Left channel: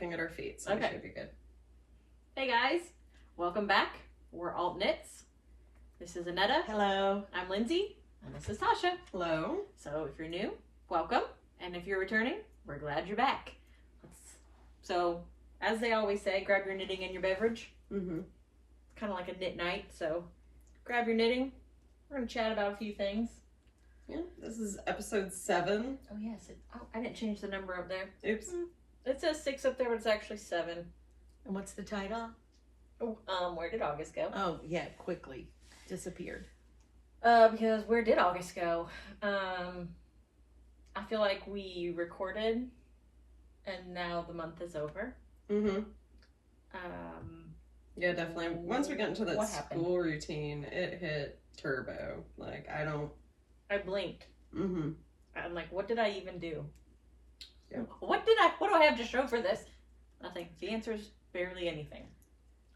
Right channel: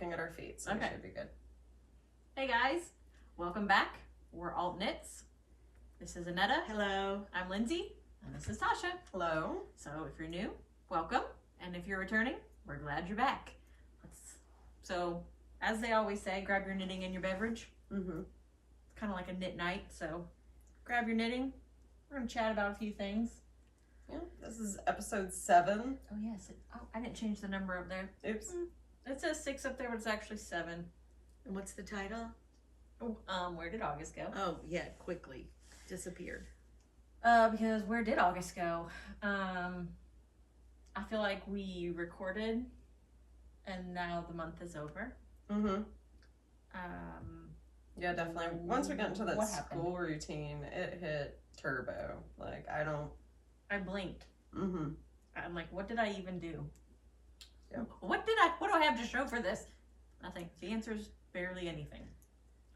looking at our feet, so Okay. it should be good. Hey guys, welcome back. We're ALTKnits. This is Annetta. Hello. I'm Lindsay, and this is Tasha. Hello. So if you're new, welcome, and if you're returning, we're glad you're back. So, as they always say, grab your knitting and your beverage. Mm-hmm. It's kind of like a knit night, so grab your knitting. We're gonna chat about a few things. Yeah, this is episode 7. Oh yes, I didn't change the number up there. Oops. It says 6 up there, but it's actually 7. And what's the title? Where did August go? Oh, yeah, quickly disappeared. Because where did August go? I feel like we recorded, and now the month is over. Mm-hmm. Yeah, definitely. Once we got into that school routine, it hit turbo. Like, I blinked. Mm-hmm. I'm like, what did I even do? Yep. What do I have to show for this? Nothing. The answer is barely anything.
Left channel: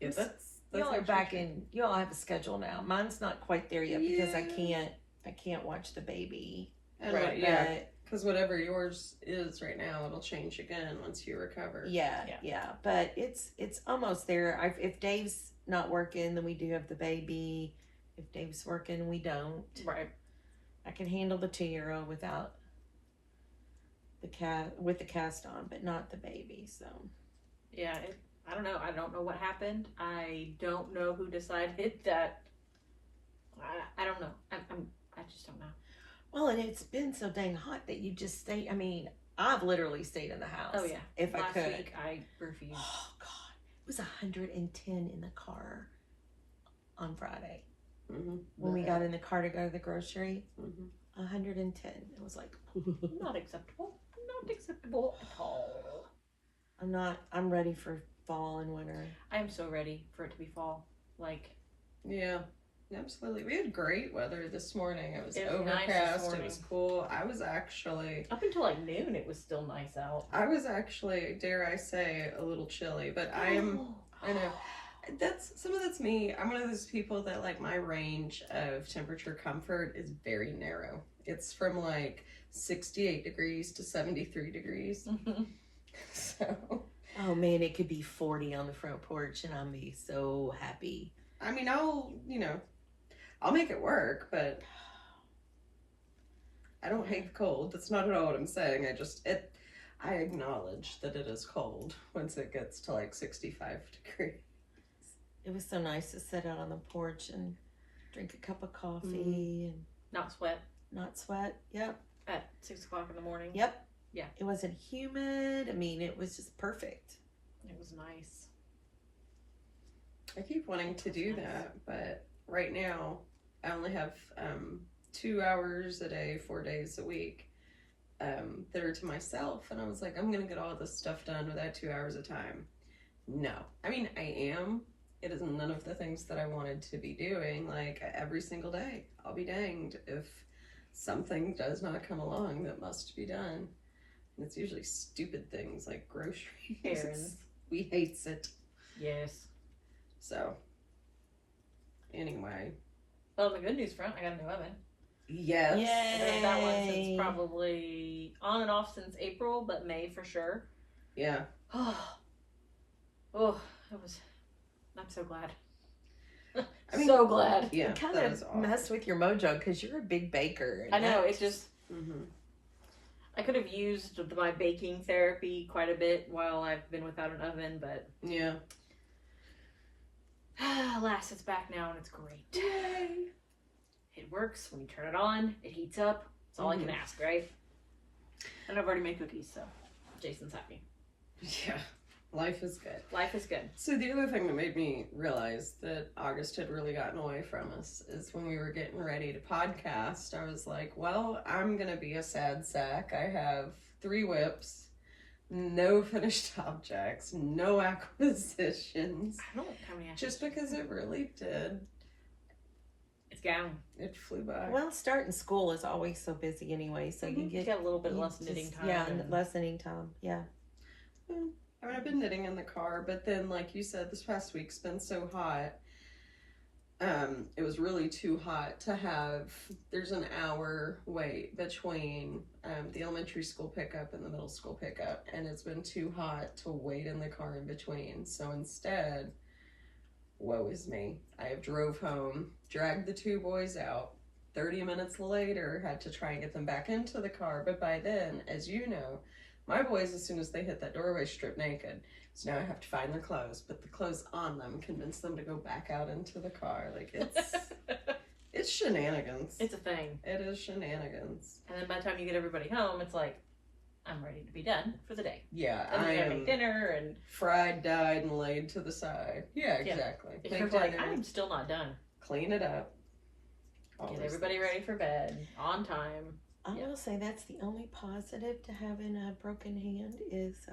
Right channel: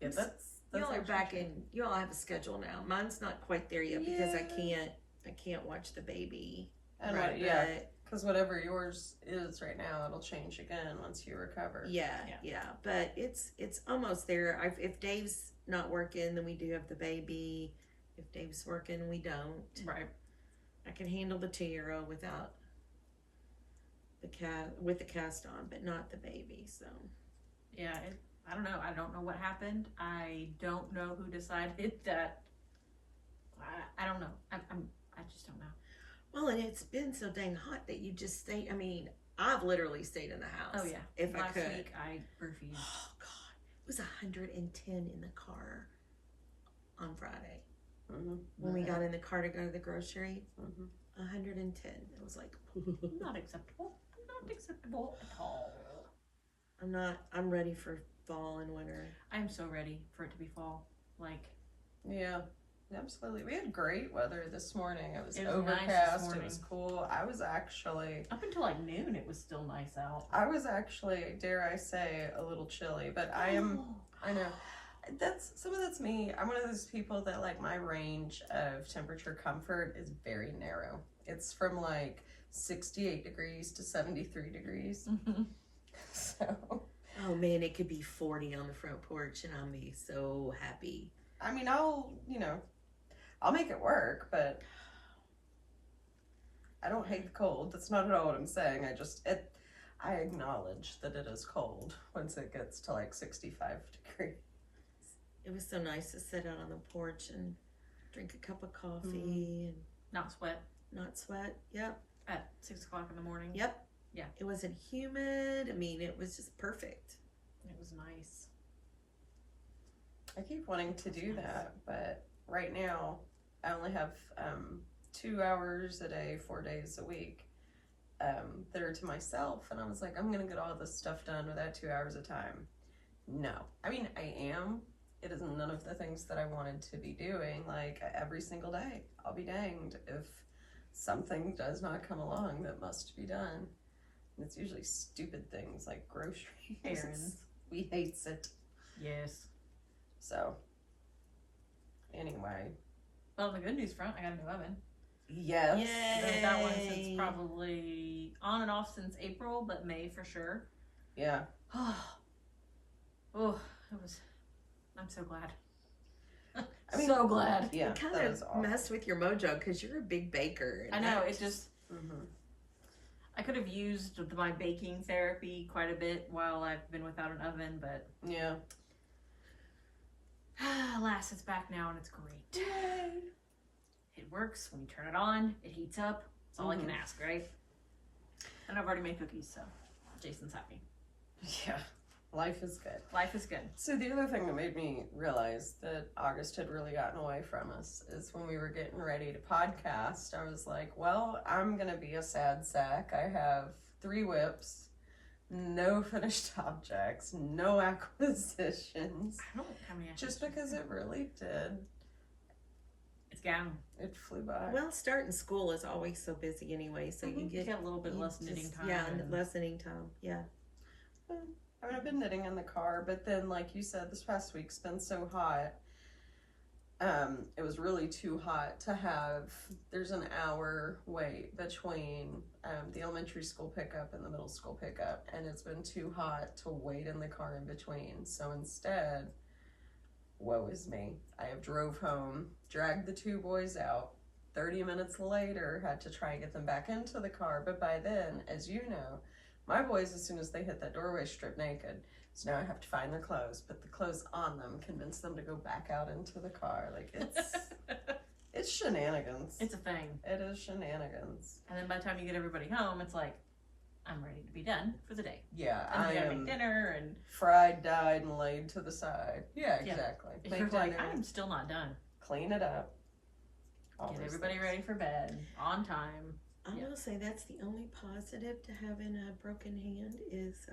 Yeah, that's Y'all are actually back true. in. You all have a schedule now. Mine's not quite there yet because I can't watch the baby. And Right, yeah, because whatever yours is right now, it'll change again once you recover. Yeah. But it's almost there. If Dave's not working, then we do have the baby. If Dave's working, we don't. Right. I can handle the 2-year-old without with the cast on, but not the baby. So Yeah. I don't know. I don't know what happened. I don't know who decided that. I don't know. I just don't know. well, and it's been so dang hot that you just stay. I mean, I've literally stayed in the house. Oh yeah. If Last I could. week I refused. Oh God, it was 110 in the car on Friday Mm-hmm. when we got in the car to go to the grocery. Mm-hmm. 110. It was like Not acceptable. Not acceptable at all. I'm ready for fall and winter. I am so ready for it to be fall. Like, Yeah, absolutely. We had great weather this morning. It was It was overcast. nice this It morning. was cool. I was actually, up until like noon, it was still nice out. dare I say, a little chilly. But I know. That's me. I'm one of those people that, like, my range of temperature comfort is very narrow. It's from like 68 degrees to 73 degrees. So, Oh man, it could be 40 on the front porch and I'll be so happy. I mean, I'll make it work, but I don't hate the cold. That's not at all what I'm saying. I acknowledge that it is cold once it gets to like 65 degrees. It was so nice to sit out on the porch and drink a cup of coffee and Not sweat not sweat. Yep. at 6 o'clock in the morning. Yep. Yeah. It wasn't humid. I mean, it was just perfect. It was nice. I keep wanting to do that, but right now I only have 2 hours a day, 4 days a week that are to myself, and I was like, I'm gonna get all this stuff done without 2 hours of time. No, I mean, I am. It is none of the things that I wanted to be doing. Like, every single day, I'll be danged if something does not come along that must be done. And it's usually stupid things like groceries. Errands. We hates it. Yes. So, anyway. Well, on the good news front, I got a new oven. Yes. I've been with that one Yay. since probably on and off since April, but May for sure. Yeah. Oh, it was. I'm so glad. I mean, so glad. Yeah. It kind that of is awesome. messed with your mojo because you're a big baker. I know. It's just. Mm-hmm. I could have used my baking therapy quite a bit while I've been without an oven, but Yeah. alas, it's back now and it's great. Yay. It works when you turn it on. It heats up. That's all I can ask, right? And I've already made cookies, so Jason's happy. Yeah. Life is good. Life is good. So the other thing that made me realize that August had really gotten away from us is when we were getting ready to podcast, I was like, well, I'm going to be a sad sack. I have 3 whips, no finished objects, no acquisitions. I don't know how many. Just because it really did. It's gone. It flew by. Well, starting school is always so busy anyway, so you You get a little bit less knitting time. Yeah, and less knitting time. Yeah. I mean, I've been knitting in the car, but then, like you said, this past week's been so hot. it was really too hot to have, there's an hour wait between the elementary school pickup and the middle school pickup, and it's been too hot to wait in the car in between. So instead, woe is me, I have drove home, dragged the two boys out. 30 minutes later, had to try and get them back into the car, but by then, as you know, my boys, as soon as they hit that doorway, strip naked. So now I have to find the clothes, but the clothes on them convince them to go back out into the car. Like, it's shenanigans. It's a thing. It is shenanigans. And then by the time you get everybody home, it's like, I'm ready to be done for the day. Yeah, And I we gotta am make dinner and fried, dyed, and laid to the side. Yeah, Yeah. exactly. you're Make like, dinner, I'm still not done. clean it up. all Get those everybody things. ready for bed on time. I Yeah. will say that's the only positive to having a broken hand is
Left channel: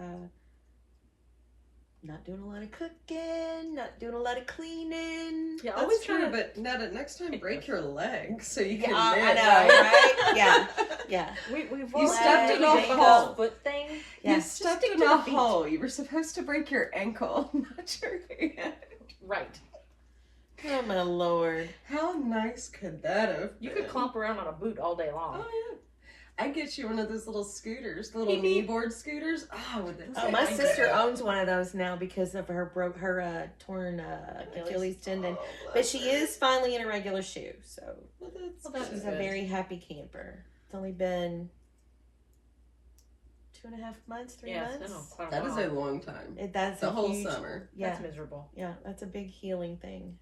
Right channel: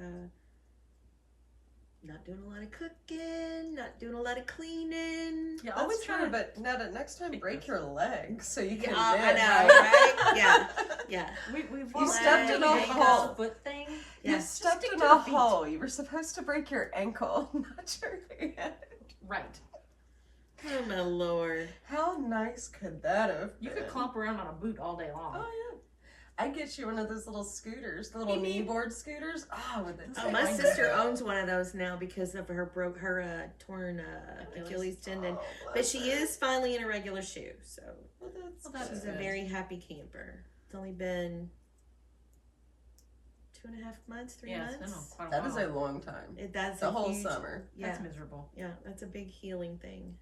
not doing a lot of cooking, not doing a lot of cleaning. Yeah, That's always true, trying to. but Netta, next time break your leg so you can Yeah, I knit, know, right? right? Yeah. Yeah. We've You stepped in already a done hole. this foot thing. Yeah. You Just stepped stick in to a the feet. hole. You were supposed to break your ankle, not your hand. Right. Oh my lord. How nice could that have You been? could clomp around on a boot all day long. Oh yeah. I'd get you one of those little scooters, the little Beep, knee beep. board scooters. Oh, with the Oh, my I sister know. owns one of those now because of her torn Achilles tendon. Oh, But bless she her. is finally in a regular shoe, so Well, Well, that's she's good. a very happy camper. It's only been 2.5 months, 3 Yeah, it's months. been quite a That is while. a long time. That's The a whole huge, summer. Yeah, That's miserable. yeah, that's a big healing thing.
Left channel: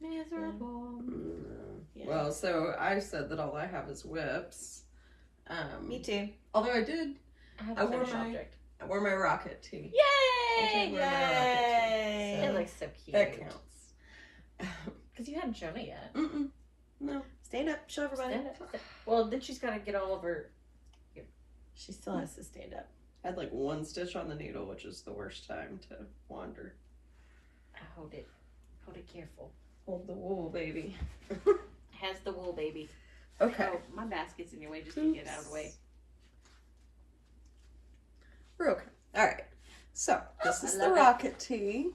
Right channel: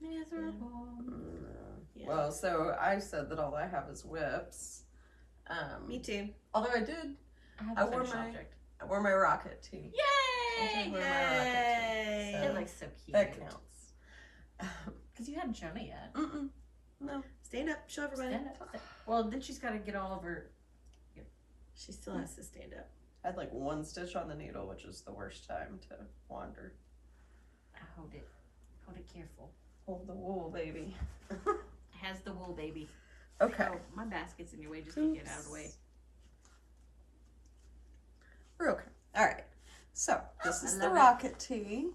Miserable. Yeah. Well, so I said that all I have is whips. Me too. Although I did, I have I a wore finished my- object. I wore my rocket tee. Yay! did wear my rocket tee, Yay! so It looks so cute. that counts. Because you hadn't shown it yet. Mm-mm. No. Stand up, show everybody. Stand up. Well, then she's got to get all over. She still has to stand up. I had like one stitch on the needle, which is the worst time to wander. Hold it. Hold it careful. Hold the wool, baby. Has the wool, baby. Okay. Oh, my basket's in your way. Just to get out of the way. We're okay. All right. So this is I the love it. rocket tee.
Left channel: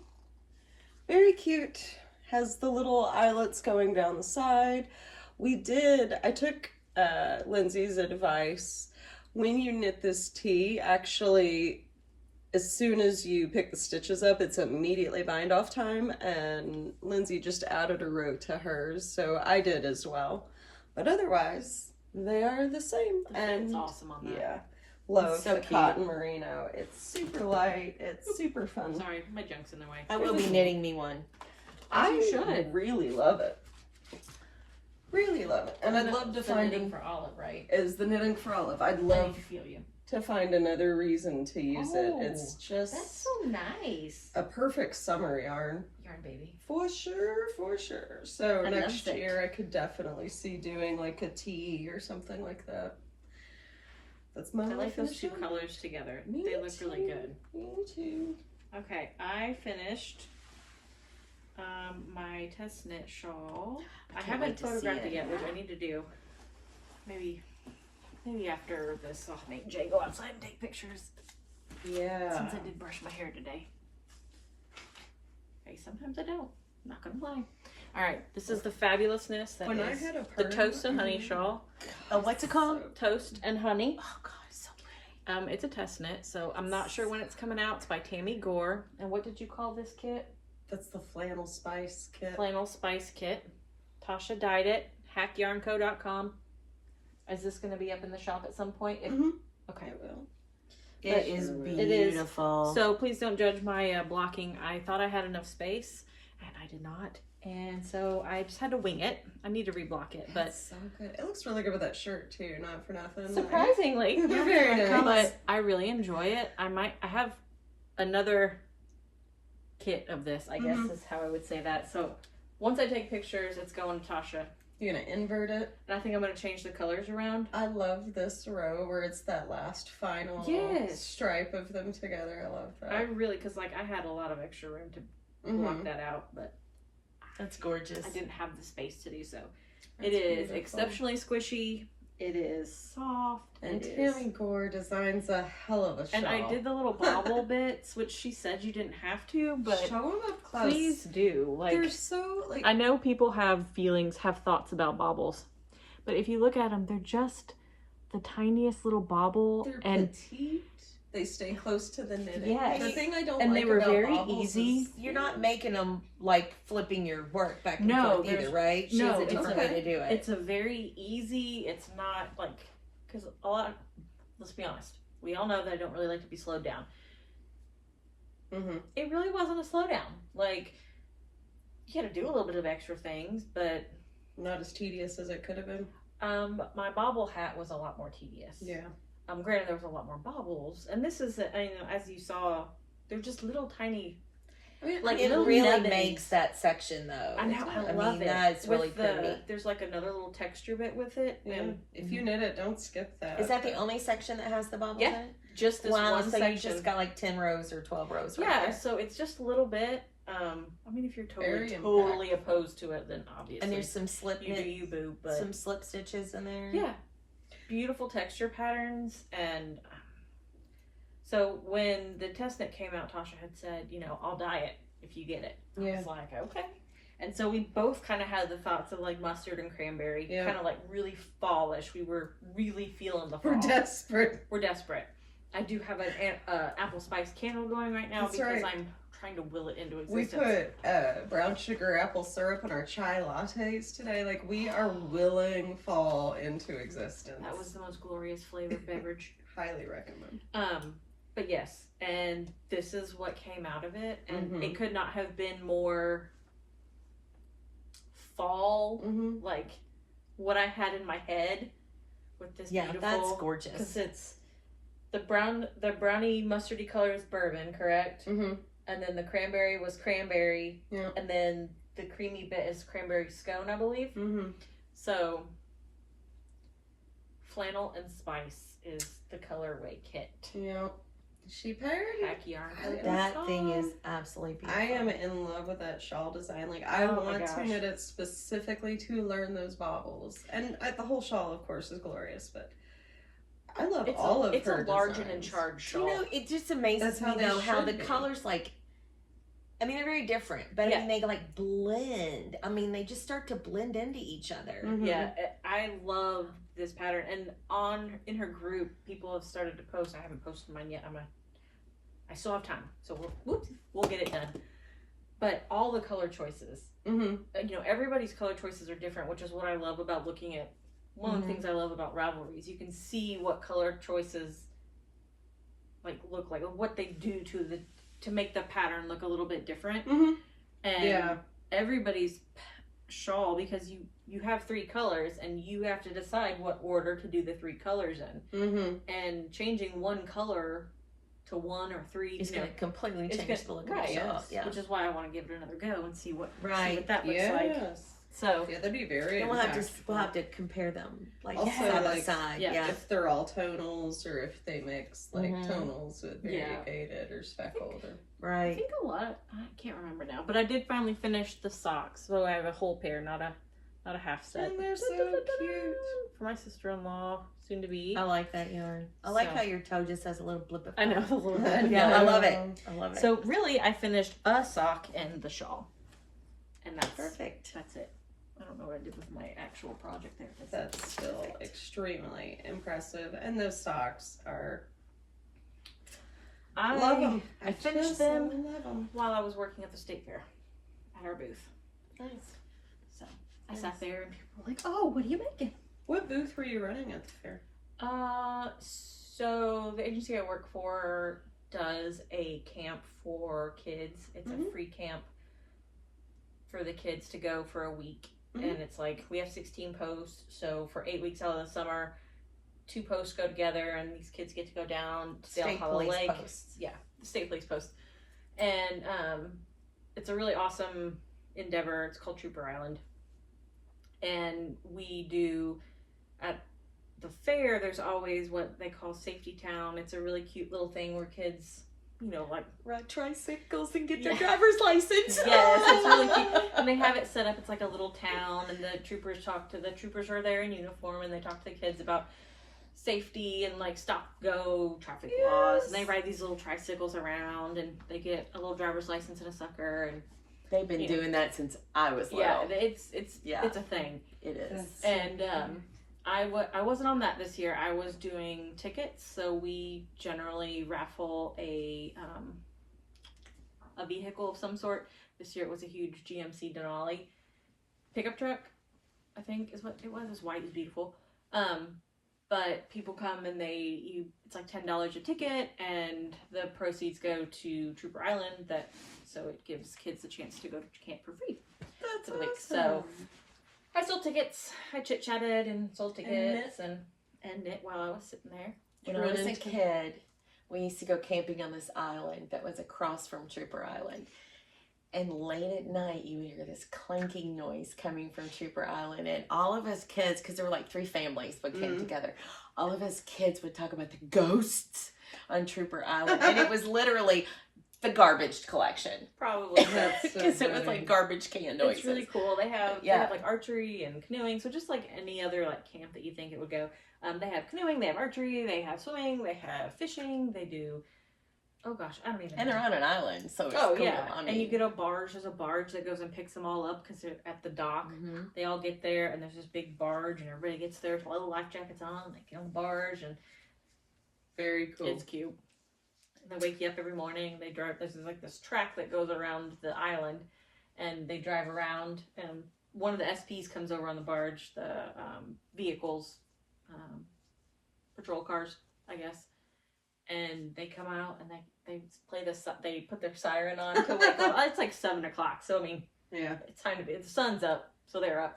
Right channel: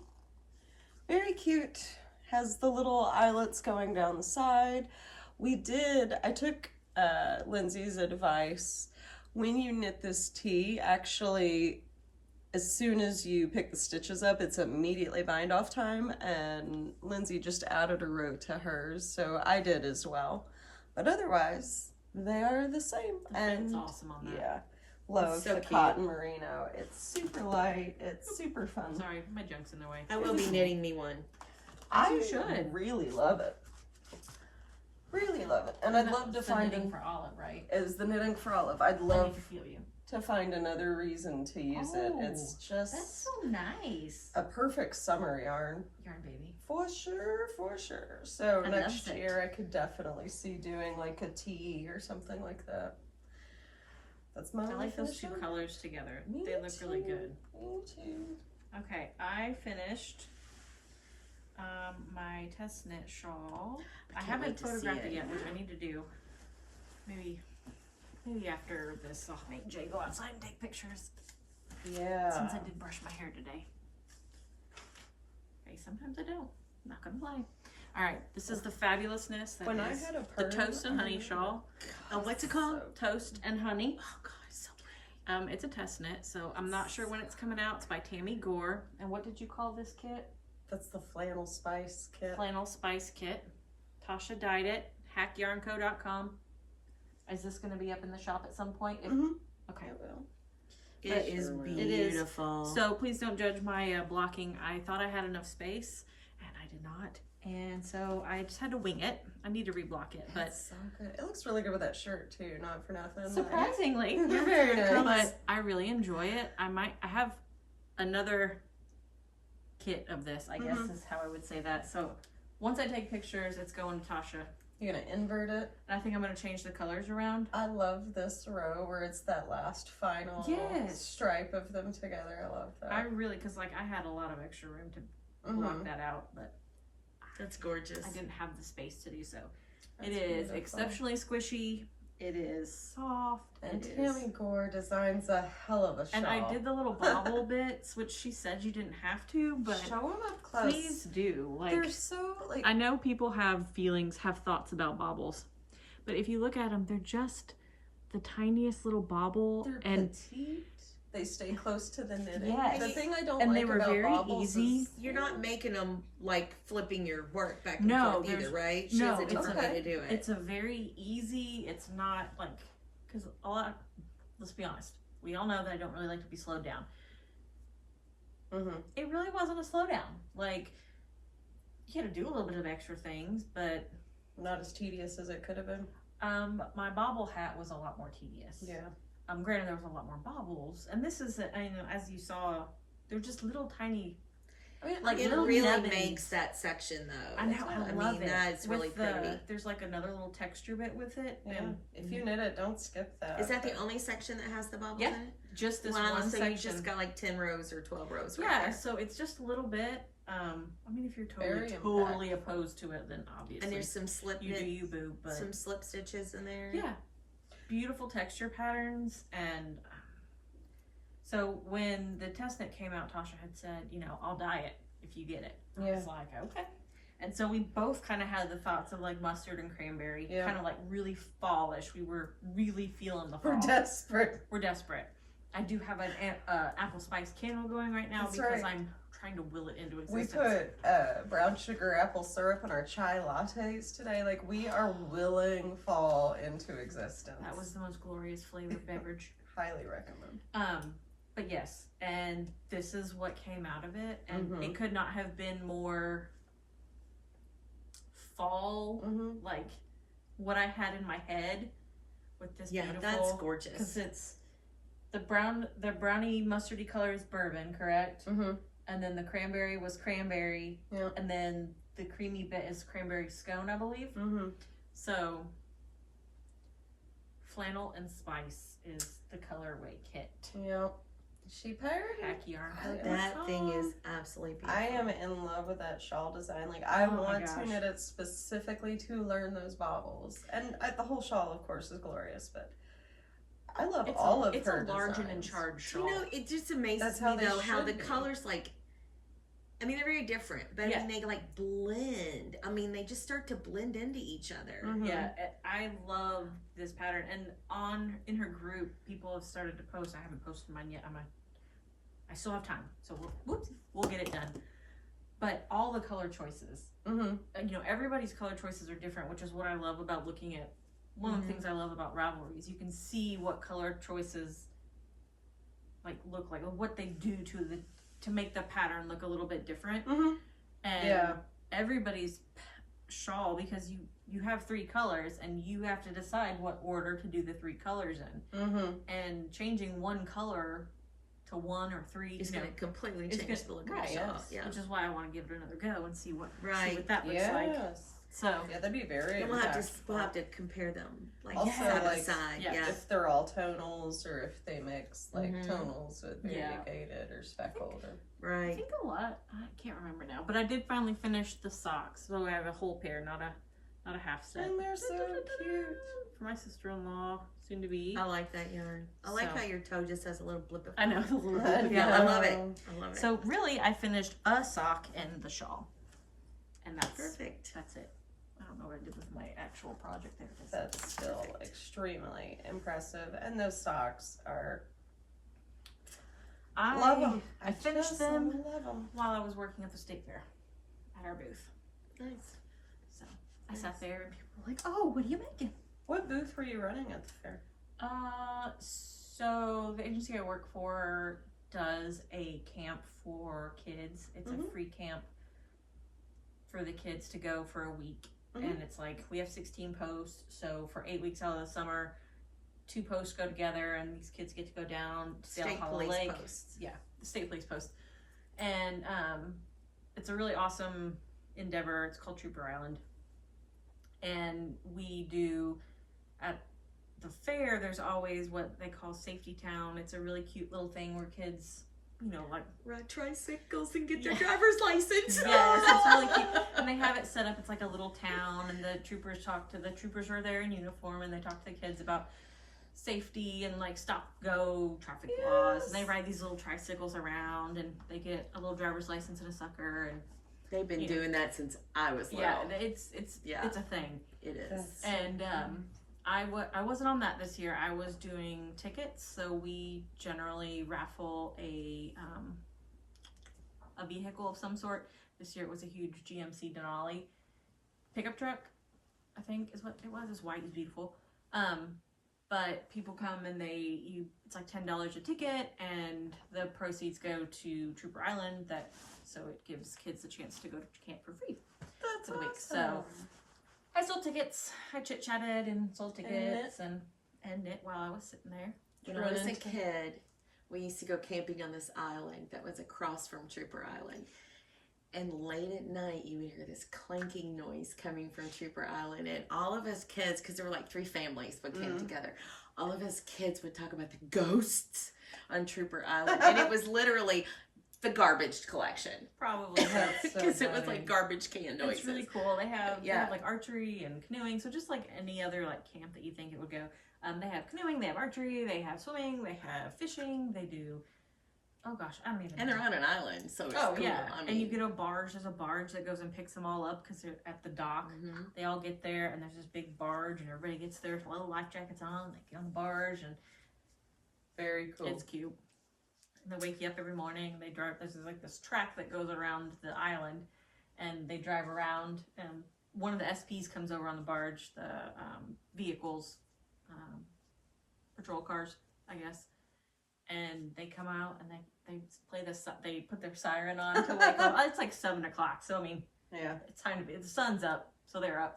Very cute. Has the little eyelets going down the side. I took Lindsay's advice. When you knit this tee, actually, as soon as you pick the stitches up, it's immediately bind off time. And Lindsay just added a row to hers, so I did as well. But otherwise, they are the same. The fit's awesome on that. Yeah. Love It's so the cute. cotton merino. It's super light. It's super fun. Sorry, my junk's in the way. I will be knitting me one. I you should. really love it. Really love it. And I'd love to the find knitting for Olive, right? is the knitting for Olive. I'd I love need to feel you. to find another reason to use it. It's Oh, just That's so nice. a perfect summer yarn. Yarn baby. For sure, for sure. So I next love it. year I could definitely see doing like a tee or something like that. That's my I like those two finishing. colors together. Me They look really too. good. Me too. Okay, I finished my test knit shawl. I can't haven't wait to see photographed it it. yet, which I need to do. Maybe after this, I'll make Jay go outside and take pictures. Yeah. Since I did brush my hair today. Okay, sometimes I don't. Not gonna lie. All right, this is the fabulousness that When I is had a the perm, toast and honey shawl. Oh, what's it called? Toast and honey. Oh god, it's so pretty. It's a test knit, so I'm not sure when it's coming out. It's by Tammy Gore. And what did you call this kit? That's the flannel spice kit. Flannel Spice Kit. Tasha dyed it. Hackyarnco.com. Is this going to be up in the shop at some point? Mhm. Okay. I will. It is It is. beautiful. So please don't judge my blocking. I thought I had enough space, and I did not. And so I just had to wing it. I need to reblock it, but It's so good. It looks really good with that shirt too. Not for nothing. surprisingly, Very nice. but I really enjoy it. I have another kit of this, I guess is how I would say that. So once I take pictures, it's going to Tasha. You're gonna invert it. And I think I'm going to change the colors around. I love this row where it's that last final Yes. stripe of them together. I love that. I really, because like I had a lot of extra room to Mhm. block that out, but That's gorgeous. I didn't have the space to do so. That's it is beautiful. exceptionally squishy. It is soft. And it Tammy is. Gore designs a hell of a shawl. And I did the little bobble bits, which she said you didn't have to, but show them up close. please do. Like, they're so like. I know people have thoughts about baubles, but if you look at them, they're just the tiniest little bauble, They're and petite. They stay close to the knitting. Yes. The thing I don't And like they were about very baubles easy. is You're not making them like flipping your work back and No, forth either, there's- right? She no, has a different it's- way to do it. it's a very easy. It's not like, because a lot. Let's be honest. We all know that I don't really like to be slowed down. Mm-hmm. It really wasn't a slowdown. Like, you had to do a little bit of extra things, but Not as tedious as it could have been. my bobble hat was a lot more tedious. Yeah. Granted, there was a lot more bobbles, and this is, as you saw, they're just little tiny. I mean, Like, it little really nubbins. makes that section though. I know, I love mean, it. That's really With the, pretty. there's like another little texture bit with it, Yeah. and If you knit it, don't skip that. Is that the but- only section that has the bubbles Yeah, in it? just this Wow, one so section. you just got like 10 rows or 12 rows right Yeah, there. so it's just a little bit. I mean, if you're Very totally impactful. opposed to it, then obviously And there's some slip you do knit, you, boo. But some slip stitches in there. yeah, beautiful texture patterns. And so when the test knit came out, Tasha had said, I'll dye it if you get it. I Yeah. was like, okay. And so we both kind of had the thoughts of like mustard and cranberry, Yeah. kind of like really fallish. We were really feeling the fall. We're desperate. We're desperate. I do have an apple spice candle going right now That's because right. I'm trying to will it into We existence. put brown sugar apple syrup in our chai lattes today. Like, we are willing fall into existence. That was the most glorious flavored beverage. Highly recommend. But yes, and this is what came out of it, and Mhm. it could not have been more fall, Mm-hmm. like what I had in my head with this Yeah, beautiful. that's gorgeous. Because it's the brownie mustardy color is bourbon, correct? Mm-hmm. And then the cranberry was cranberry. Yeah. And then the creamy bit is cranberry scone, I believe. Mm-hmm. So, flannel and spice is the colorway kit. Yeah. She paired it. Pack yarn. That thing is absolutely beautiful. I am in love with that shawl design. Like, I Oh my want gosh. to knit it specifically to learn those bobbles. And the whole shawl, of course, is glorious, but I love all of it's her a large and in designs. charge shawl. It just amazes That's how me they though how the should be. colors they're very different, but Yeah. I mean they like blend. I mean they just start to blend into each other. Mhm. Yeah, I love this pattern, and in her group, people have started to post. I haven't posted mine yet. I still have time, so we'll get it done. But all the color choices, Mm-hmm. Everybody's color choices are different, which is what I love about looking at. One of the things I love about Ravelries, you can see what color choices look like, or what they do to make the pattern look a little bit different. Mm-hmm. And Yeah. everybody's shawl, because you have 3 colors and you have to decide what order to do the 3 colors in, Mm-hmm. and changing one color to 1 or 3 It's going to completely it's change the look of right, the shawl. yes. Yeah. which is why I want to give it another go and see what Right. that looks Yes. like. So Yeah, that'd be very And we'll have impactful. to compare them Also, side by like, side. yeah, Yeah. If they're all tonals, or if they mix Mhm. tonals with Yeah. variegated or speckled. Or... I Right. think a lot. I can't remember now, but I did finally finish the socks. So I have a whole pair, not a half set. And they're so cute. For my sister-in-law, soon to be. I like that yarn. I like So- how your toe just has a little blip of I know. color. A little bit. Yeah, I love it. Um, I love it. So really, I finished a sock and the shawl, and that's perfect. That's it. I don't know what I did with my actual project there. That's still extremely impressive. And those socks are... I love them. I finished them love them. while I was working at the state fair at our booth. Nice. So I sat there and people were like, "Oh, what are you making?" What booth were you running at the fair? So the agency I work for does a camp for kids. It's a Mhm. free camp for the kids to go for a week. Mhm. And it's like, we have 16 posts. So for 8 weeks out of the summer, 2 posts go together and these kids get to go down to Dale State Hollow police Lake. posts. Yeah, the state police post. And it's a really awesome endeavor. It's called Trooper Island. And we do, at the fair, there's always what they call Safety Town. It's a really cute little thing where kids like ride tricycles and get their driver's license. yes, it's really cute. And they have it set up. It's like a little town, and the troopers are there in uniform, and they talk to the kids about safety and like stop go traffic laws. And they ride these little tricycles around, and they get a little driver's license and a sucker. And they've been doing that since I was little. Yeah, it's a thing. It is. And I wasn't on that this year. I was doing tickets, so we generally raffle a vehicle of some sort. This year it was a huge GMC Denali pickup truck, I think is what it was. It's white, it's beautiful. But people come and it's like $10 a ticket, and the proceeds go to Trooper Island. So it gives kids a chance to go to camp for free. That's for the week. awesome. So I sold tickets. I chit chatted and sold tickets and knit while I was sitting there. When I was a kid, we used to go camping on this island that was across from Trooper Island. And late at night, you would hear this clanking noise coming from Trooper Island. And all of us kids, because there were like 3 families that came together, all of us kids would talk about the ghosts on Trooper Island. And it was literally the garbage collection. Probably. Because it was like garbage can noises. It's really cool. They have like archery and canoeing. So just like any other like camp that you think it would go. They have canoeing, they have archery, they have swimming, they have fishing, they do... Oh gosh, I don't even know. And they're on an island, so it's cool. Yeah. I mean, and you get a barge. There's a barge that goes and picks them all up because they're at the dock. Mm-hmm. They all get there, and there's this big barge, and everybody gets there with little life jackets on. They get on the barge, and very cool. It's cute. And they wake you up every morning. They drive. There's like this track that goes around the island, and they drive around. And one of the SPs comes over on the barge. The vehicles, patrol cars, I guess. And they come out and they play this. They put their siren on to wake up. It's like 7 o'clock, so I mean, yeah, it's time to be. The sun's up, so they're up.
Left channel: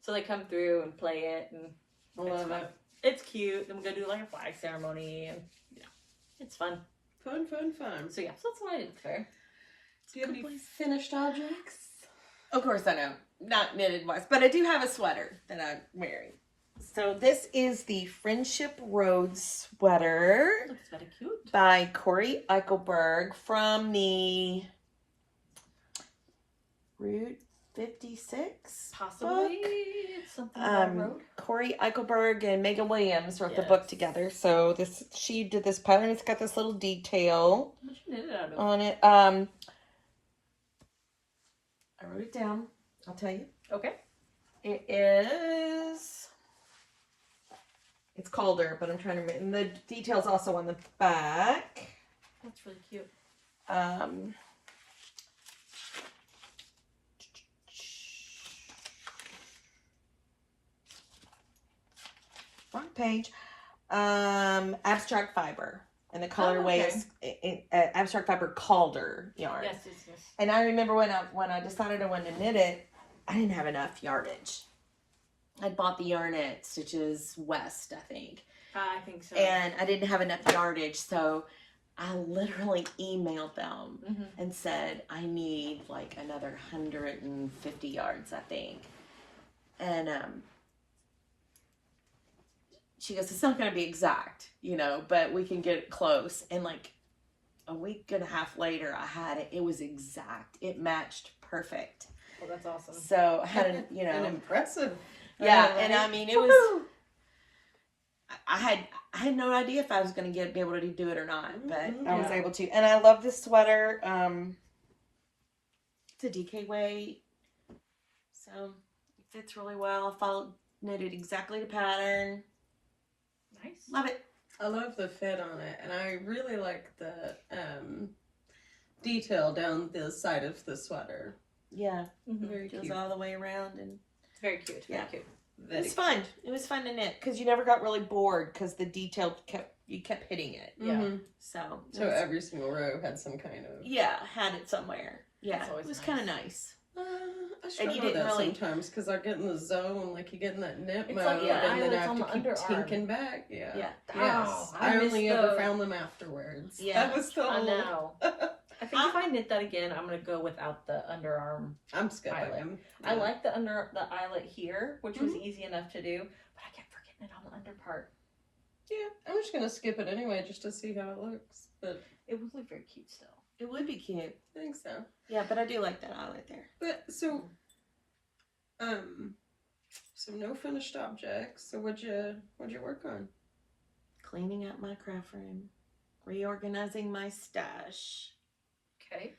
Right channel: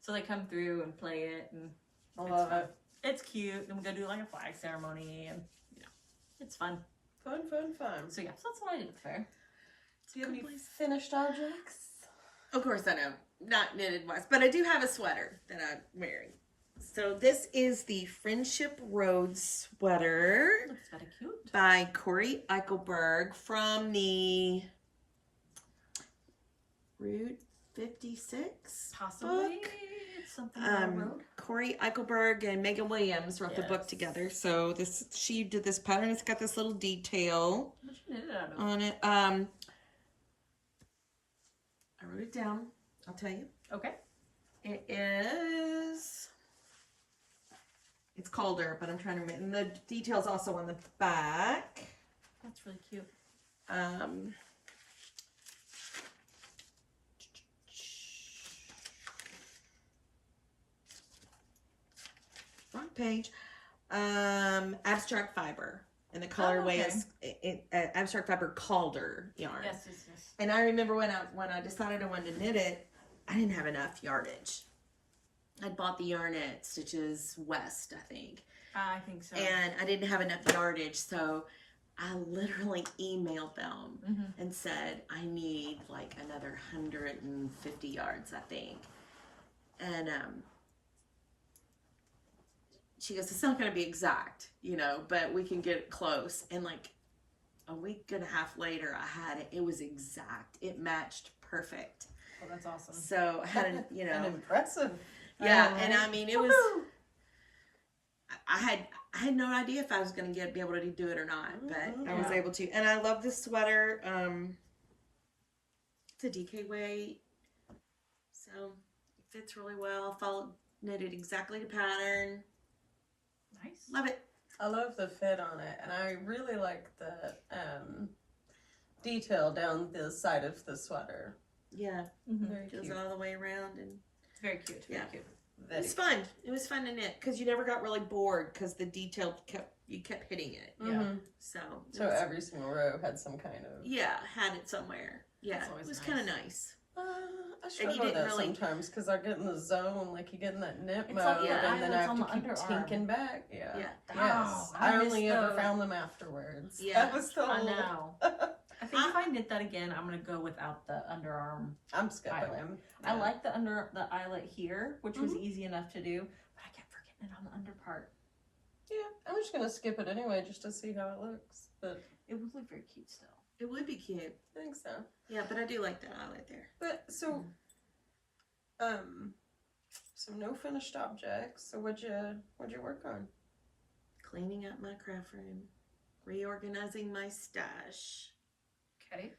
So they come through and play it, and I love it. It's cute. Then we go do like a flag ceremony, and it's fun. Fun. So yeah, so that's what I did at the fair. Do you have any finished objects? Of course I know, not knitted wise, but I do have a sweater that I'm wearing. So this is the Friendship Road sweater. Looks very cute. By Corey Eichelberg from the Route 56 Possibly book. it's something about road. Corey Eichelberg and Megan Williams wrote the book together. So she did this pattern. It's got this little detail What you knit it out of? on it. I wrote it down. I'll tell you. Okay. It is... It's Calder, but I'm trying to... And the detail's also on the back. That's really cute. Wrong page. Abstract fiber. And the colorway is abstract fiber Calder yarn. Yes. And I remember when I decided I wanted to knit it, I didn't have enough yardage. I bought the yarn at Stitches West, I think. I think so. And I didn't have enough yardage, so I literally emailed them and said, I need like another 150 yards, I think. And she goes, it's not going to be exact, but we can get it close. And like a week and a half later, I had it. It was exact. It matched perfect. Oh, that's awesome. So I had an impressive. Yeah, and I mean, it was. I had no idea if I was going to be able to do it or not, but I was able to. And I love this sweater. It's a DK weight, so it fits really well. Knitted exactly the pattern. Nice. Love it. I love the fit on it, and I really like the detail down the side of the sweater. Yeah, Very goes cute. all the way around, and It's very cute. Very cute. it was fun. It was fun to knit because you never got really bored because the detail kept hitting it. Yeah. So every single row had some kind of had it somewhere. Yeah, That's always it was nice. kind of nice. I struggle with didn't that really- sometimes because I get in the zone, like you get in that knit It's mode, like, yeah, and then I have eyelets on to the keep underarm. tinking back. Yeah. Yeah. Yes. I I miss only ever those. found them afterwards. Yeah. That was the I whole. know. I think if I knit that again, I'm gonna go without the underarm. I'm skipping Eyelet. them. I like the eyelet here, which was easy enough to do, but I kept forgetting it on the under part. Yeah, I'm just gonna skip it anyway just to see how it looks. But It would look very cute still. It would be cute. I think so. Yeah, but I do like that eyelet there. But so no finished objects. So what'd you work on? Cleaning out my craft room, reorganizing my stash. Okay.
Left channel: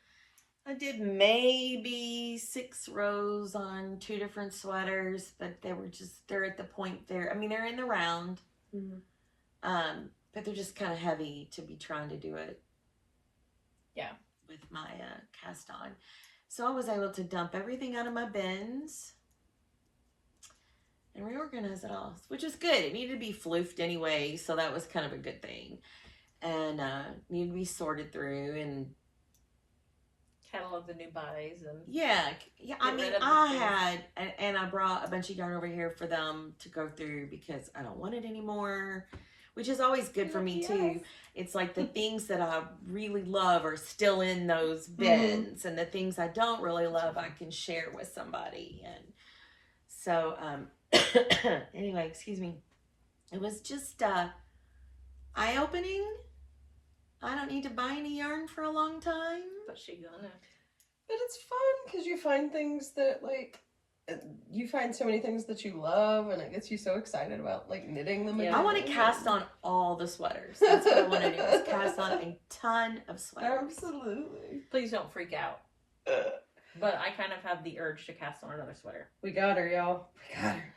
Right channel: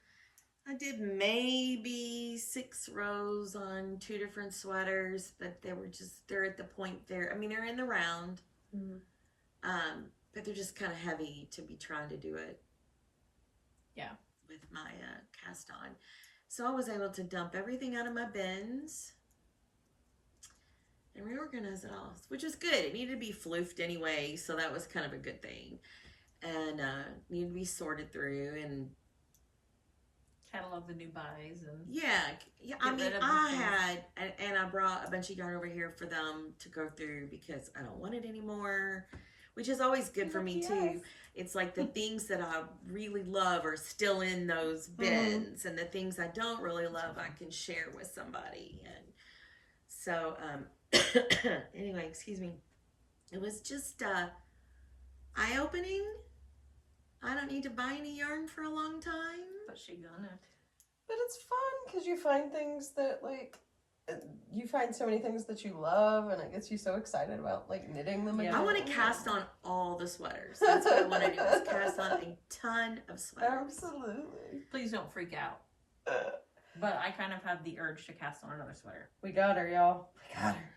I did maybe 6 rows on 2 different sweaters, but they're at the point there. I mean, they're in the round, but they're just kind of heavy to be trying to do it. Yeah. With my cast on. So I was able to dump everything out of my bins and reorganize it all, which is good. It needed to be floofed anyway, so that was kind of a good thing. And needed to be sorted through and Catalog the new buys and yeah. I mean, and I brought a bunch of yarn over here for them to go through because I don't want it anymore, which is always good for me too. It's like the things that I really love are still in those bins, and the things I don't really love I can share with somebody. And so anyway, excuse me, it was just eye-opening. I don't need to buy any yarn for a long time. but she gonna. But it's fun because you find things that you find so many things that you love, and it gets you so excited about like knitting them. Yeah. I want to cast on all the sweaters. That's what I want to do. Is cast on a ton of sweaters. Absolutely. Please don't freak out. But I kind of have the urge to cast on another sweater. We got her, y'all. We got her.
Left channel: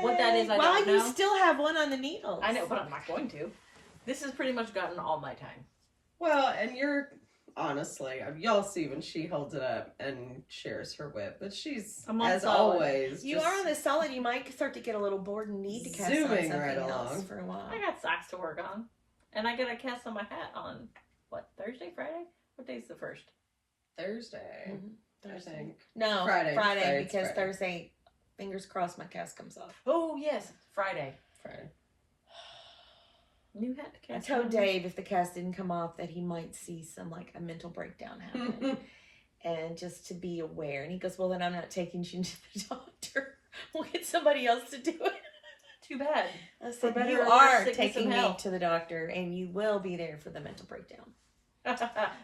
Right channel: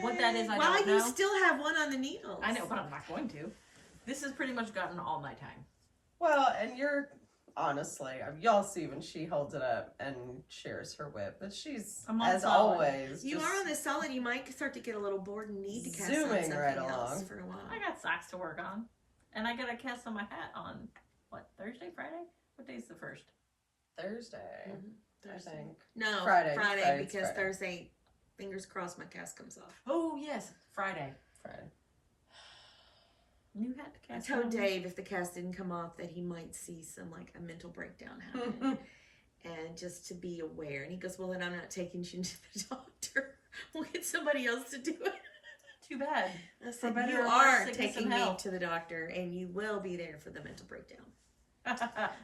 What that is, I well, don't know. you still have one on the needles. I know, but I'm not going to. This has pretty much gotten all my time. Well, and you're honestly, y'all see when she holds it up and shares her whip, but she's as solid. always. You are on the solid. You might start to get a little bored and need to cast on zooming something right else along. for a while. I got socks to work on. And I got to cast on my hat on, what, Thursday, Friday? What day's the 1st? Thursday. I think. No, Friday. Friday because Friday. Thursday, fingers crossed, my cast comes off. Oh, yes, Friday. Friday. New hat to I cast told on. Dave if the cast didn't come off that he might see some like a mental breakdown happen, and just to be aware. And he goes, "Well, then I'm not taking you to the doctor. We'll get somebody else to do it." Too bad. I said, better "You or worse, are sickness taking and me health." to the doctor, and you will be there for the mental breakdown That's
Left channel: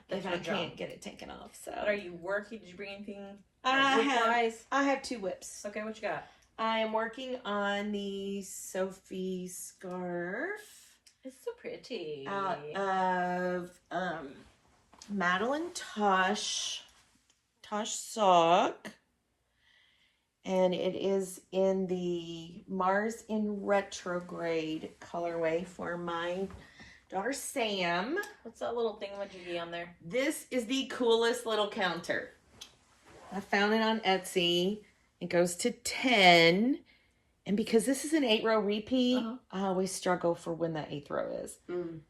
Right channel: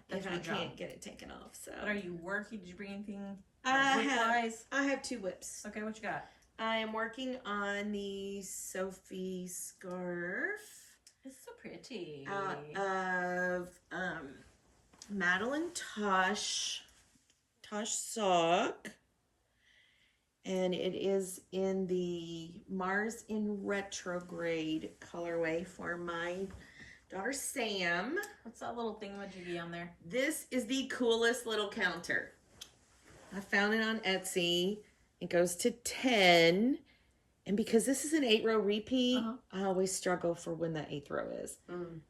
if my I job. can't get it taken off." So, But are you working? Did you bring anything? I whip-wise? have 2 whips. Okay, what you got? I am working on the Sophie scarf It's so pretty. out of Madeline Tosh sock, and it is in the Mars in Retrograde colorway for my daughter Sam. What's that little thingamajiggy on there? This is the coolest little counter. I found it on Etsy. It goes to 10. And because this is an 8-row repeat, I always struggle for when that 8th row is.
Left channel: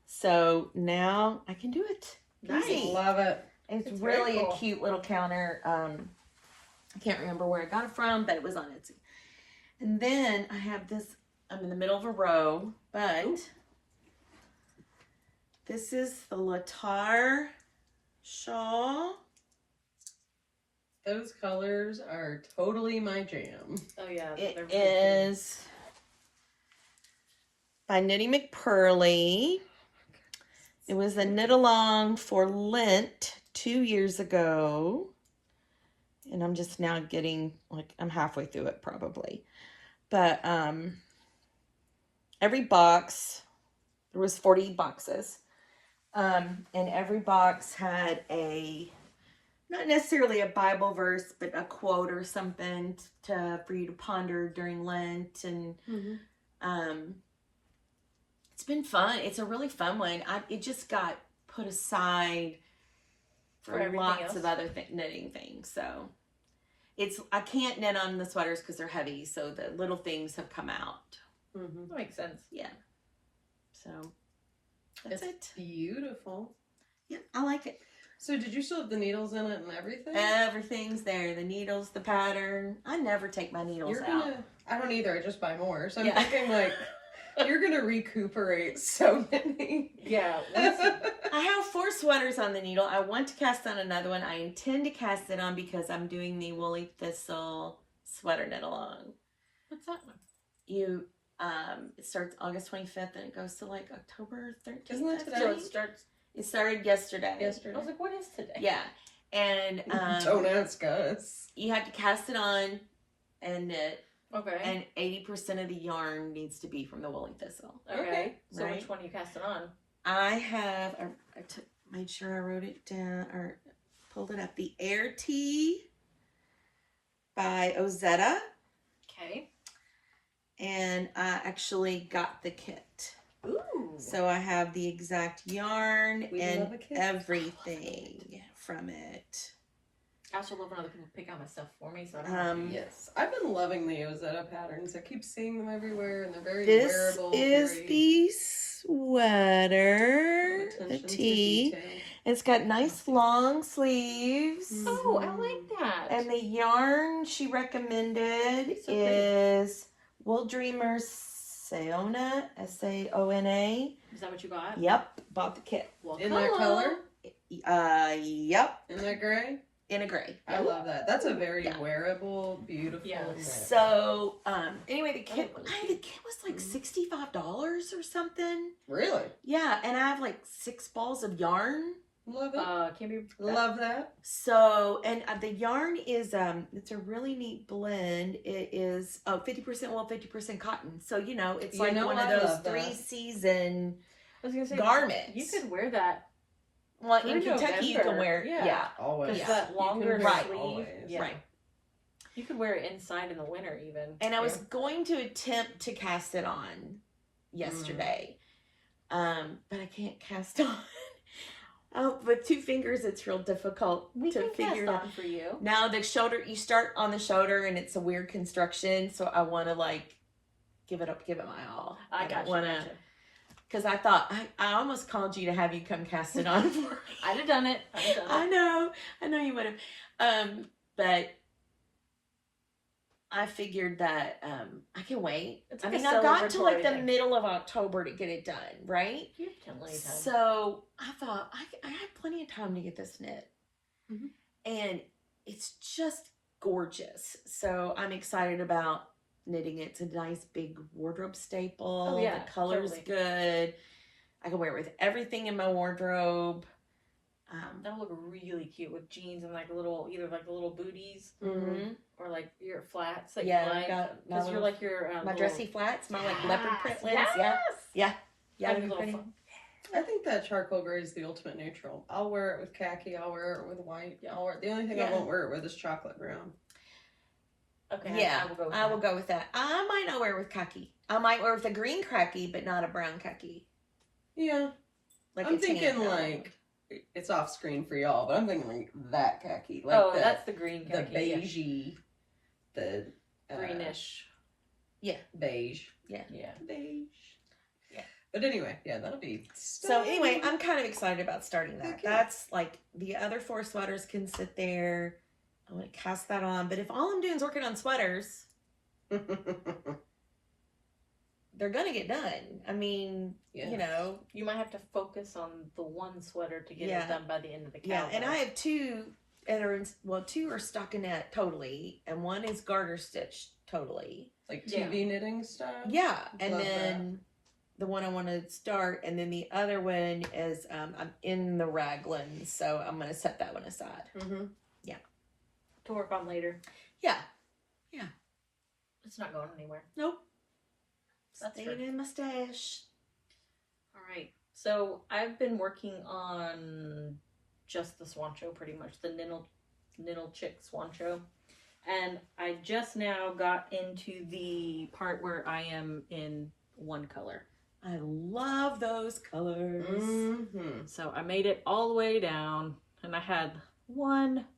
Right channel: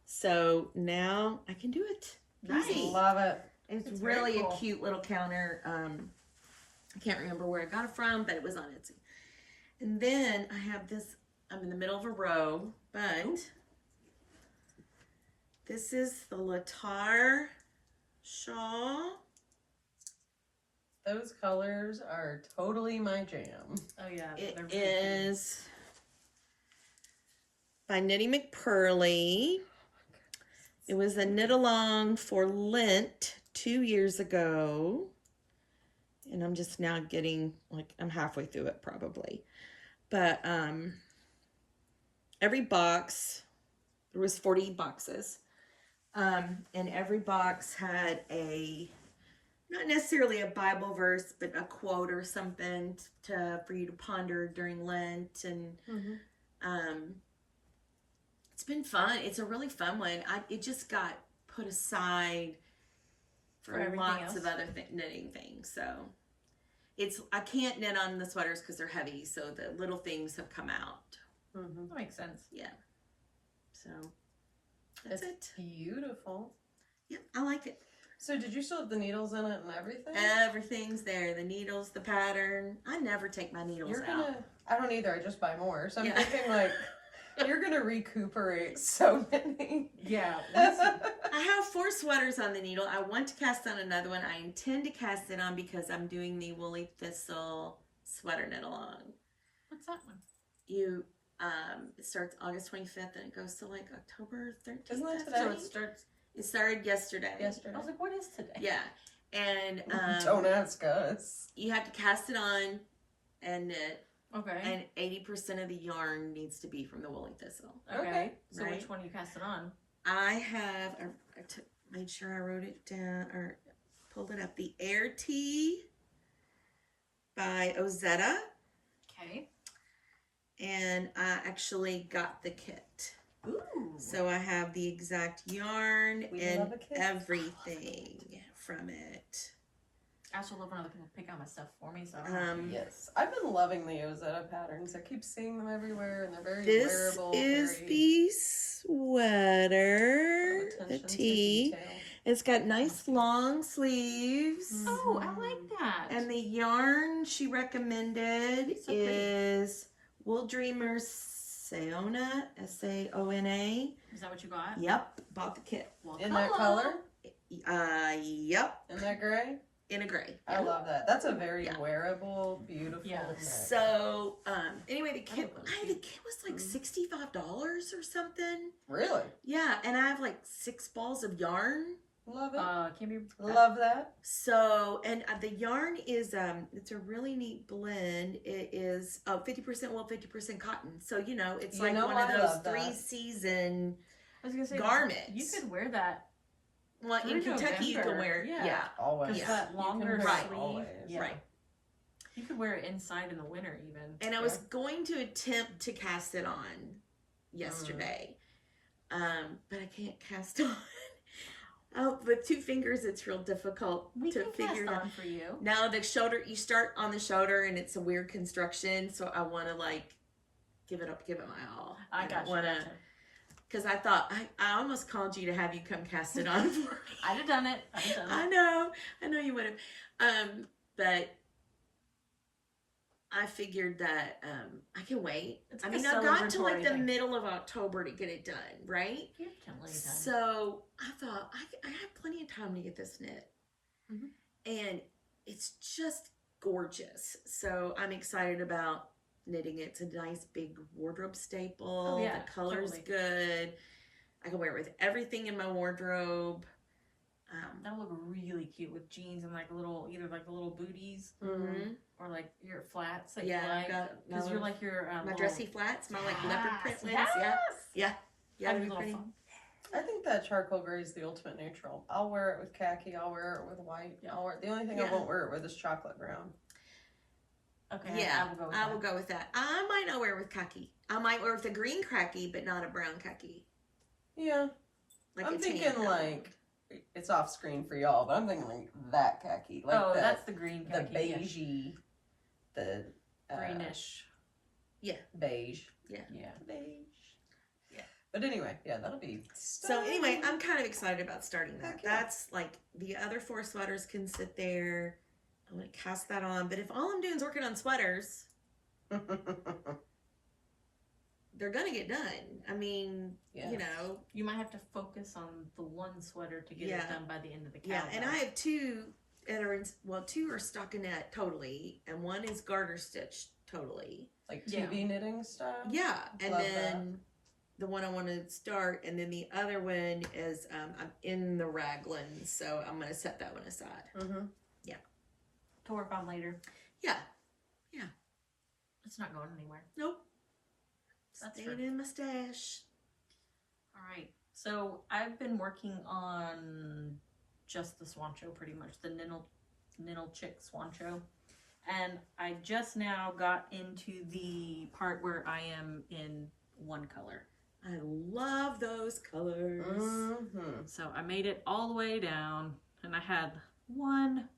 So now I can do it. Nice. Easy. Love it. It's very really cool. a cute little counter. I can't remember where I got it from, but it was on Etsy. And then I have this, I'm in the middle of a row, but this is the Latar shawl. Those colors are totally my jam. Oh, yeah. It they're very pretty. is by Knitting McPurley. It was a knit along for Lent 2 years ago. And I'm just now getting, like, I'm halfway through it probably. But every box, there was 40 boxes. And every box had not necessarily a Bible verse, but a quote or something for you to ponder during Lent. And it's been fun. It's a really fun one. It just got put aside for everything lots else? of other knitting things. So I can't knit on the sweaters because they're heavy. So the little things have come out. That makes sense. Yeah. So that's It's it. beautiful. Yeah, I like it. So did you still have the needles in it and everything? Everything's there. The needles, the pattern. I never take my needles out. I don't either. I just buy more. So I'm Yeah. thinking like, you're gonna recuperate so many. Yeah. I have 4 sweaters on the needle. I want to cast on another one. I intend to cast it on because I'm doing the Woolly Thistle sweater knit along. What's that one? It starts August 25th and it goes to like October 13th. Isn't that today? So it starts It started yesterday. I was like, what is today? Yeah. And Don't ask us. you have to cast it on and knit. Okay. And 80% of the yarn needs to be from the woolly thistle. Okay. So Right. which one you cast it on? I made sure I wrote it down or pulled it up. The Air Tea by Ozetta. Okay. And I actually got the kit. Ooh. So I have the exact yarn We and love a kit. everything from it. I also love when other people pick out my stuff for me, so I don't have to. Yes, I've been loving the Ozetta patterns. I keep seeing them everywhere, and they're very This wearable. is very the sweater, attention the to tee. detail. It's got nice long sleeves. Oh, I like that. And the yarn she recommended So pretty. is Wool Dreamers Saona, Saona. Is that what you got? Yep, bought the kit. Well, In that color, Yep, in that gray, in a gray. I love that. That's a very Yeah. wearable, beautiful. Yeah. knit. So, anyway, the kit, those the kit was like $65 or something. Really Yeah, and I have like 6 balls of yarn. love it. Can be Love that. So, and the yarn is, it's a really neat blend. It is 50% wool, 50% cotton. So, you know, it's You like know one of I those love that. 3-season I was gonna say garments. You could wear that Well, through in Kentucky, you can November. wear, Yeah. yeah. Always. because Yeah. that longer You can wear it sleeve. always. Yeah. Right. You could wear it inside in the winter even. And I was going to attempt to cast it on yesterday, but I can't cast on. Oh, with 2 fingers, it's real difficult We to can cast figure out. on for you. Now the shoulder, you start on the shoulder, and it's a weird construction. So I want to like give it my all. I got you. Gotcha. Because I thought I almost called you to have you come cast it on for me. I'd have done it. I'd have done it. I know you would have. But I figured that I can wait. It's I like mean, a I got to like celebratory the thing. middle of October to get it done, right? You have plenty of time. So I thought I had plenty of time to get this knit, Mhm. and it's just gorgeous. So I'm excited about knitting it. It's a nice big wardrobe staple. Oh, yeah, The color's totally. good. I can wear it with everything in my wardrobe. That'll look really cute with jeans and like either like the little booties Mm-hmm. or like your flats that Yeah, you I've like. got my Because you're little- like your my little- dressy flats, my like leopard print ones. Yes. Yeah, I have they're a little pretty. fun. I think that charcoal gray is the ultimate neutral. I'll wear it with khaki. I'll wear it with white. Yeah. The only thing I Yeah. won't wear it with is chocolate brown. Okay. Yeah, I will go with I that. will go with that. I might not wear it with khaki. I might wear it with a green khaki, but not a brown khaki. Yeah, Like I'm a tan thinking color. like it's off screen for y'all, but I'm thinking like that khaki, like Oh, the, that's the green the khaki. yeah. beigey, the Greenish. beige, Yeah. beige. Yeah. But anyway, yeah, that'll be. So anyway, I'm kind of excited about starting that. Okay. That's like the other 4 sweaters can sit there. I want to cast that on. But if all I'm doing is working on sweaters, they're gonna get done. I mean, Yes. you know, You might have to focus on the one sweater to get Yeah. it done by the end of the yeah. calendar. And I have 2 that are 2 are stockinette totally, and 1 is garter stitch totally. like Yeah. TV knitting style. Yeah, and Love then the one I want to start, and then the other one is I'm in the raglan, so I'm gonna set that one aside. Mm-hmm. to work on later. Yeah, It's not going anywhere. nope. That's Staying fair. in my stash. All right. So I've been working on just the Swancho, pretty much the Ninnle Chick Swancho, and I just now got into the part where I am in one color. I love those colors. Mm-hmm. So I made it all the way down, and I had one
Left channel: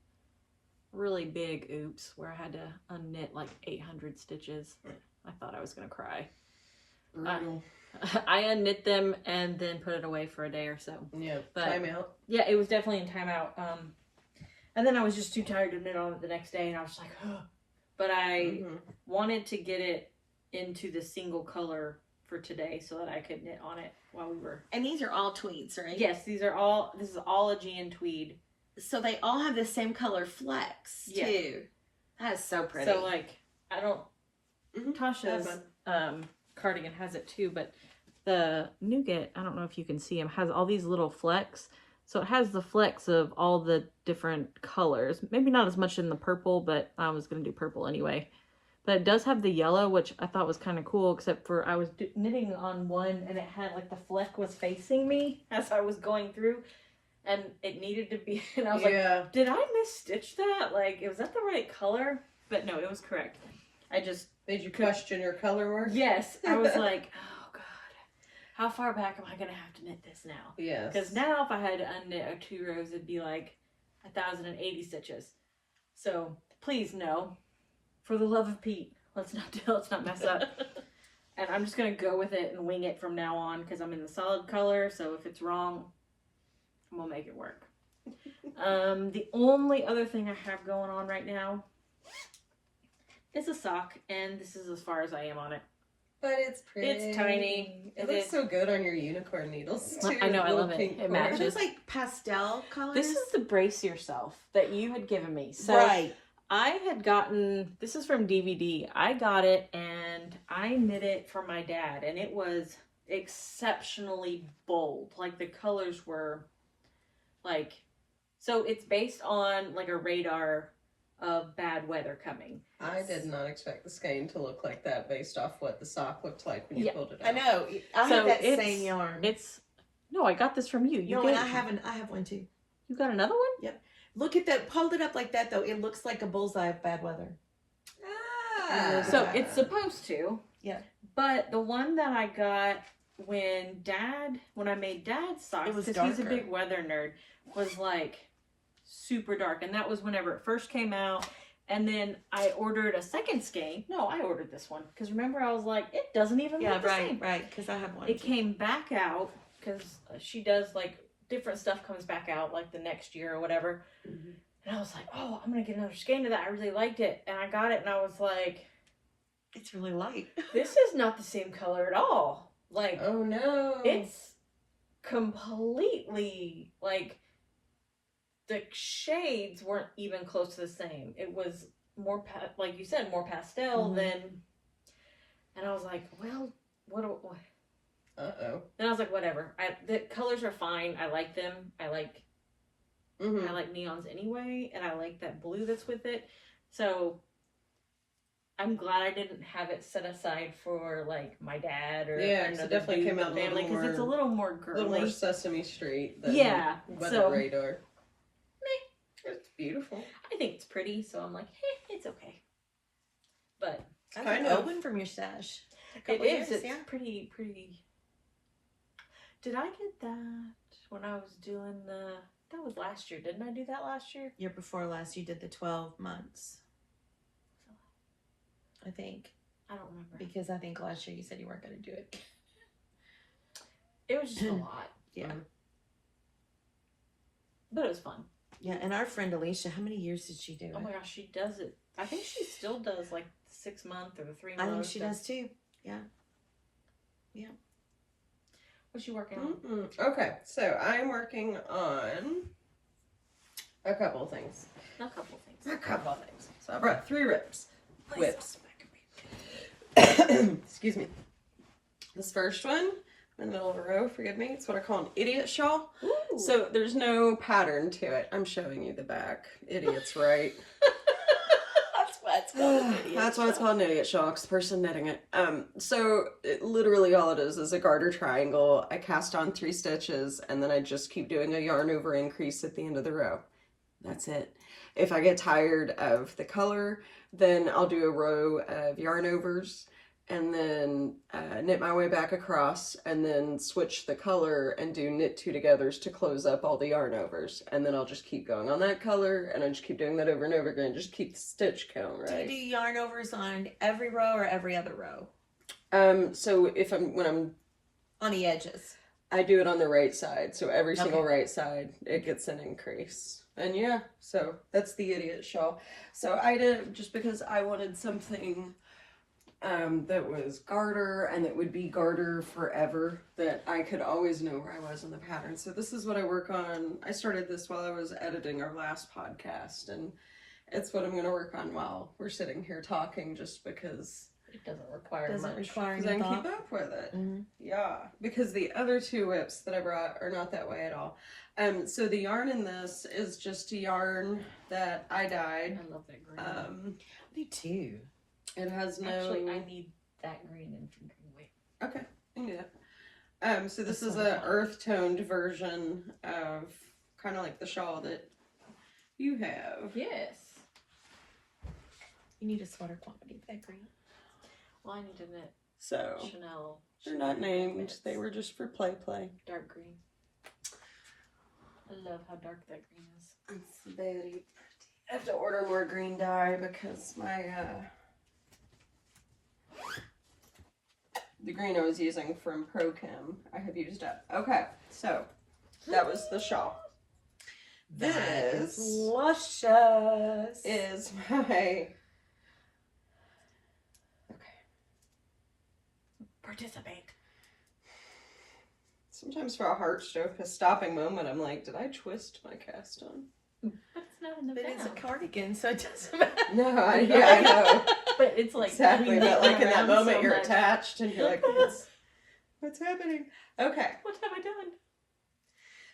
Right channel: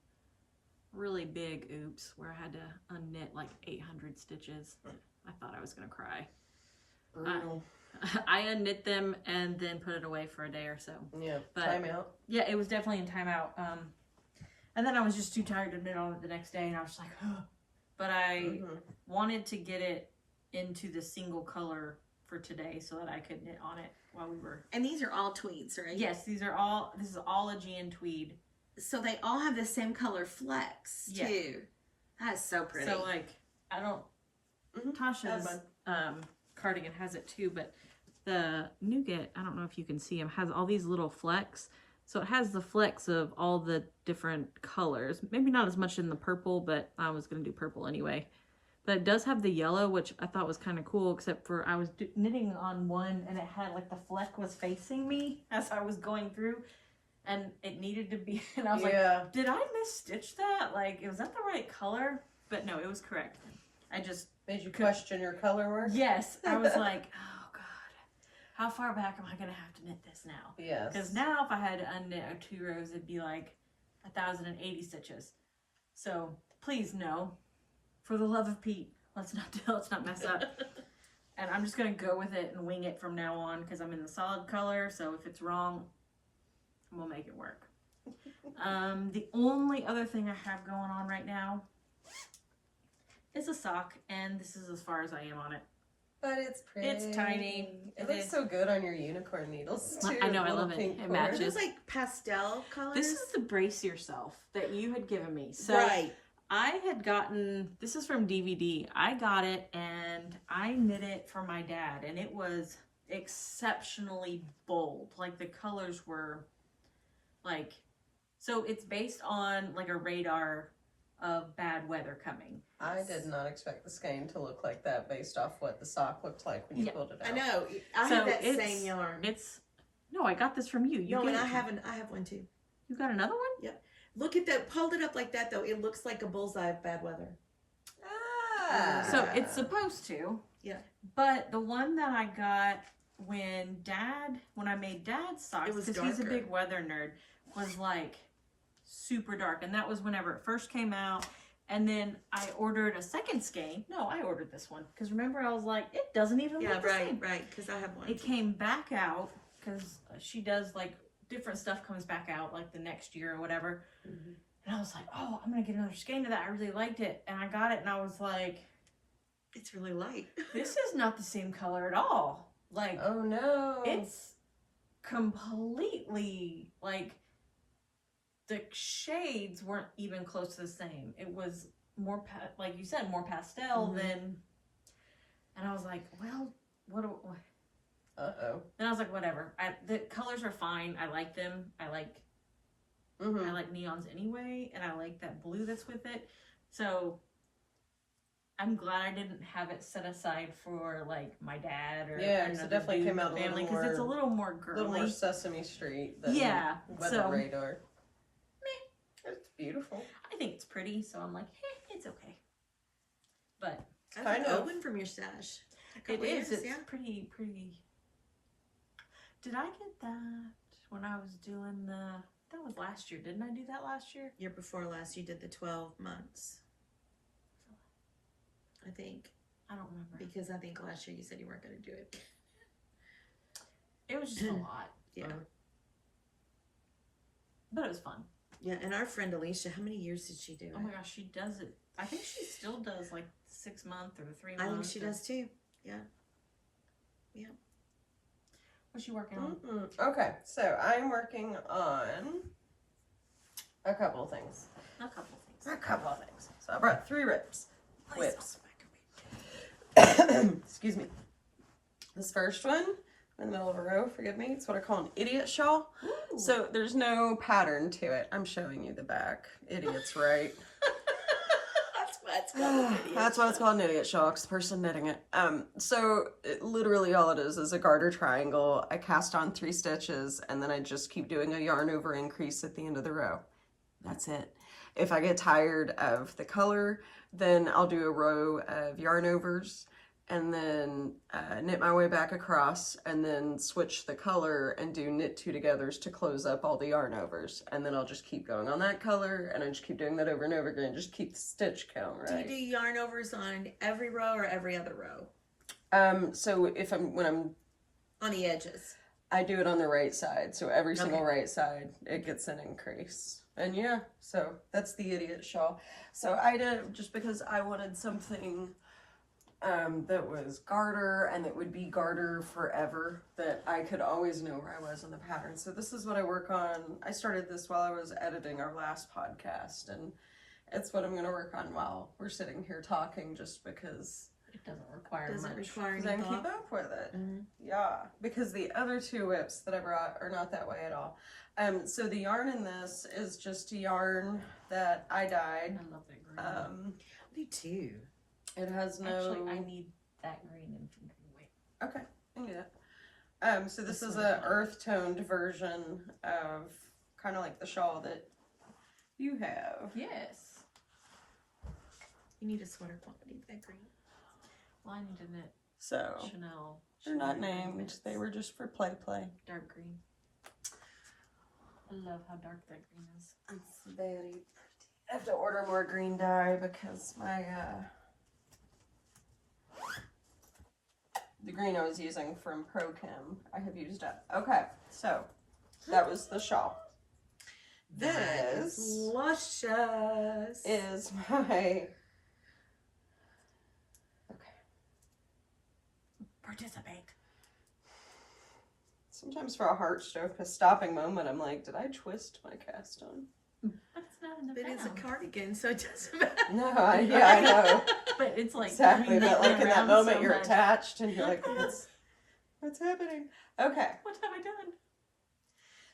really big oops where I had to unknit like 800 stitches. I thought I was gonna cry. Brutal. I unknit them and then put it away for a day or so. Yeah. But- Time out. Yeah, it was definitely in timeout. And then I was just too tired to knit on it the next day, and I was just like, ugh. But I Mhm. wanted to get it into the single color for today so that I could knit on it while we were. And these are all tweeds, right? Yes, this is all Aegean tweed. So they all have the same color flex Yeah. too. That is so pretty. So like I don't Mhm. Tasha's cardigan has it too, but the nougat, I don't know if you can see them, has all these little flecks. So it has the flecks of all the different colors. Maybe not as much in the purple, but I was going to do purple anyway. But it does have the yellow, which I thought was kind of cool, except for I was knitting on one and it had like the fleck was facing me as I was going through. And it needed to be, and I was like, did I misstitch that? Like, was that the right color? But no, it was correct. I just... Made you question your color work? Yes. I was like, oh God, how far back am I going to have to knit this now? Yes. Because now if I had to unknit 2 rows, it'd be like 1,080 stitches. So please no, for the love of Pete, let's not mess up. And I'm just going to go with it and wing it from now on because I'm in the solid color. So if it's wrong, we'll make it work. The only other thing I have going on right now is a sock, and this is as far as I am on it. But it's pretty. It's tiny. It looks so good on your unicorn needles too. I know, I love it. It matches. It's like pastel colors. This is the Brace Yourself that you had given me. So right. I had gotten, this is from DVD. I got it and I knit it for my dad, and it was exceptionally bold. Like the colors were like, so it's based on like a radar of bad weather coming. I did not expect the skein to look like that based off what the sock looked like when you pulled it out. I know. I So have that it's- same yarn. No, I got this from you. You no, gave and it I to me. have one too. You got another one? Yep. Look at that. Hold it up like that though. It looks like a bullseye of bad weather. Ah. So it's supposed to. Yeah. But the one that I got when I made Dad's socks, It was because he's a darker. big weather nerd, was like super dark. And that was whenever it first came out. And then I ordered a second skein. No, I ordered this one. Because remember, I was like, it doesn't even look the same. Right. Because I have one. It came back out, because she does like different stuff comes back out like the next year or whatever. Mhm. And I was like, oh, I'm going to get another skein of that. I really liked it. And I got it and I was like, It's really light. this is not the same color at all. Like, Oh no. it's completely like the shades weren't even close to the same. It was more like you said, more pastel Mhm. than. And I was like, well, what? Uh-oh. Then I was like, whatever. The colors are fine. I like them. I like neons anyway, and I like that blue that's with it. So I'm glad I didn't have it set aside for like my dad or Yeah, 'cause it another definitely dude in came the out a little family, because it's a more- little more A girly. little more Sesame Street than Yeah, Weather so- Radar. It's beautiful. I think it's pretty, so I'm like, it's okay. But I kind got of. Owen from your stash. it is. It's Yeah. pretty. Did I get that when I was doing that was last year. Didn't I do that last year? Year before last, you did the 12 months. I think. I don't remember. Because I think last year you said you weren't going to do it. It was just a lot. Yeah. But it was fun. Yeah, and our friend Alicia, how many years did she do it? Oh my gosh, she does it. I think she still does like 6 month or the 3 I month. think she does too. What's she working on? Okay, so I'm working on a couple of things. A couple things. So I brought 3 whips. Excuse me. This first one, in the middle of a row, forgive me, it's what I call an idiot shawl. Ooh. So there's no pattern to it. I'm showing you the back. Idiots, right? That's why it's called an idiot shawl, 'cause the person knitting it. So literally all it is a garter triangle. I cast on 3 stitches, and then I just keep doing a yarn over increase at the end of the row. That's it. If I get tired of the color, then I'll do a row of yarn overs, and then knit my way back across, and then switch the color and do knit 2 togethers to close up all the yarn overs. And then I'll just keep going on that color, and I just keep doing that over and over again, just keep the stitch count, right? Do you do yarn overs on every row or every other row? So when I'm On the edges. I do it on the right side, so every single right side it gets an increase. And yeah, so that's the idiot shawl. So I did just because I wanted something that was garter and that would be garter forever, that I could always know where I was in the pattern. So this is what I work on. I started this while I was editing our last podcast, and it's what I'm going to work on while we're sitting here talking, just because It doesn't require Doesn't much. require Because I any can thought. keep up with it. Mhm. Yeah, because the other two whips that I brought are not that way at all. So the yarn in this is just a yarn that I dyed. I love that green. Me too. It has no. Actually, I need that green and some green. Wait. Okay, I can do that. So this That's is what I an earth toned version of kind of like the shawl that you have. Yes. You need a sweater quantity of that green. Well, I need to knit So Chanel. they're not Chanel named. knits. They were just for play. Dark green. I love how dark that green is. It's very pretty. I have to order more green dye because my the green I was using from ProChem I have used up. Okay, so that was the shawl. That This is luscious. is my Participate. sometimes for a heart stopping moment I'm like, did I twist my cast on? But it's not in the But it's a back. cardigan, so it doesn't matter. No, I know. But it's like Exactly, we but knit like in that around moment so you're much. attached and you're like, what's happening? Okay. What have I done?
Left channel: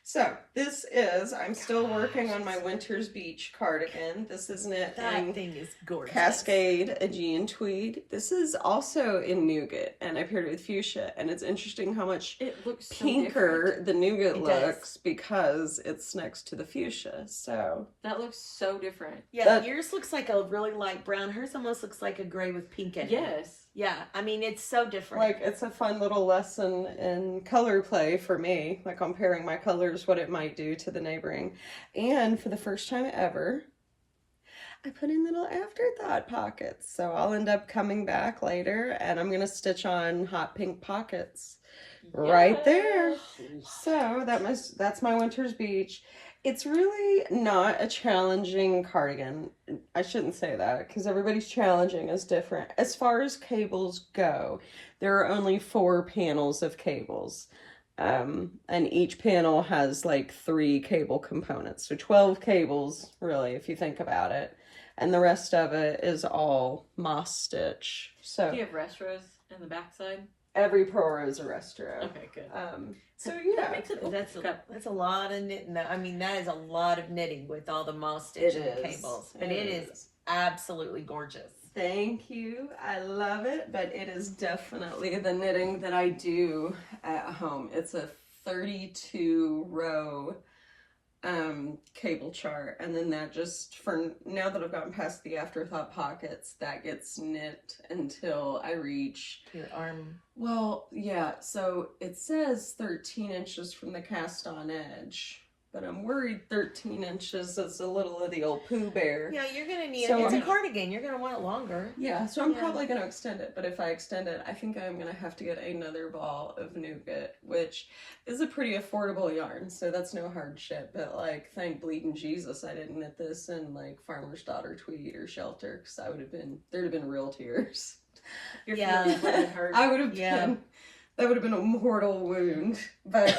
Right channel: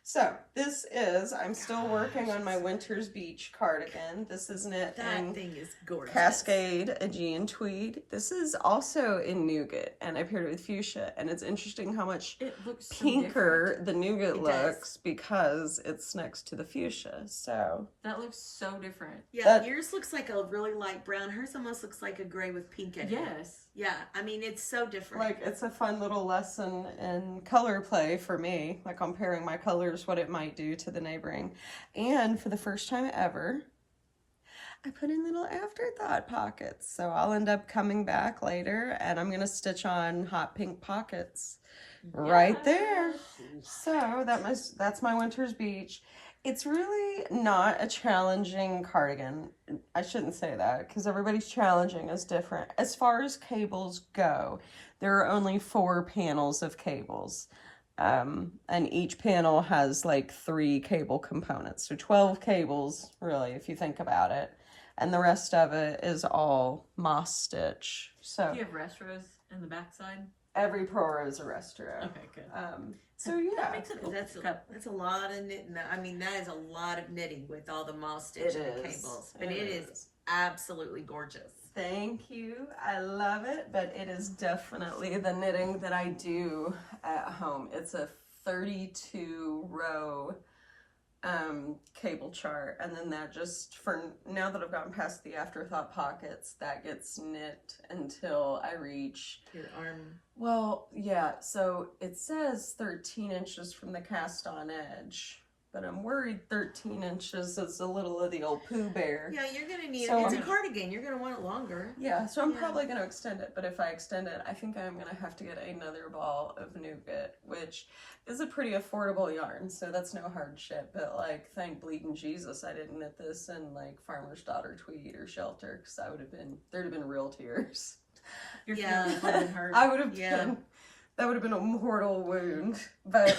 So this is, I'm still working on my Winter's Beach cardigan. This is knit That in thing is gorgeous. Cascade Aegean tweed. This is also in nougat, and I paired it with fuchsia. And it's interesting how much It looks so pinker different. the nougat It does. looks because it's next to the fuchsia. So That looks so different. Yeah, That- yours looks like a really light brown. Hers almost looks like a gray with pink in it. Yes. Yeah, I mean, it's so different. like it's a fun little lesson in color play for me. Like comparing my colors, what it might do to the neighboring. And for the first time ever, I put in little afterthought pockets. So I'll end up coming back later and I'm gonna stitch on hot pink pockets right there. Yes. So that's my Winter's Beach. It's really not a challenging cardigan. I shouldn't say that because everybody's challenging is different. As far as cables go, there are only 4 panels of cables. And each panel has like 3 cable components. So 12 cables, really, if you think about it. And the rest of it is all moss stitch. So Do you have rest rows in the backside? every pro row is a rest row. Okay, good. So yeah, That makes it That's a lot of knitting. I mean, that is a lot of knitting with all the moss stitch and the cables. But it is absolutely gorgeous. Thank you. I love it, but it is definitely the knitting that I do at home. It's a 32 row cable chart, and then that just, for now that I've gotten past the afterthought pockets, that gets knit until I reach, Your arm. well, yeah, so it says 13 inches from the cast on edge, but I'm worried 13 inches is a little of the old Pooh Bear. Yeah, you're going to need So it. It's a I'm- cardigan. You're going to want it longer. Yeah, so I'm Yeah. probably going to extend it, but if I extend it, I think I'm going to have to get another ball of nougat, which is a pretty affordable yarn, so that's no hardship, but like, thank bleeding Jesus I didn't knit this in like Farmer's Daughter tweed or shelter, because there'd have been real tears. Your Yeah. feelings would have hurt. I would have Yeah. been, that would have been a mortal wound, but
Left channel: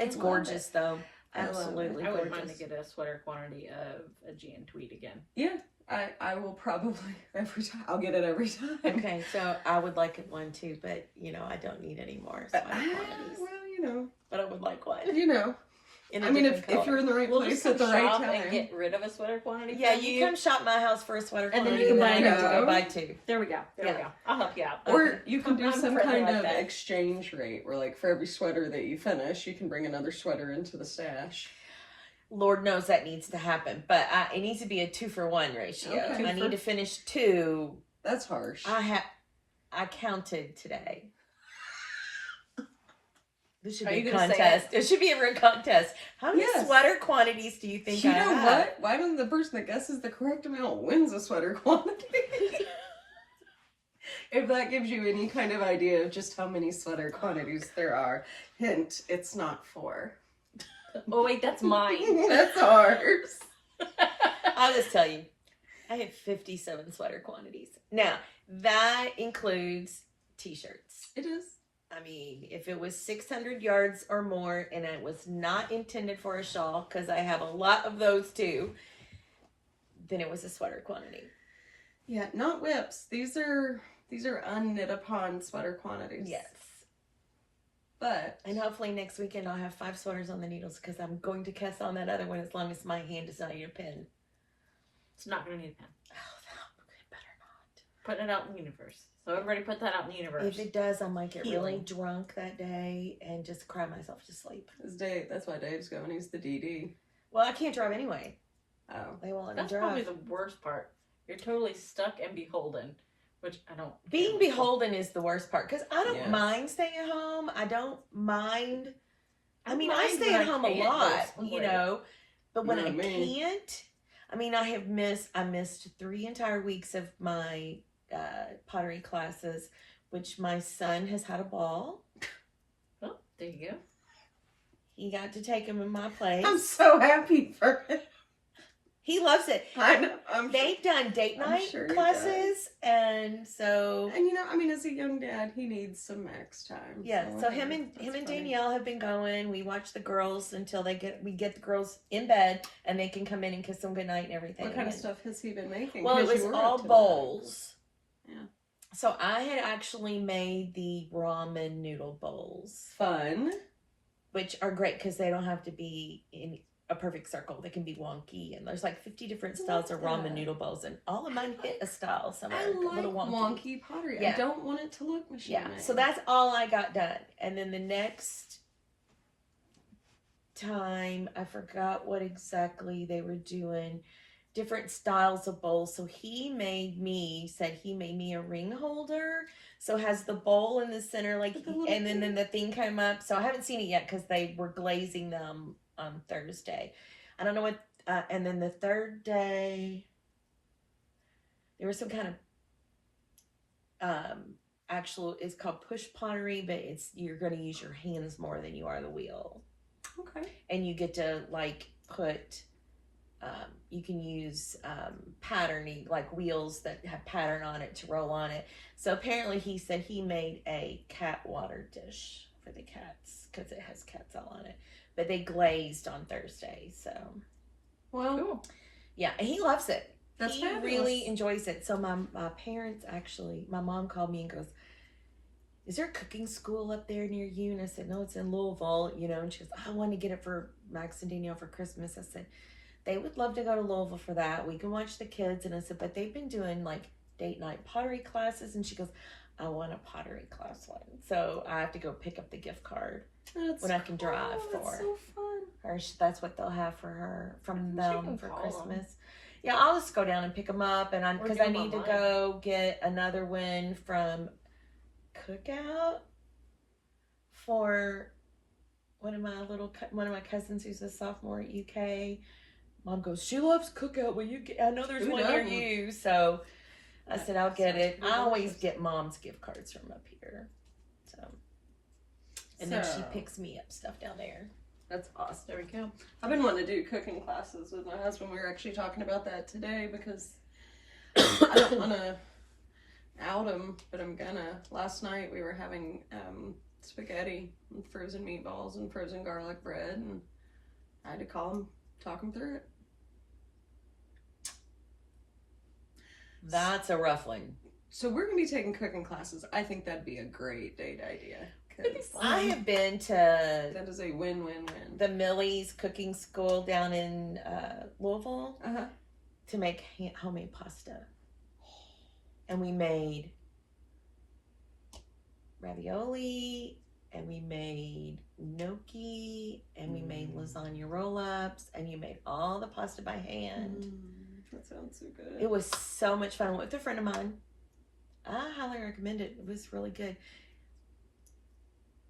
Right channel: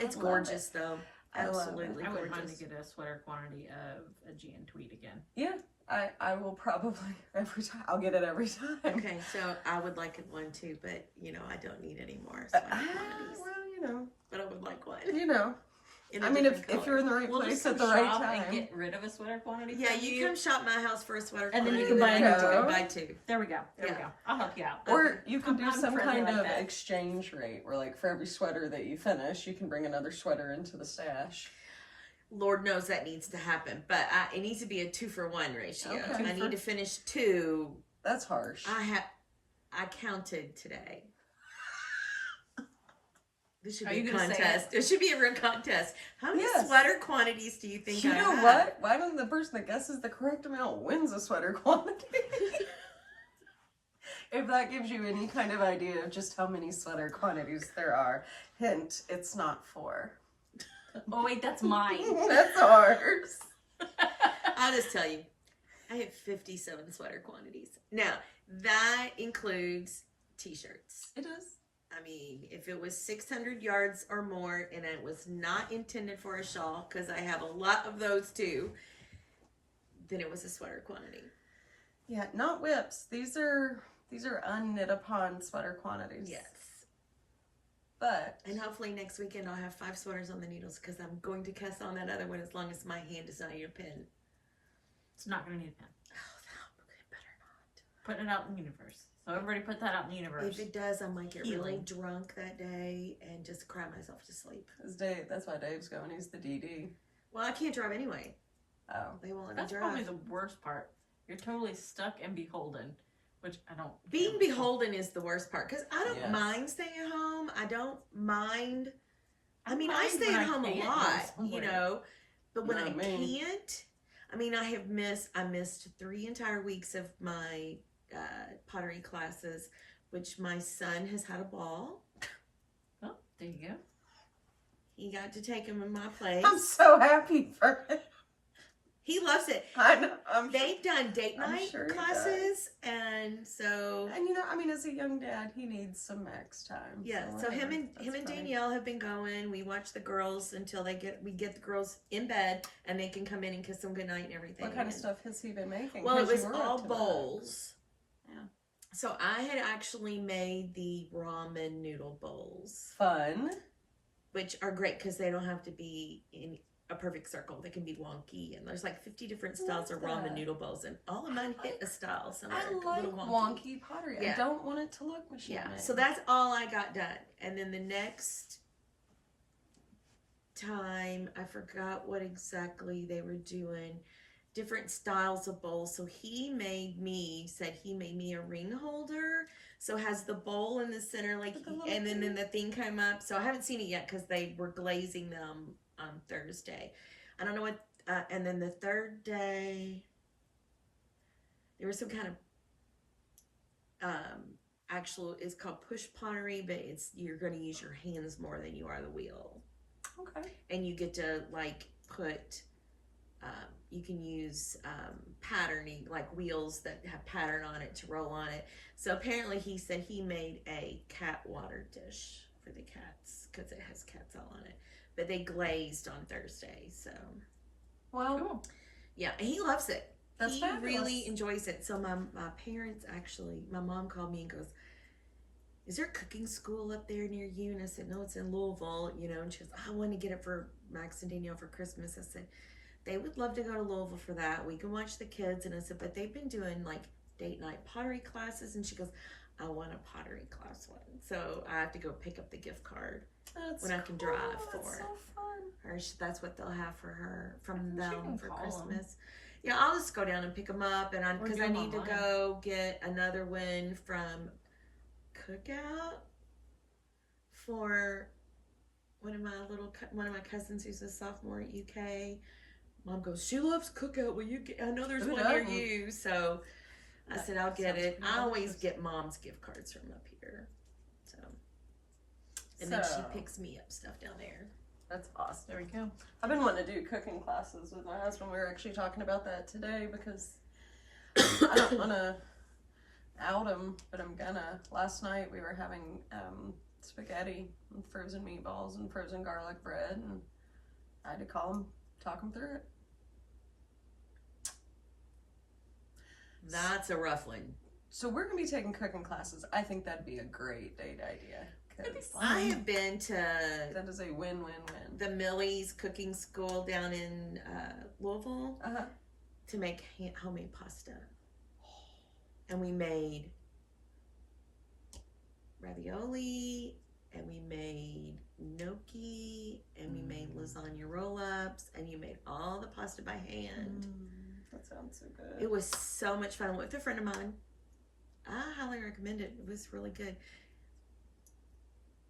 It's love gorgeous, though. I love it. Absolutely I wouldn't gorgeous. mind to get a sweater quantity of Aegean tweed again. Yeah, I will probably, every time, I'll get it every time. Okay, so I would like one too, but I don't need any more sweater quantities. Well, But I would like one. In a I mean, different if color. you're in the right We'll place just at the come right shop time. and get rid of a sweater quantity. Yeah, from you come shop my house for a sweater And then quantity, you can buy and a then new I'll one. buy 2. There we go. There we Yeah. go. I'll help you out. Or you can do I'm some friendly kind like of that. exchange rate where, like, for every sweater that you finish, you can bring another sweater into the stash. Lord knows that needs to happen, but it needs to be a 2-for-1 ratio. Okay. I need to finish 2. That's harsh. I counted today. This should Are be you a gonna say contest. It should be a real contest. How many Yes. sweater quantities do you think you I know have? what? Why doesn't the person that guesses the correct amount wins a sweater quantity? If that gives you any kind of idea of just how many sweater quantities there are, hint, it's not 4. Oh wait, that's mine. That's ours. I'll just tell you, I have 57 sweater quantities. Now, that includes t-shirts. It is. I mean, if it was 600 yards or more and it was not intended for a shawl, because I have a lot of those too, then it was a sweater quantity. Yeah, not whips. These are These are unknit upon sweater quantities. Yes. But And hopefully next weekend I'll have 5 sweaters on the needles because I'm going to cast on that other one as long as my hand does not need a pen. It's not going to need a pen. Oh, that better not. Putting it out in the universe. So everybody put that out in the universe. If it does, I might get really Healing. drunk that day and just cry myself to sleep. that's why Dave's going. He's the DD. Well, I can't drive anyway. Oh. They won't let me That's drive. probably the worst part. You're totally stuck and beholden, which I don't. Being care. beholden is the worst part because I don't Yes. mind staying at home. I don't mind. I mean, I mind stay when at I home a can't go lot, somewhere. you know. But when You know I me. can't, I mean, I missed 3 entire weeks of my pottery classes, which my son has had a ball. Oh, there you go. He got to take him in my place. I'm so happy for him. He loves it. I know. They've done date I'm night sure he classes, and so And I mean, as a young dad, he needs some max time. yeah. So him and that's fine. Danielle have been going. We watch the girls until we get the girls in bed, and they can come in and kiss them goodnight and everything. What kind of And- stuff has he been making? Well, it 'Cause was you were all up to that. bowls. Yeah. So I had actually made the ramen noodle bowls, Fun. which are great because they don't have to be in a perfect circle. They can be wonky, and there's like 50 different styles of ramen that. noodle bowls, and all of mine hit a style. Some I are a like little wonky pottery. Yeah. I don't want it to look machine Yeah, made. so that's all I got done. And then the next time, I forgot what exactly they were doing. Different styles of bowls. So he made me a ring holder. So it has the bowl in the center, like, With the little and then thing. the thing came up. So I haven't seen it yet because they were glazing them on Thursday. I don't know what. And then the third day, there was some kind of actual. It's called push pottery, but you're going to use your hands more than you are the wheel, Okay. and you get to like put. You can use patterning, like wheels that have pattern on it to roll on it. So apparently he said he made a cat water dish for the cats because it has cats all on it. But they glazed on Thursday, so Well, Cool. yeah, and he loves it. That's he fabulous. really enjoys it. So my parents actually, my mom called me and goes, "Is there a cooking school up there near you?" And I said, "No, it's in Louisville." And she goes, "I want to get it for Max and Danielle for Christmas." I said, "They would love to go to Louisville for that. We can watch the kids." And I said, "But they've been doing like date night pottery classes." And she goes, "I want a pottery class one." So I have to go pick up the gift card that's when I can drive cool. for That's so fun. her. That's what they'll have for her from She them can for call Christmas. Yeah, I'll just go down and pick them up, and Or because do I 'em need to online. go get another one from Cookout for one of my cousins who's a sophomore at UK. Mom goes, "She loves Cookout. Will you get? I know there's Who one near doesn't? you." So I said, "I'll get Sounds it." pretty I always delicious. get Mom's gift cards from up here. So, and then she So- picks me up stuff down there. That's awesome. There we go. I've been wanting to do cooking classes with my husband. We were actually talking about that today because I don't want to out him, but I'm gonna. Last night we were having spaghetti and frozen meatballs and frozen garlic bread, and I had to call him, talk him through it. That's a rough one. So we're gonna be taking cooking classes. I think that'd be a great date idea. 'Cause I have been to that is a win-win-win. the Millie's cooking school down in Louisville Uh-huh. to make homemade pasta. And we made ravioli, and we made gnocchi, and we made lasagna roll-ups, and you made all the pasta by hand. That sounds so good. It was so much fun with a friend of mine. I highly recommend it. It was really good.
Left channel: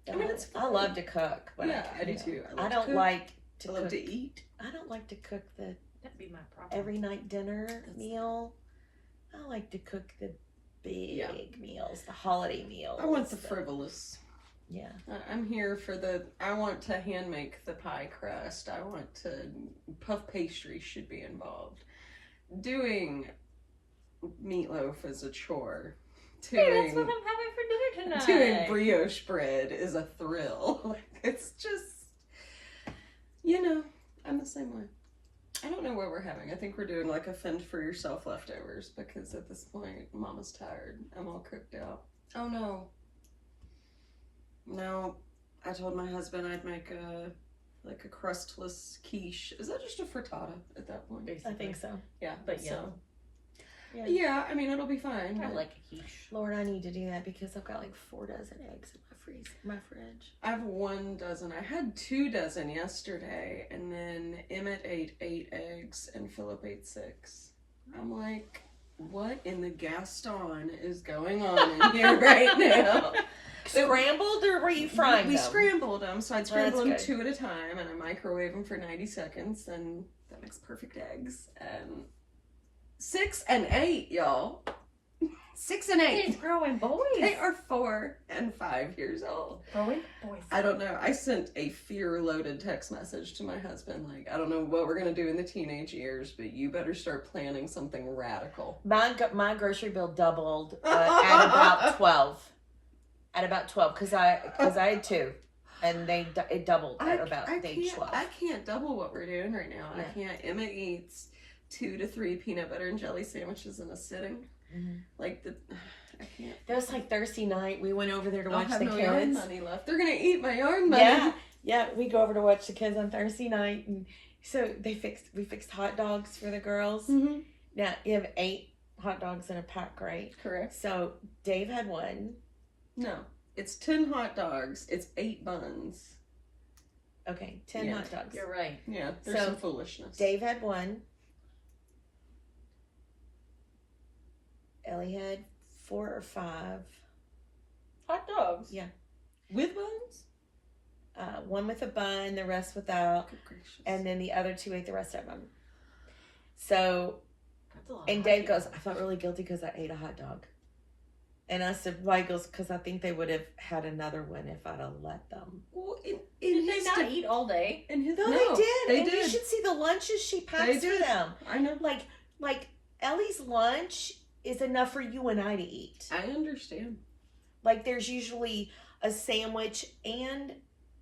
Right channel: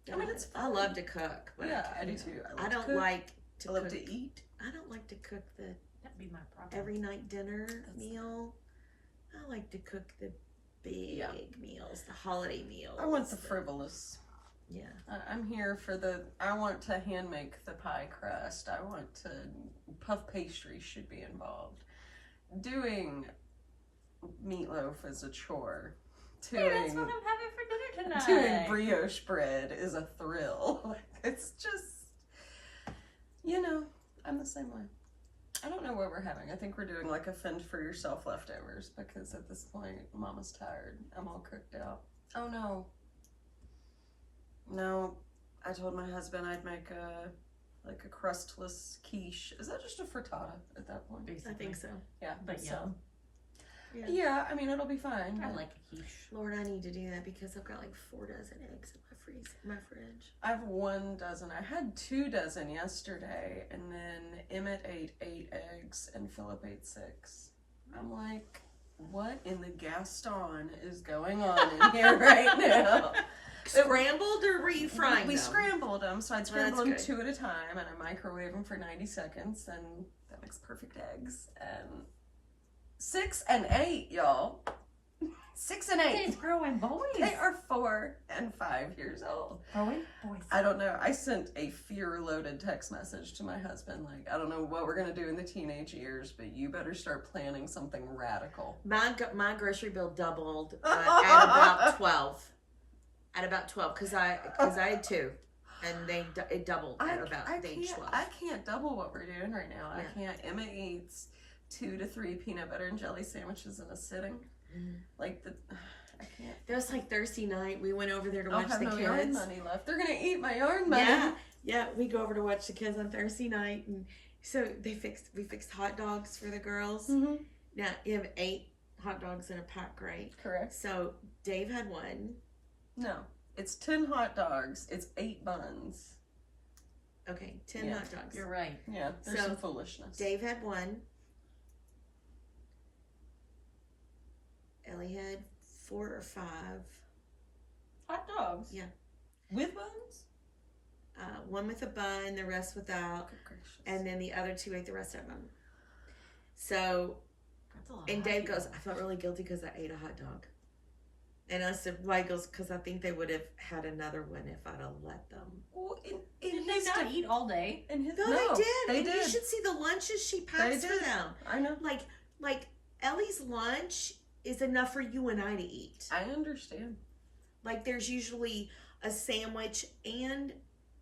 I mean, it's I fun. love to cook. But Yeah, I do too. I love I to don't cook. like I to love cook. to eat. I don't like to cook the That'd be my problem. every night dinner meal. I like to cook the big Yeah. meals, the holiday meals. I want the frivolous. Yeah. I'm here for I want to hand make the pie crust. I want to, puff pastry should be involved. Doing meatloaf is a chore. Hey, that's what I'm having for dinner tonight. Doing brioche bread is a thrill. Like, it's just, I'm the same way. I don't know what we're having. I think we're doing like a fend for yourself leftovers because at this point, Mama's tired. I'm all cooked out. Oh no. No, I told my husband I'd make a crustless quiche. Is that just a frittata at that point? Basically. I think so. Yeah, But so. Yeah. Yeah, I mean it'll be fine. I but like a quiche. Lord, I need to do that because I've got like 4 dozen eggs in my fridge. I have 1 dozen. I had 2 dozen yesterday, and then Emmett ate 8 eggs and Philip ate 6. I'm like, what in the Gaston is going on in here right now? Scrambled or were you frying We them? scrambled them, so I'd scramble them That's 2 at a time, and I microwave them for 90 seconds, and that makes perfect eggs. 6 and 8, y'all. 6 and 8. They're growing boys. They are 4 and 5 years old. Growing boys. I don't know. I sent a fear-loaded text message to my husband, like, I don't know what we're gonna do in the teenage years, but you better start planning something radical. My grocery bill doubled at about 12. At about 12, because I had 2, and it doubled at about age 12. I can't double what we're doing right now. Yeah. I can't. Emma eats 2 to 3 peanut butter and jelly sandwiches in a sitting. Like I can't. That was like Thursday night. We went over there to I'll watch have the no yard kids. money left. They're gonna eat my yard money. Yeah. We go over to watch the kids on Thursday night, and so we fixed hot dogs for the girls. Mm-hmm. Now you have 8 hot dogs in a pack, right? Correct. So Dave had 1. No, it's 10 hot dogs. It's 8 buns. Okay, 10 Yeah. hot dogs. You're right. Yeah, there's So, some foolishness. Dave had 1. Ellie had 4 or 5. Hot dogs. Yeah. With buns? 1 with a bun, the rest without, Good gracious. and then the other 2 ate the rest of them. So, That's a lot. and of Dave hot goes, dogs. I felt really guilty because I ate a hot dog. And I said, why? He goes, because I think they would have had another one if I'd have let them. Well, Did they not eat all day? In his, No, they did. They and did. you should see the lunches she They packs for did. them. I know. Like Ellie's lunch is enough for you and I to eat. I understand. Like there's usually a sandwich and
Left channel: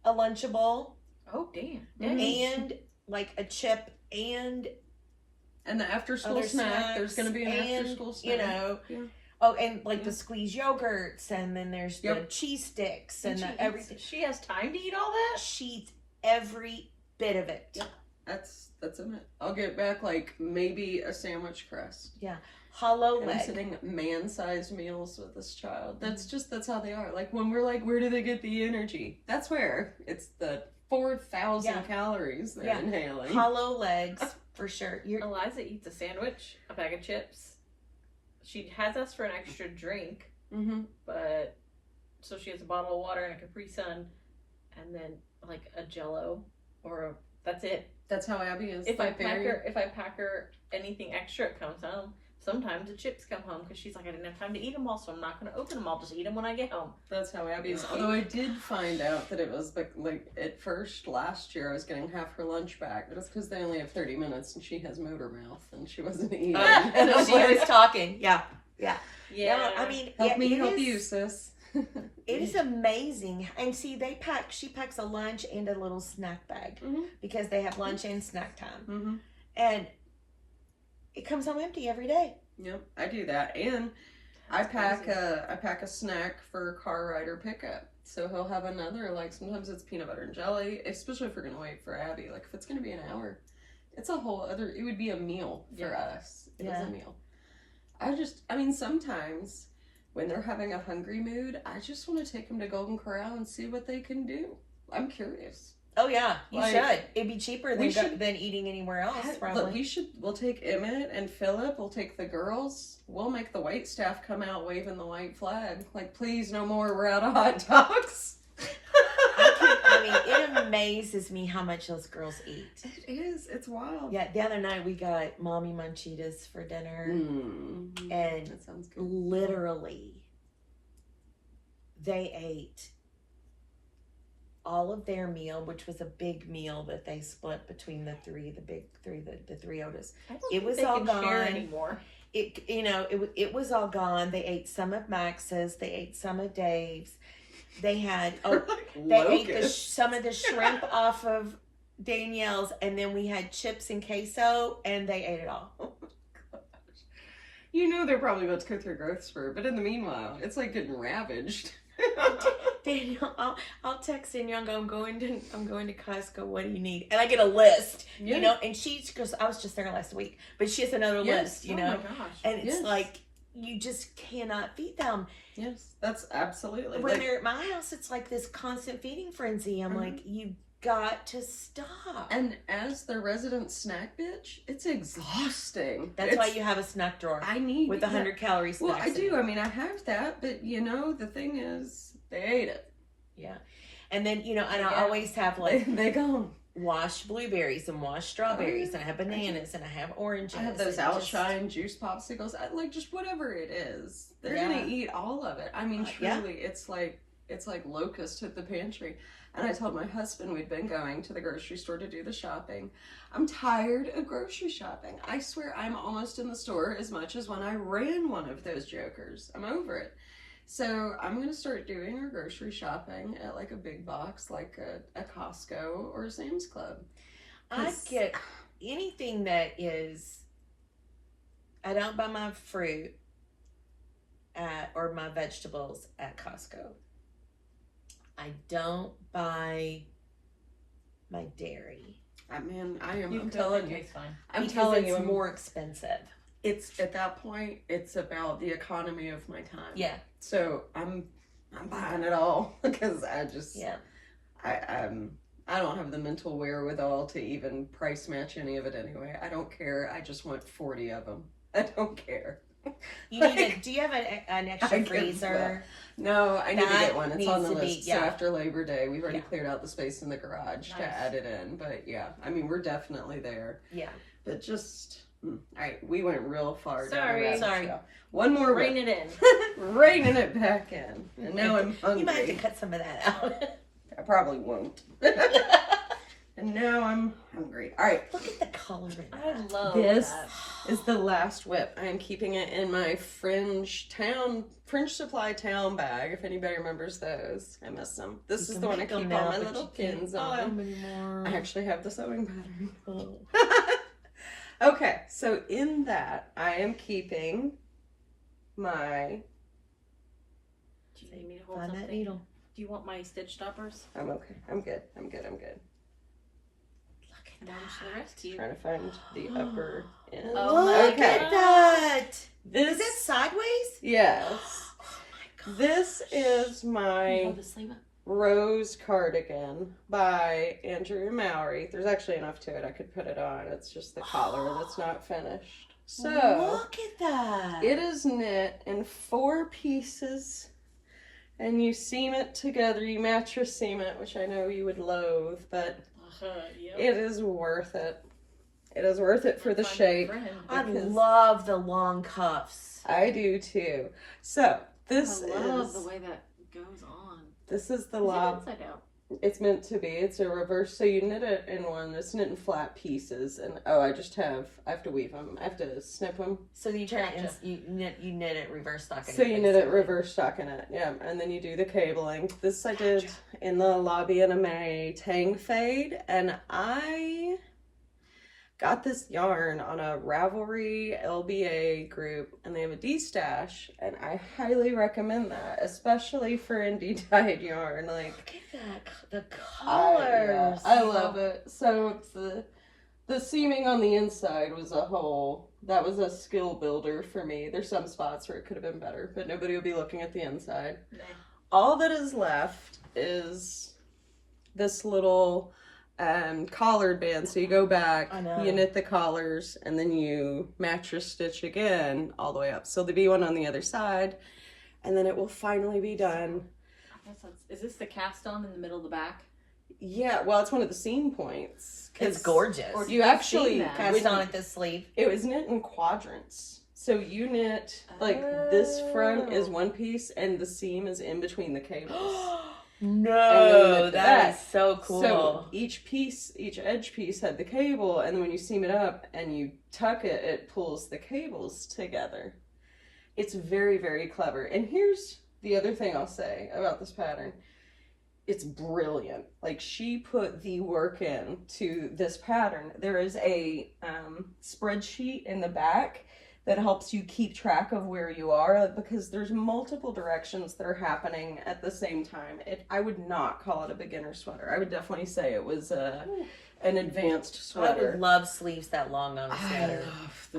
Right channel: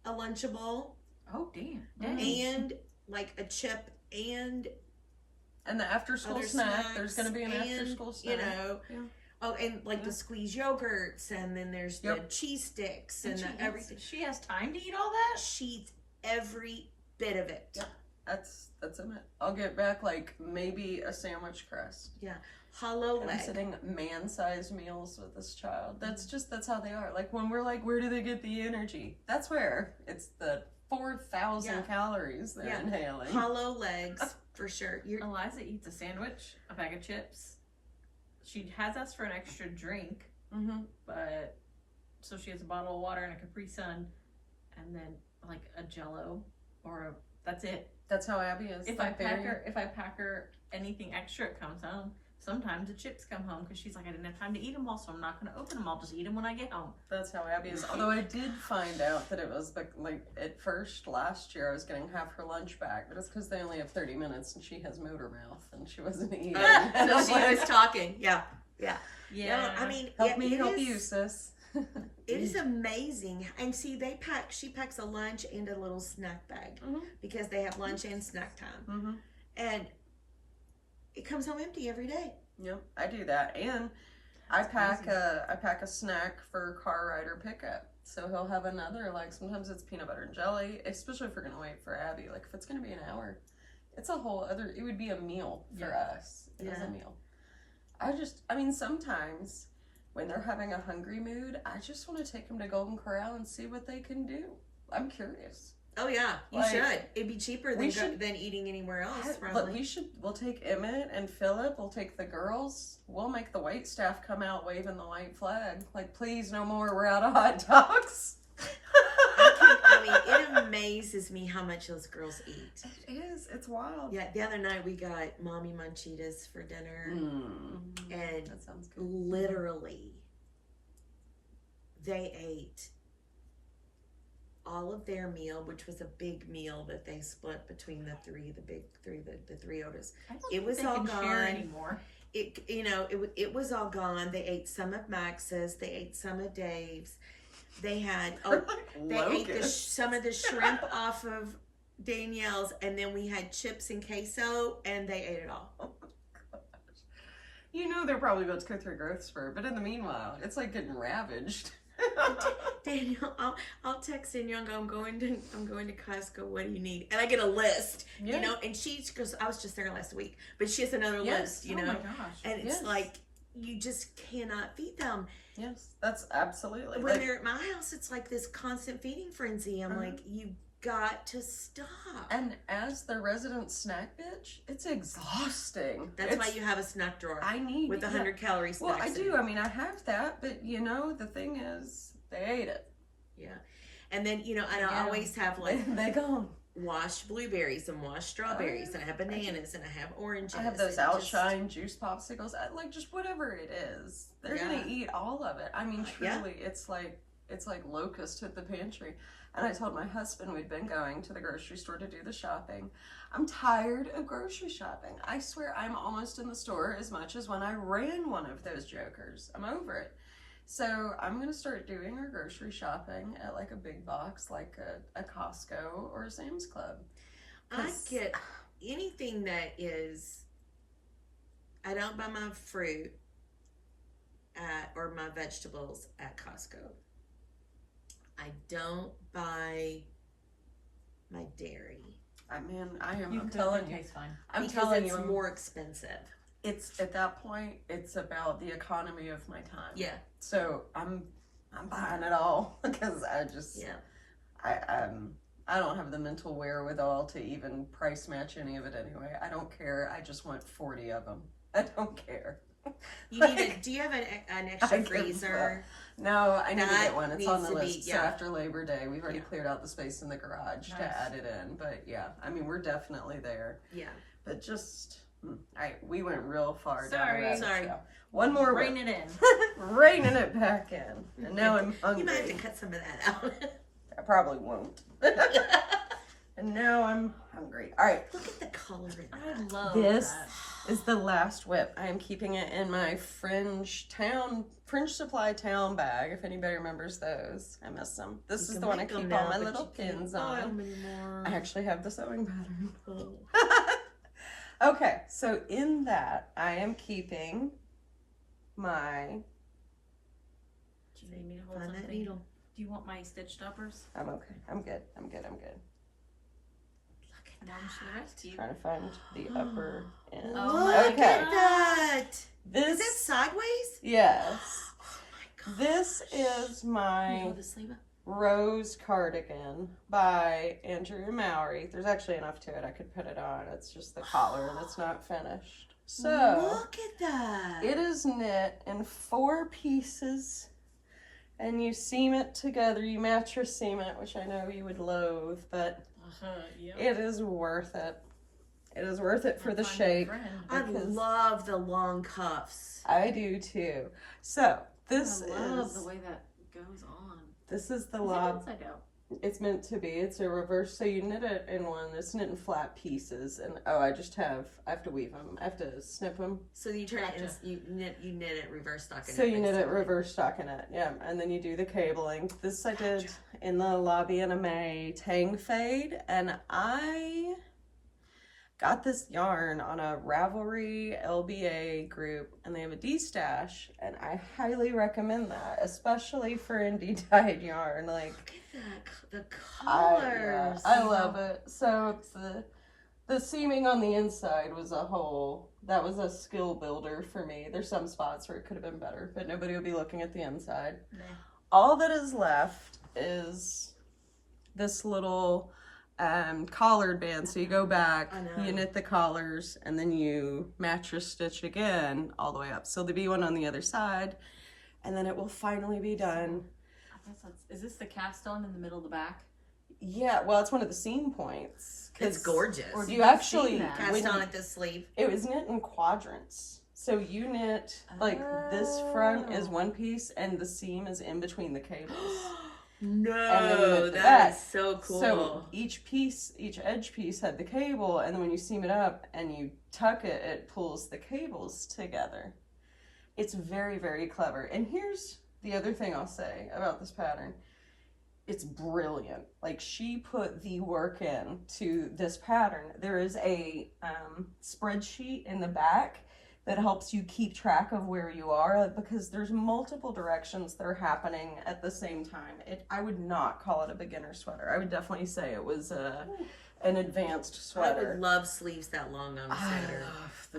a Lunchable Oh damn. Mhm. and like a chip and And the after school other snack. There's going to be an snacks after and, school snack. You know. Yeah. Oh, and like Yeah. the squeezed yogurts, and then there's the Yep. cheese sticks And and she the eats everything. She has time to eat all that? She eats every bit of it. Yep. That's in it. I'll get back like maybe a sandwich crust. Hollow And I'm leg. sitting man-sized meals with this child. That's how they are. Like when we're like, where do they get the energy? That's where it's the 4,000 Yeah. calories they're Yeah. inhaling. Hollow legs for sure. You're Eliza eats a sandwich, a bag of chips. She has asked for an extra drink, Mm-hmm. but so she has a bottle of water and a Capri Sun, and then like a Jello that's it. That's how Abby is. If Like, I pack her anything extra, it comes home. Sometimes the chips come home because she's like, I didn't have time to eat them all, so I'm not going to open them. I'll just eat them when I get home. That's how Abby is. Although I did find out that it was like at first last year I was getting half her lunch back, but it's because they only have 30 minutes and she has motor mouth and she wasn't eating. And I was she was like, talking. Yeah. Yeah, I mean, help me it help is- you, sis. It is amazing. And see, she packs a lunch and a little snack bag Mhm. because they have lunch and snack time. Mm-hmm. And it comes home empty every day. Yep, I do that, and I pack a snack for car rider pickup. So he'll have another, like sometimes it's peanut butter and jelly, especially if we're gonna wait for Abby. Like if it's gonna be an hour, it's a whole other. It would be a meal for us. It was Yeah. a meal. I mean, sometimes when they're having a hungry mood, I just want to take them to Golden Corral and see what they can do. I'm curious. Oh yeah, you Like, should. It'd be cheaper we than should- than eating anywhere else. Look, Probably. we'll take Emmett and Philip, we'll take the girls, we'll make the wait staff come out waving the white flag. Like, please, no more, we're out of hot dogs. I mean, it amazes me how much those girls eat. It is, it's wild. Yeah, the other night we got Mommy Munchitas for dinner, Mm. and That sounds good. literally, they ate all of their meal, which was a big meal that they split between the big three, the three Otis. I don't It think was they all can share gone. anymore. It was all gone. They ate some of Max's. They ate some of Dave's. They had they ate Locusts. some of the shrimp off of Danielle's, and then we had chips and queso, and they ate it all. You know they're probably about to go through a growth spurt, but in the meanwhile, it's like getting ravaged. Danielle, I'll text Danielle and go, I'm going to Costco. What do you need? And I get a list, you know. And she goes, I was just there last week, but she has another list, you know. Oh my gosh! And it's like you just cannot feed them. Yes, that's absolutely. When they're at my house, it's like this constant feeding frenzy. I'm like, you got to stop. And as the resident snack bitch, it's exhausting. That's why you have a snack drawer. I need with 100 calories. Well, I do. I mean, I have that, but you know, the thing is, they ate it. Yeah, and then and I always have like they gone. Washed blueberries and washed strawberries, and I have bananas and I have oranges. I have those Outshine juice popsicles. Like just whatever it is, they're gonna eat all of it. I mean, truly, it's like locust hit the pantry. And I told my husband we'd been going to the grocery store to do the shopping. I'm tired of grocery shopping. I swear I'm almost in the store as much as when I ran one of those jokers. I'm over it. So I'm going to start doing our grocery shopping at like a big box, like a Costco or a Sam's Club. I get anything that is, I don't buy my fruit or my vegetables at Costco. I don't buy my dairy. I mean, I'm You can telling you. fine. I'm telling you, it's more expensive. It's at that point, it's about the economy of my time. Yeah. So I'm buying it all because I just I don't have the mental wherewithal to even price match any of it anyway. I don't care. I just want 40 of them. I don't care. You need do you have an extra freezer? No, I need to get one. It's on the list. Be, So after Labor Day, we've already cleared out the space in the garage to add it in. But yeah, I mean, we're definitely there. Yeah. But just, all right, we went real far. Sorry. One more. Rein it in. Reining it back in. And now I'm hungry. You might have to cut some of that out. I probably won't. And now I'm hungry. All right. Look at the color in that. I love This that. is the last whip. I am keeping it in my Fringe Supply Town bag, if anybody remembers those. I miss them. This is the one I keep all my little pins on. I actually have the sewing pattern. Okay, so in that, I am keeping my... Do you need me to hold Find that something? needle. Do you want my stitch stoppers? I'm okay. I'm good. Down to the rescue. Trying to find the upper end. Oh my Look at that. This... Is that sideways? Yes. Oh my god. This is my Hold the sleeve up. Rose cardigan by Andrew Mowry. There's actually enough to it. I could put it on. It's just the collar that's not finished. So look at that. it is knit in 4 pieces, and you seam it together. You mattress seam it, which I know you would loathe, but Yep. it is worth it. It is worth it for the shape. I because love the long cuffs. I do too. So this I love is the way that goes on. this is the Is it lob. upside down? It's meant to be. It's a reverse. So you knit it in one. It's knit in flat pieces, and I have to weave them. I have to snip them. So you turn Gotcha. it, you knit it reverse stockinette. So you knit it basically. reverse stockinette, yeah, and then you do the cabling. This I did in the Lobby and a May Tang Fade, and I got this yarn on a Ravelry LBA group, and they have a D-stash, and I highly recommend that, especially for indie dyed yarn. Like, Look at that, the colors. I love it. So it's the seaming on the inside was that was a skill builder for me. There's some spots where it could have been better, but nobody would be looking at the inside. Nah. All that is left is this little collared band. So you go back, you knit the collars, and then you mattress stitch again all the way up. So there'll be one on the other side, and then it will finally be done. Is this the cast on in the middle of the back? Yeah, well, it's one of the seam points. It's gorgeous. Or You actually Cast on at the sleeve. It was knit in quadrants. So you knit like this front is one piece, and the seam is in between the cables. No, that is so cool. So each edge piece had the cable, and then when you seam it up and you tuck it, it pulls the cables together. It's very, very clever. And here's the other thing I'll say about this pattern. it's brilliant. Like, she put the work in to this pattern. There is a spreadsheet in the back that helps you keep track of where you are, because there's multiple directions that are happening at the same time. I would not call it a beginner sweater. I would definitely say it was an advanced sweater. I would love sleeves that long on a sweater.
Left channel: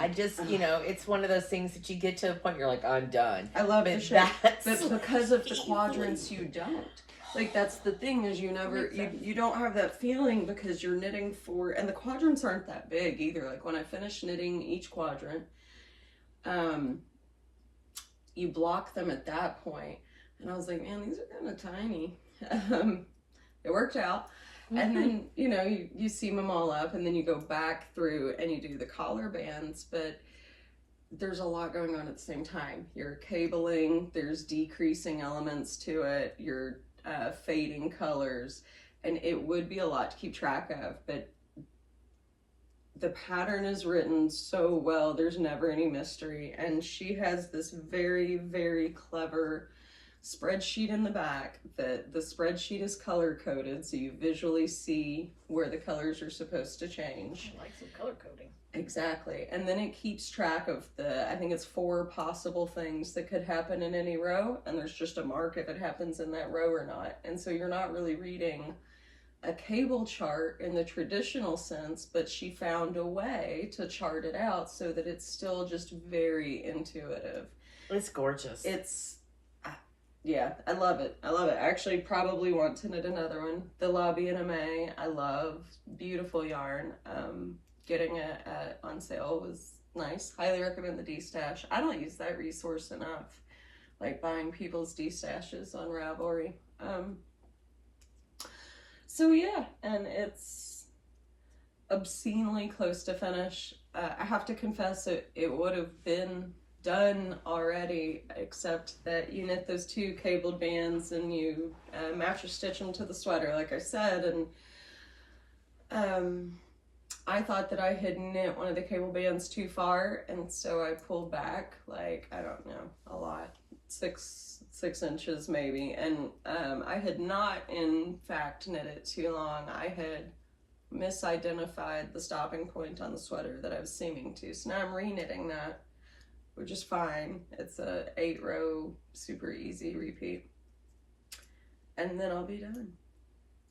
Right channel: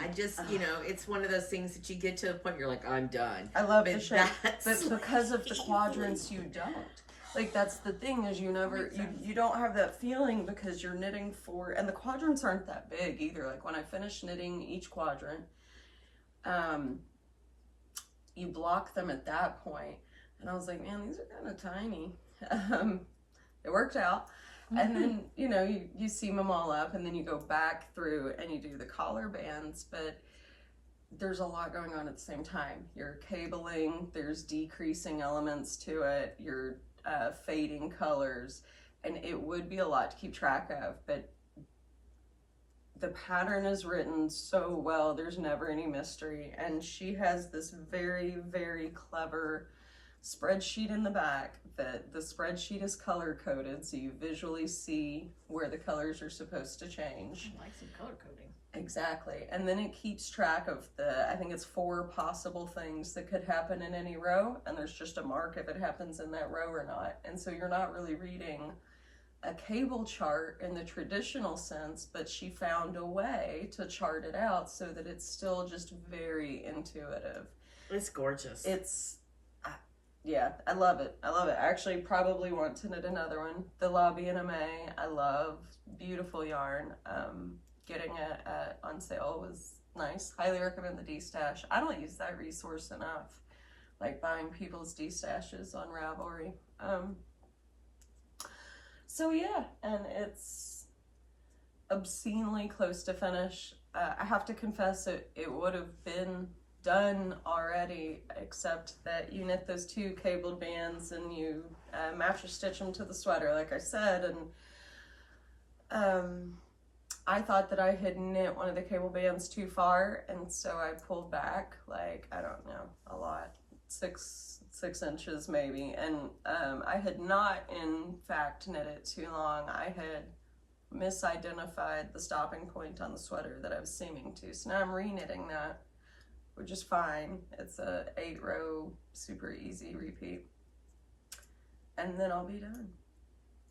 I just, you know, it's one of those things that you get to a point you're like, I'm done. love But the shape, that's but because of the quadrants, you don't. Like, that's the thing, is you never, you don't have that feeling because you're knitting for, and the quadrants aren't that big either. Like, when I finish knitting each quadrant, you block them at that point, and I was like, man, these are kind of tiny. It worked out. And then, you know, you seam them all up, and then you go back through and you do the collar bands, but there's a lot going on at the same time. You're cabling, there's decreasing elements to it, you're fading colors, and it would be a lot to keep track of, but the pattern is written so well, there's never any mystery. And she has this very, very clever spreadsheet in the back. The spreadsheet is color coded, so you visually see where the colors are supposed to change. I like some color coding. Exactly. And then it keeps track of I think it's 4 possible things that could happen in any row, and there's just a mark if it happens in that row or not. And so you're not really reading a cable chart in the traditional sense, but she found a way to chart it out so that it's still just very intuitive. It's gorgeous. Yeah, I love it. I love it. I actually probably want to knit another one. The Lobby NMA, I love. Beautiful yarn. Getting it on sale was nice. Highly recommend the D-Stash. I don't use that resource enough. Like, buying people's D-Stashes on Ravelry. So yeah, and it's obscenely close to finish. I have to confess, it would have been done already, except that you knit those 2 cabled bands and you match stitch them to the sweater, like I said, and I thought that I had knit one of the cable bands too far, and so I pulled back, like, I don't know, a lot, 6 inches maybe, and I had not in fact knit it too long. I had misidentified the stopping point on the sweater that I was seaming to, so now I'm re-knitting that, which is fine. It's a 8-row super easy repeat, and then I'll be done.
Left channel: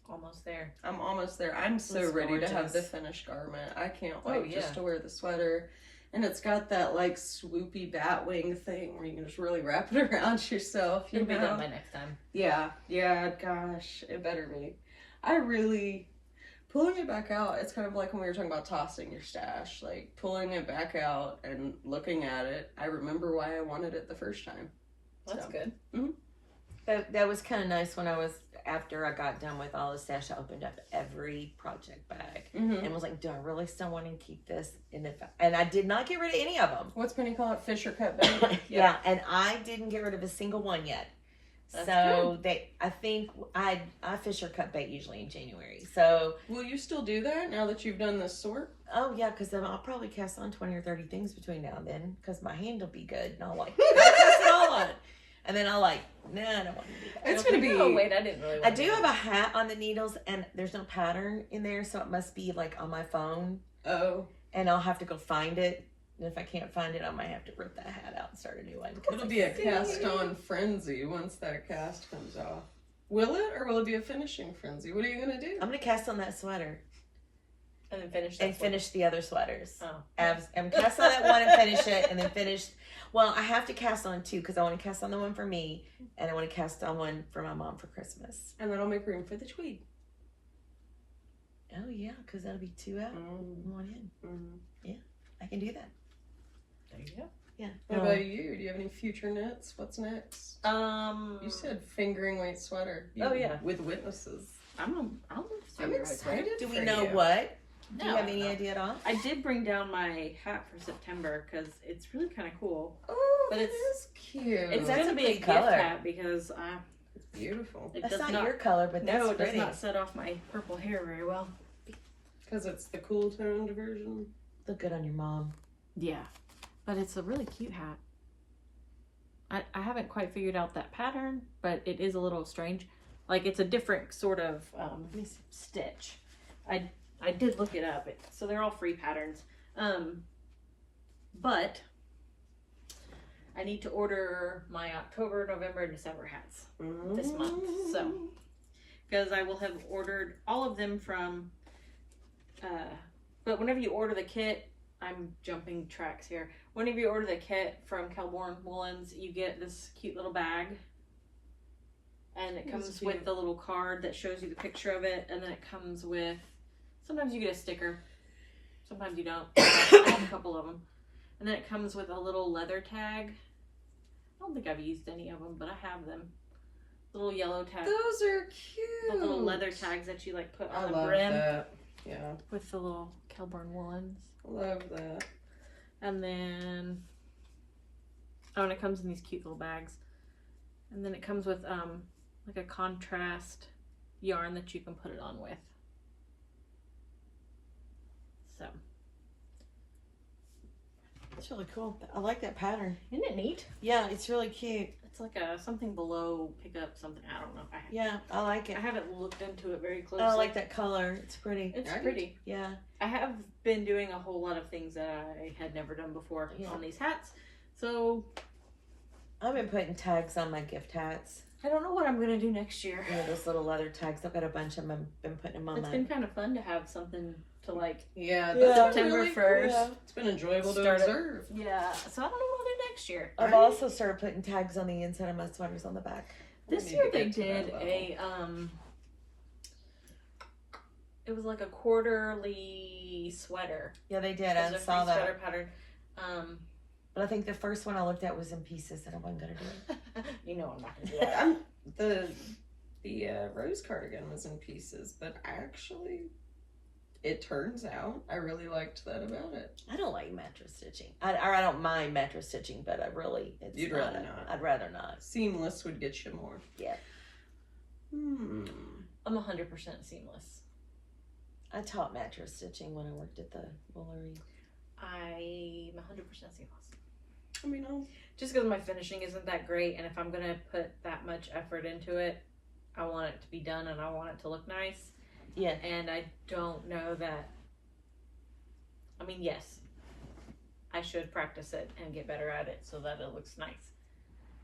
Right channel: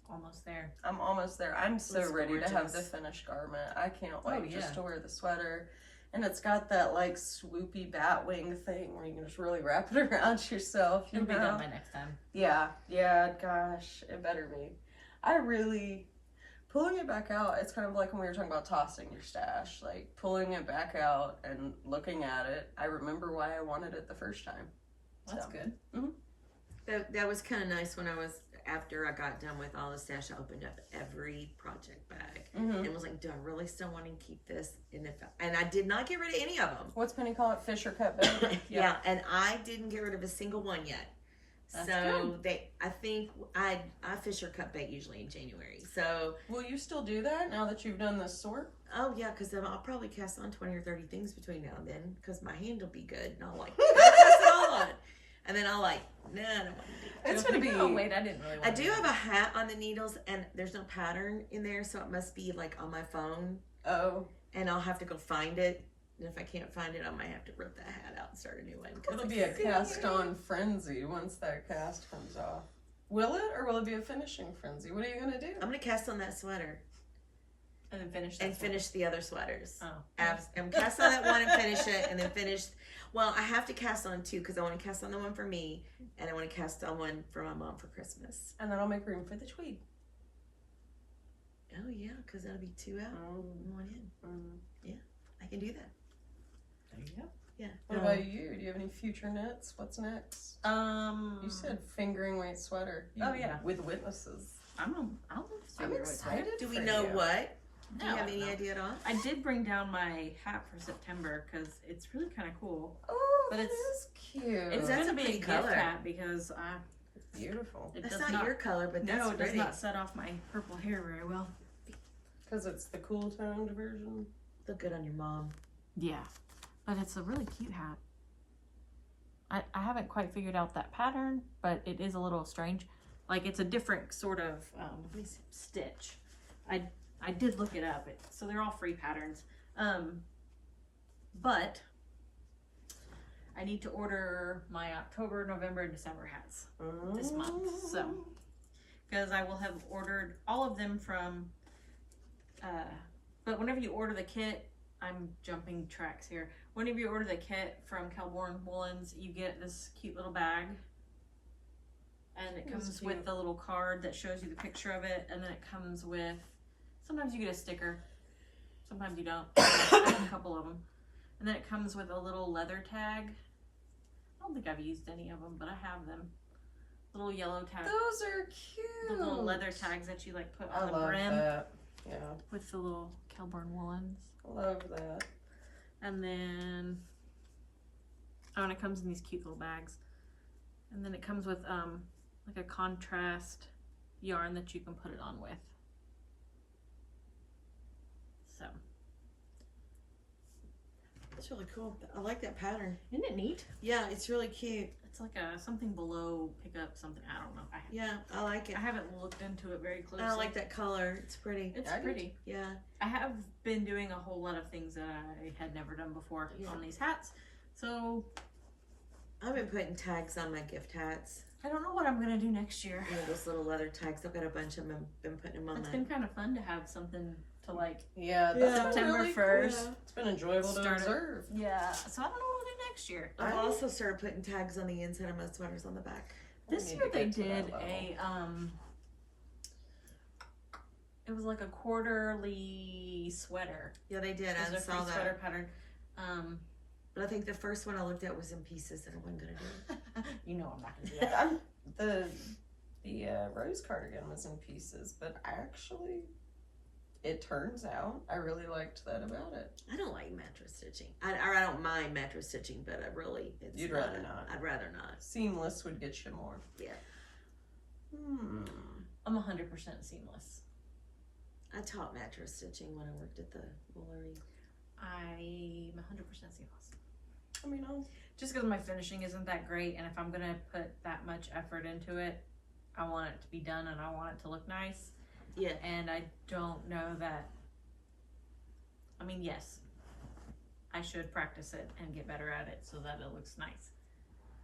Almost there. I'm almost there. I'm so It's ready to have gorgeous. the finished garment. I can't wait yeah. just to wear the sweater. And it's got that, like, swoopy bat wing thing where you can just really wrap it around yourself. You It'll be know? done by next time. Yeah, gosh, it better be. Pulling it back out, it's kind of like when we were talking about tossing your stash. Like, pulling it back out and looking at it, I remember why I wanted it the first time. That's So. good. Mm-hmm. That was kind of nice when after I got done with all the stash, I opened up every project bag Mm-hmm. and was like, do I really still want to keep this? And I did not get rid of any of them. What's Penny call it? Fisher cut bait? Yeah, and I didn't get rid of a single one yet. That's So I think I Fisher cut bait usually in January. So Will you still do that now that you've done this sort? oh yeah, because then I'll probably cast on 20 or 30 things between now and then because my hand will be good and I'll like cast it all on, and then I'll like nah, I don't want to do that. It's gonna be. Oh wait, I didn't really. I do have a hat on the needles and there's no pattern in there, so it must be like on my phone, Oh. and I'll have to go find it. And if I can't find it, I might have to rip that hat out and start a new one. It'll be a cast-on frenzy once that cast comes off. Will it, or will it be a finishing frenzy? What are you gonna do? I'm gonna cast on that sweater And then finish. and finish the other sweaters. Oh. I'm cast on that one and finish it, and then finish. Well, I have to cast on 2 because I want to cast on the one for me, and I want to cast on one for my mom for Christmas. And that'll make room for the tweed. Oh yeah, because that'll be 2 out and 1 in. Mm-hmm. I can do that. There you go. Yeah. What about you? Do you have any future knits? What's next? You said fingering weight sweater. Oh, yeah. With witnesses. I'm excited. Do we for know you. what? Do No, you I have don't any know. idea at all? I did bring down my hat for September because it's really kind of cool. Oh, But that it's- is cute. It's That's going to a be a pretty gift color. hat because beautiful. it That's does not your color, but that's no, it does pretty. not set off my purple hair very well. Because it's the cool toned version. Look good on your mom. Yeah, but it's a really cute hat. I haven't quite figured out that pattern, but it is a little strange. Like it's a different sort of stitch. I did look it up. So they're all free patterns. But I need to order my October, November, and December hats this month. So, because I will have ordered all of them from, but whenever you order the kit, I'm jumping tracks here. Whenever you order the kit from Kelborn Woolens, you get this cute little bag. And it comes with the little card that shows you the picture of it. And then it comes with, sometimes you get a sticker. Sometimes you don't. I have a couple of them. And then it comes with a little leather tag. I don't think I've used any of them, but I have them. Little yellow tags. Those are cute. The little leather tags that you like put on I the love brim. that. Yeah. With the little Kelborn Woolens. Love that. And then, oh, and it comes in these cute little bags. And then it comes with like a contrast yarn that you can put it on with. So. It's really cool. I like that pattern. Isn't it neat? Yeah, it's really cute. It's like a something below, pick up something. I don't know. Yeah, I like it. I haven't looked into it very closely. I like that color. It's pretty. It's pretty. Yeah. I have been doing a whole lot of things that I had never done before on these hats. So I've been putting tags on my gift hats. I don't know what I'm gonna do next year. Yeah, those little leather tags. I've got a bunch of them. I've been putting them on. It's been kind of fun to have something to like. Yeah, Yeah. that's September really 1st. Cool. It's been enjoyable to Start it. observe. Yeah, so I don't know what I'll do next year. I've also started putting tags on the inside of my sweaters on the back. This We year need to they get to that did level. it was like a quarterly sweater. Yeah, they did. It was I a saw free that. sweater pattern. But I think the first one I looked at was in pieces, and I wasn't gonna do it. You know I'm not gonna do that. The rose cardigan was in pieces, but actually, it turns out I really liked that about it. I don't like mattress stitching. I don't mind mattress stitching, but I really You'd rather not. I'd rather not. Seamless would get you more. Yeah. I'm 100% seamless. I taught mattress stitching when I worked at the woolery. I'm 100% seamless. I mean, Just because my finishing isn't that great, and if I'm gonna put that much effort into it, I want it to be done and I want it to look nice. Yeah. And I don't know that. I mean, yes, I should practice it and get better at it so that it looks nice.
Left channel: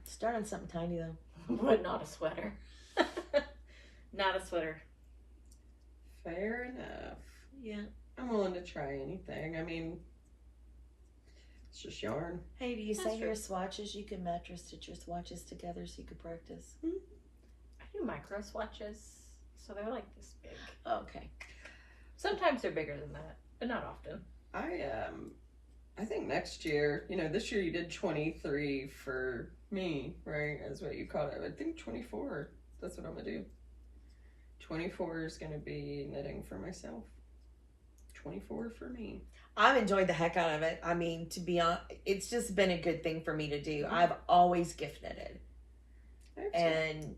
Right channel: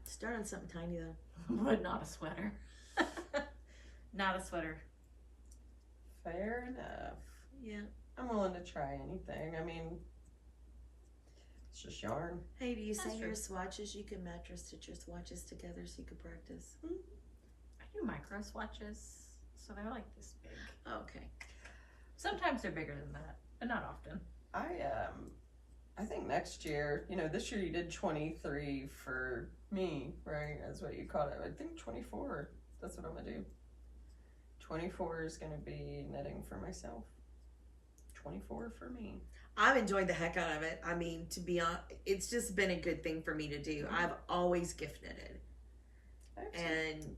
Start on something tiny though. But not a sweater. Not a sweater. fair enough. Yeah. I'm willing to try anything. I mean, it's just yarn. Hey, do you That's say true. your swatches? You can mattress stitch your swatches together so you can practice. I do micro swatches, so they're like this big. Okay. Sometimes they're bigger than that, but not often. I think next year, this year you did 23 for me, right? Is what you called it. I think 24. That's what I'm gonna do. 24 is gonna be knitting for myself. 24 for me. I've enjoyed the heck out of it. I mean, to be honest, it's just been a good thing for me to do. I've always gift knitted. Excellent. And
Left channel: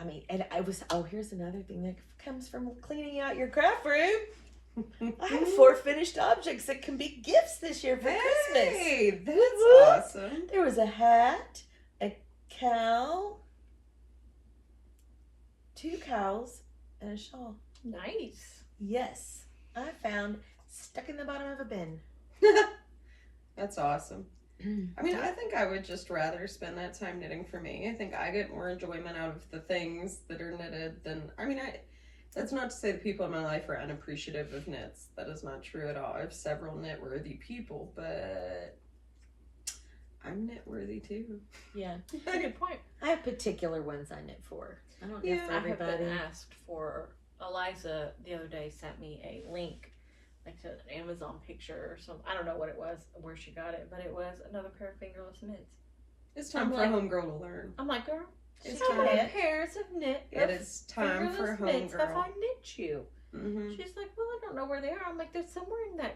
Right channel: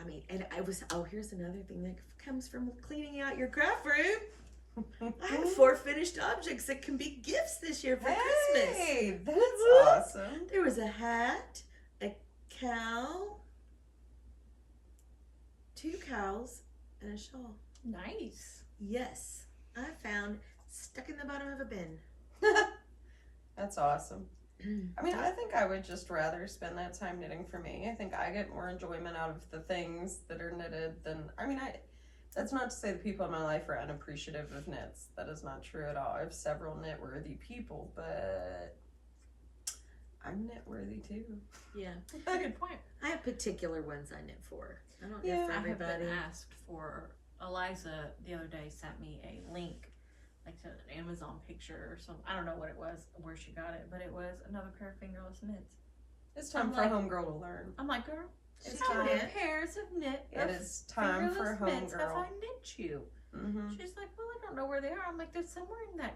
I mean, and I was, here's another thing that comes from cleaning out your craft room. I have 4 finished objects that can be gifts this year for Christmas. Hey, that's Woo-hoo. awesome. There was a hat, a cow, 2 cows, and a shawl. Nice. Yes, I found stuck in the bottom of a bin. That's awesome. I mean, I think I would just rather spend that time knitting for me. I think I get more enjoyment out of the things that are knitted than, that's not to say the people in my life are unappreciative of knits. That is not true at all. I have several knit-worthy people, but I'm knit-worthy too. Yeah, That's a good point. I have particular ones I knit for. I don't Yeah, knit for I have everybody. been asked for, Eliza the other day sent me a link, like to an Amazon picture or something. I don't know what it was, where she got it, but it was another pair of fingerless mitts. It's time I'm for a like- homegirl to learn. I'm like, girl, It's how time. many pairs of knit? It is time for a mitts have I homegirl. knit you? Mm-hmm. She's like, well, I don't know where they are. I'm like, they're somewhere in that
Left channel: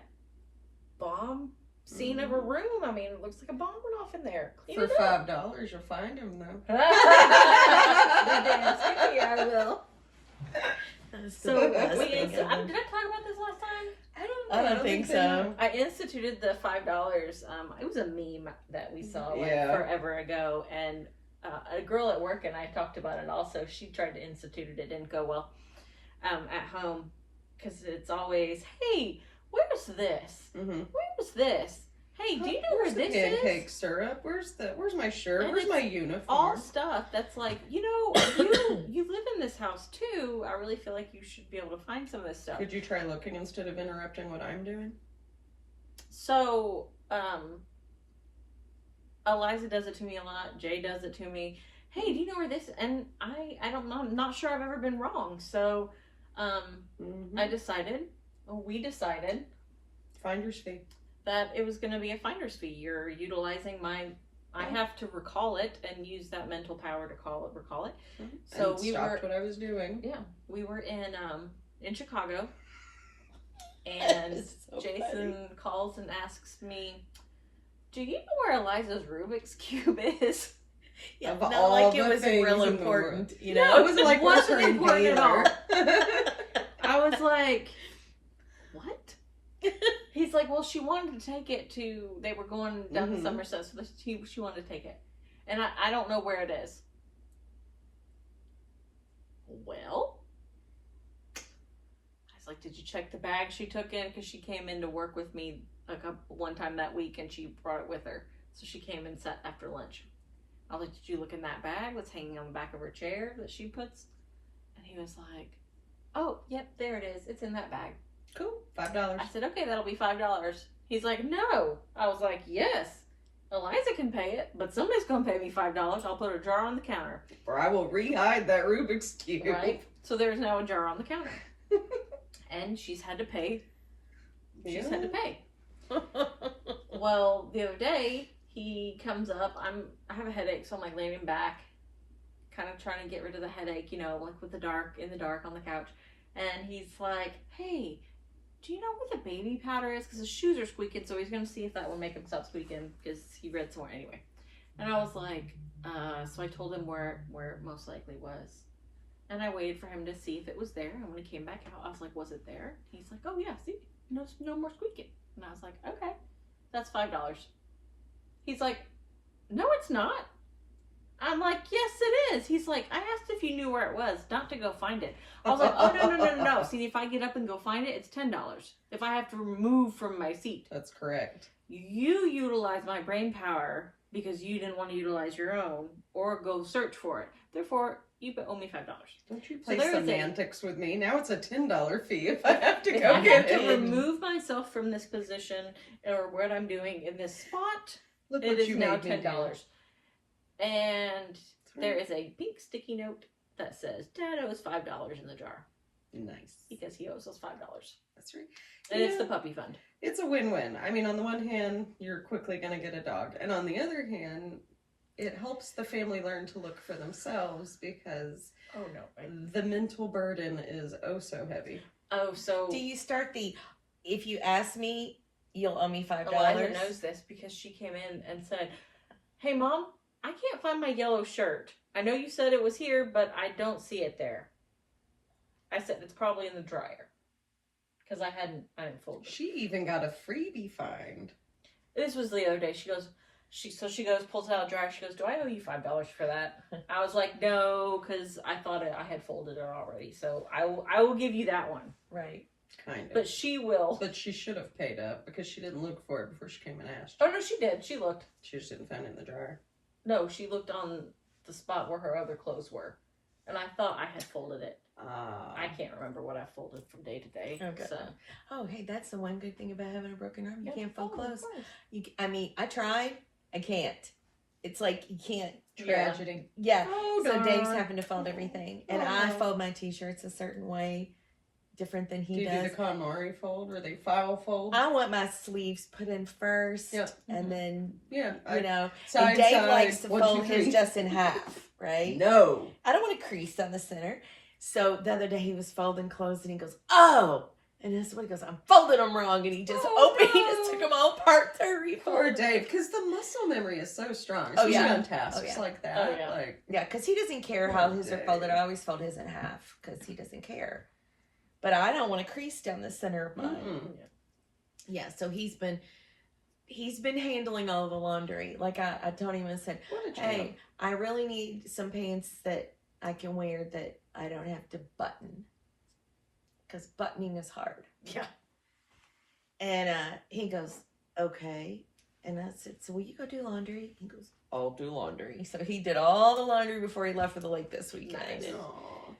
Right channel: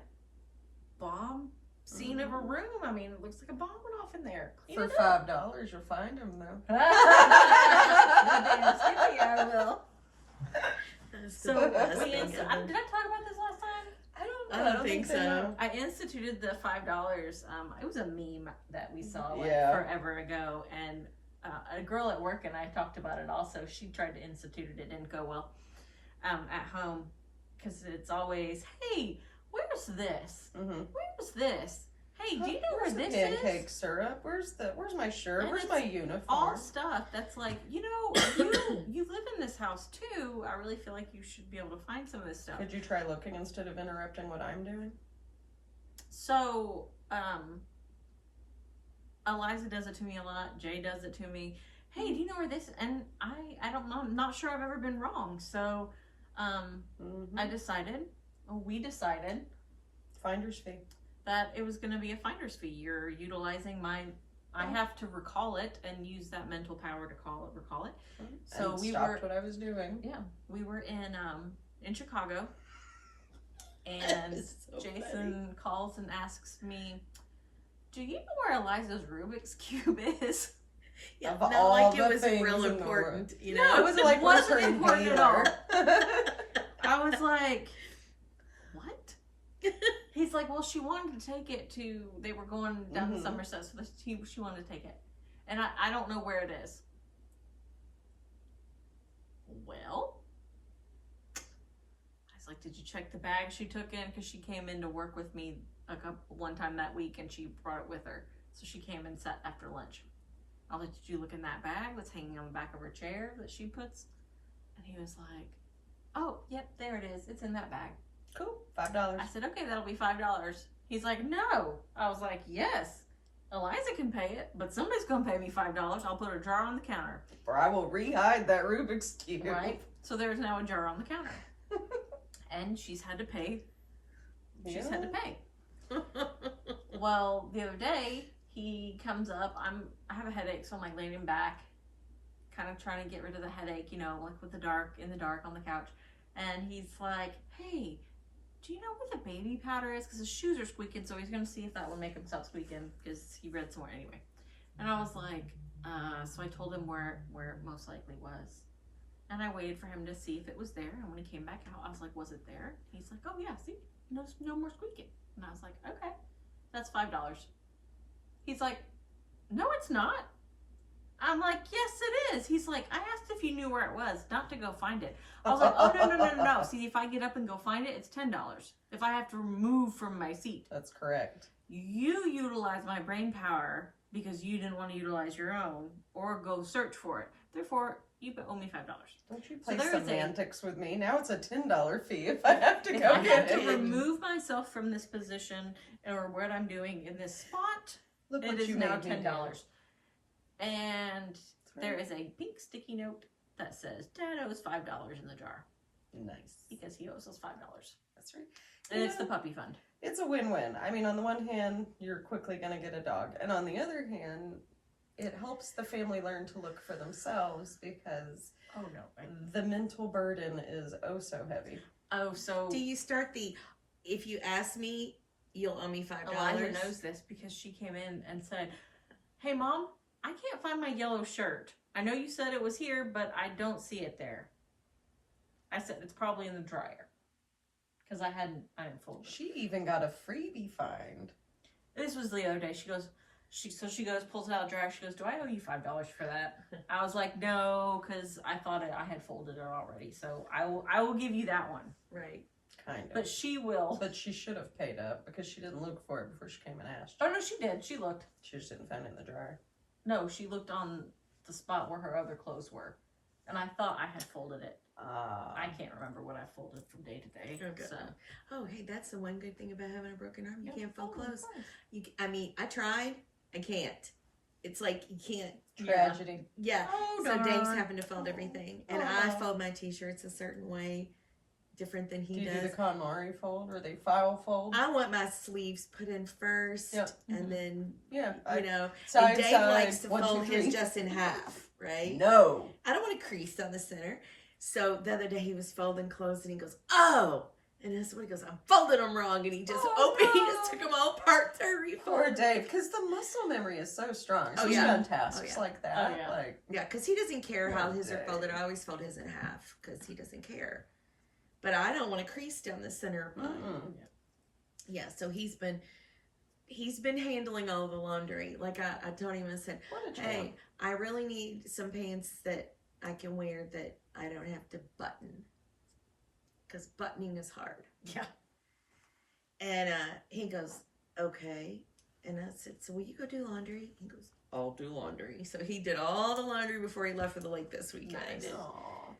bomb scene of a room. I mean, it looks like a bomb went off in there. Clean For it up. $5, you'll find them though. Yeah, I will. So the best we thing did I ever. talk about this last time? I don't think so. I instituted the $5. It was a meme that we saw like Yeah. forever ago, and a girl at work, and I talked about it also. She tried to institute it. It didn't go well at home because it's always, hey, where's this? Mm-hmm. Where's this? Hey, do you know Where's where the this pancake is? syrup? Where's my shirt? And Where's my it's uniform? All stuff that's like, you live in this house too. I really feel like you should be able to find some of this stuff. Could you try looking instead of interrupting what I'm doing? So, Eliza does it to me a lot. Jay does it to me. Hey, do you know where this? And I don't know. I'm not sure I've ever been wrong. So, we decided Finder's fee. that it was going to be a finder's fee. You're utilizing I have to recall it and use that mental power to recall it. So and stopped what I was doing. Yeah, we were in Chicago, and So Jason calls and asks me, "Do you know where Eliza's Rubik's cube is?" Yeah, Of not all like the it was things real in the important, world. you No, know. it wasn't like wasn't Western important at all. Baylor. I was like, "What?" He's like, "Well, she wanted to take it to. They were going down to Somerset, so she wanted to take it, and I don't know where it is." Well, I was like, "Did you check the bag she took in? Because she came in to work with me one time that week, and she brought it with her. So she came and sat after lunch. I was like, did you look in that bag that's hanging on the back of her chair that she puts?" And he was like, "Oh, yep, there it is. It's in that bag." Cool. $5. I said, "Okay, that'll be $5. He's like, "No." I was like, "Yes, Eliza can pay it, but somebody's going to pay me $5. I'll put a jar on the counter." Or I will re-hide that Rubik's Cube. Right? So there's now a jar on the counter. And she's had to pay. She's had to pay. Well, the other day, he comes up. I have a headache, so I'm like laying back, kind of trying to get rid of the headache, like in the dark on the couch. And he's like, "Hey, do you know where the baby powder is? Because his shoes are squeaking, so he's going to see if that will make him stop squeaking, because he read somewhere anyway." And I was like, so I told him where it most likely was. And I waited for him to see if it was there. And when he came back out, I was like, "Was it there?" He's like, "Oh, yeah, see? No more squeaking." And I was like, "Okay, that's $5. He's like, "No, it's not." I'm like, "Yes, it is." He's like, "I asked if you knew where it was, not to go find it." I was like, "Oh, no. See, if I get up and go find it, it's $10. If I have to remove from my seat." That's correct. You utilize my brain power because you didn't want to utilize your own or go search for it. Therefore, you owe me $5. Don't you play there is semantics with me? Now it's a $10 fee if I have to If go I get have to it. remove myself from this position or what I'm doing in this spot, Look it what is you now made me do. $10. And That's there right. is a pink sticky note that says Dad owes $5 in the jar Nice. because he owes us $5. That's right. And it's Yeah. the puppy fund. It's a win-win. I mean, on the one hand, you're quickly going to get a dog. And on the other hand, it helps the family learn to look for themselves because Oh, no. the mental burden is oh so heavy. Oh, so Do you start if you ask me, you'll owe me $5? Eliza knows this because she came in and said, "Hey, Mom, I can't find my yellow shirt. I know you said it was here, but I don't see it there." I said, "It's probably in the dryer." Because I didn't fold it. She even got a freebie find. This was the other day. She goes, pulls it out of the dryer. She goes, "Do I owe you $5 for that?" I was like, "No," because I thought I had folded it already. So I will give you that one. Right. Kind of. But she will. But she should have paid up because she didn't look for it before she came and asked. Oh, no, she did. She looked. She just didn't find it in the jar. No, she looked on the spot where her other clothes were. And I thought I had folded it. I can't remember what I folded from day to day. Okay. So Oh, hey, that's the one good thing about having a broken arm. You Yep. can't fold Oh, of clothes. course. I tried. I can't. It's like you can't. Tragedy. Yeah. Oh, So darn. Dave's having to fold everything, and I Oh. fold my t-shirts a certain way, different than Do he you does. do the KonMari fold or they file fold? I want my sleeves put in first, Yep. and then Yeah. and Dave likes to 1, 2, fold 3. his just in half, right? No. I don't want a crease down the center. So the other day he was folding clothes and he goes, "Oh," and that's what he goes, "I'm folding them wrong," and he just he just took them all apart to refold. Poor Dave, because the muscle memory is so strong. Oh, Especially yeah. on tasks Oh, yeah. like that. Oh, yeah. Like, Yeah, because he doesn't care Poor how his are Dave. folded. I always fold his in half because he doesn't care. But I don't want a crease down the center of mine. mm-mm. Yeah, so he's been he's been handling all the laundry. Like I told him, I said, What a champ. hey, I really need some pants that I can wear that I don't have to button. Because buttoning is hard. Yeah. And he goes, okay. And I said, so will you go do laundry? He goes, I'll do laundry. So he did all the laundry before he left for the lake this weekend. Nice. Aw.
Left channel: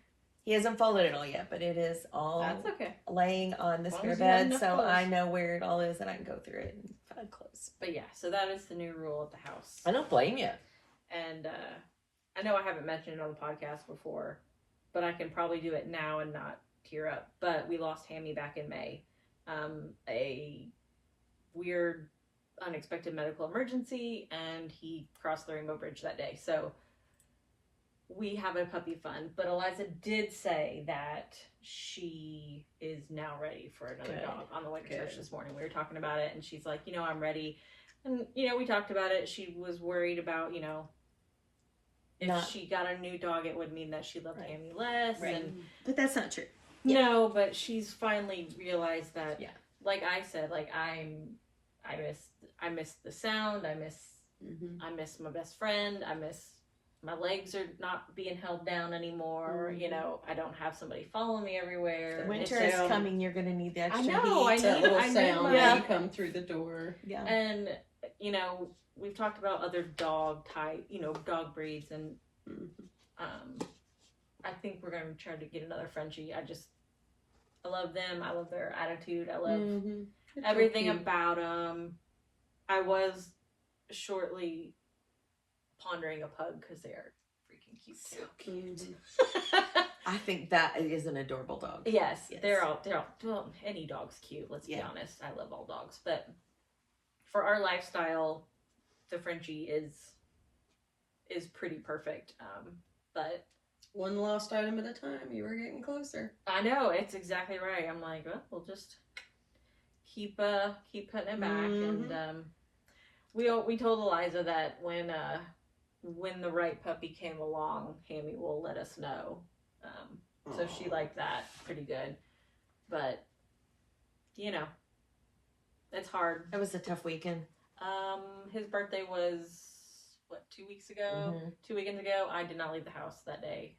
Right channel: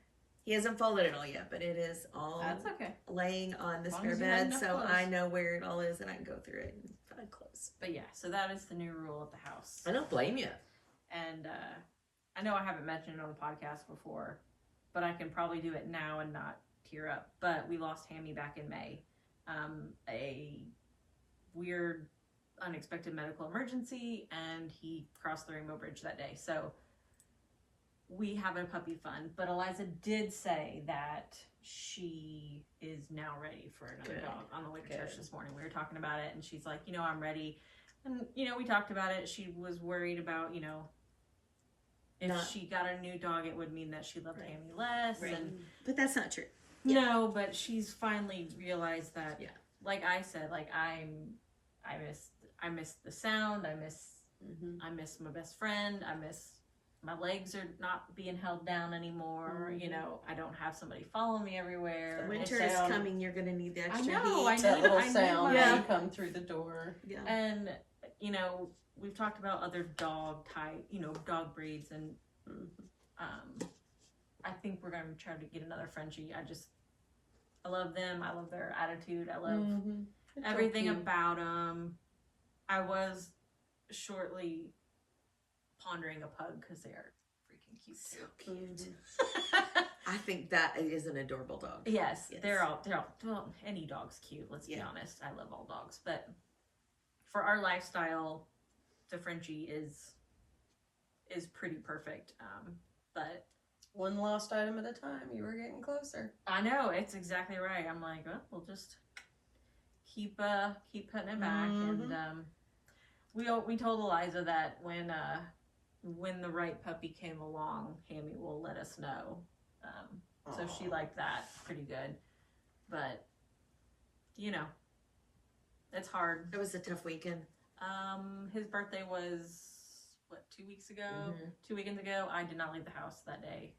He hasn't folded it all yet, but it is all That's okay. laying on the As long spare as you have bed, enough so clothes. I know where it all is and I can go through it and find clothes. But yeah, so that is the new rule at the house. I don't blame you. And I know I haven't mentioned it on the podcast before, but I can probably do it now and not tear up. But we lost Hammy back in May. A weird, unexpected medical emergency, and he crossed the Rainbow Bridge that day. So we have a puppy fund. But Eliza did say that she is now ready for another Good. dog on the way to church Good. this morning. We were talking about it, and she's like, I'm ready. And, we talked about it. She was worried about, if Not- she got a new dog, it would mean that she loved Right. Hammy less. Right. And But that's not true. no, but she's finally realized that, Yeah. like I said, like I miss the sound. I miss my best friend. I miss my legs are not being held down anymore. Mhm. I don't have somebody following me everywhere. Winter It's is sound- coming, you're going to need the I extra know, heat. That little I need sound my- when you come through the door. Yeah. And we've talked about other dog type, dog breeds, and I think we're gonna try to get another Frenchie. I love them. I love their attitude. I love everything about them. I was shortly pondering a pug because they are freaking cute too. I think that is an adorable dog. Yes, Yes. they're all well, any dog's cute. Let's be Yeah. honest. I love all dogs, but for our lifestyle, the Frenchie is pretty perfect. But One lost item at a time. You were getting closer. I know it's exactly right. I'm like, well, we'll just keep putting it back, and we told Eliza that when the right puppy came along, Hammy will let us know. So she Aw. liked that pretty good, but it's hard. It was a tough weekend. His birthday was what, 2 weeks ago? Mhm. 2 weekends ago. I did not leave the house that day.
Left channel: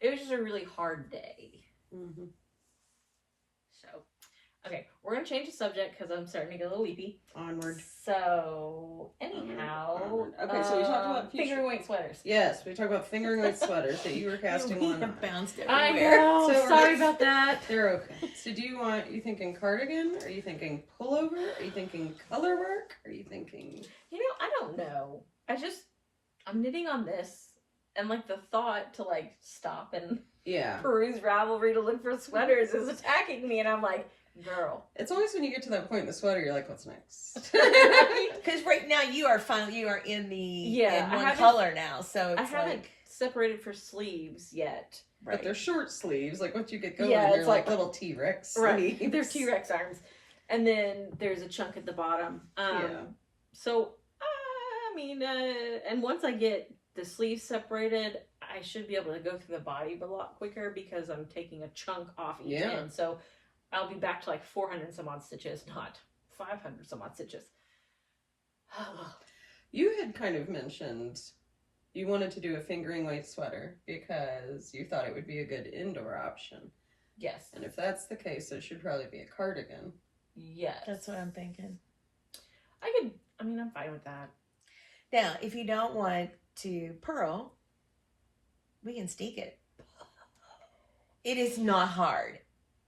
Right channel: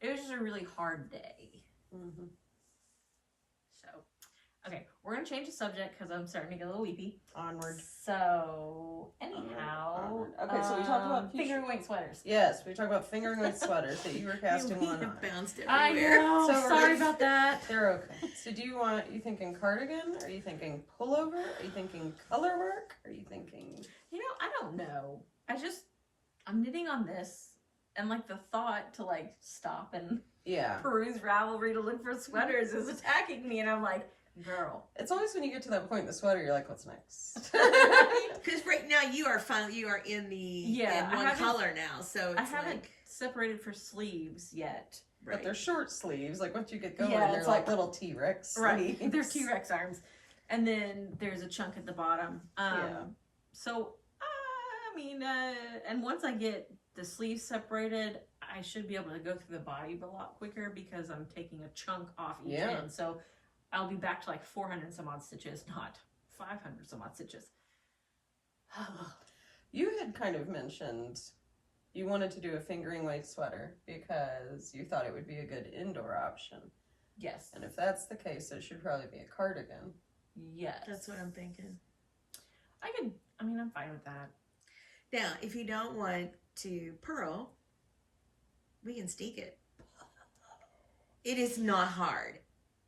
It was just a really hard day. So, okay, we're gonna change the subject because I'm starting to get a little weepy. Onward. So, anyhow, Onward. Okay, so we talked about future- finger weight sweaters. Yes, we talk about fingering weight sweaters that you were casting We one have on. bounced I everywhere. know. So Sorry let's- about that. They're okay. So do you thinking cardigan? Are you thinking pullover? Are you thinking color work? Are you thinking... I don't know. I'm knitting on this, and like the thought to like stop and Yeah. peruse Ravelry to look for sweaters is attacking me, and I'm like, girl. It's always when you get to that point in the sweater, you're like, what's next? Because right now you are in the Yeah, in I one haven't- color now, so it's I haven't like separated for sleeves yet. But they're short sleeves. Like once you get going, Yeah, they're it's like like- little T-Rex Right. sleeves. They're T-Rex arms. And then there's a chunk at the bottom. Yeah. So, and once I get the sleeves separated, I should be able to go through the body a lot quicker because I'm taking a chunk off each Yeah. end. So I'll be back to like 400 some odd stitches, not 500 some odd stitches. You had kind of mentioned you wanted to do a fingering weight sweater because you thought it would be a good indoor option. Yes. And if that's the case, it should probably be a cardigan. Yes. that's what I'm thinking. I'm fine with that. Now, if you don't want to purl, we can steek it. It is not hard.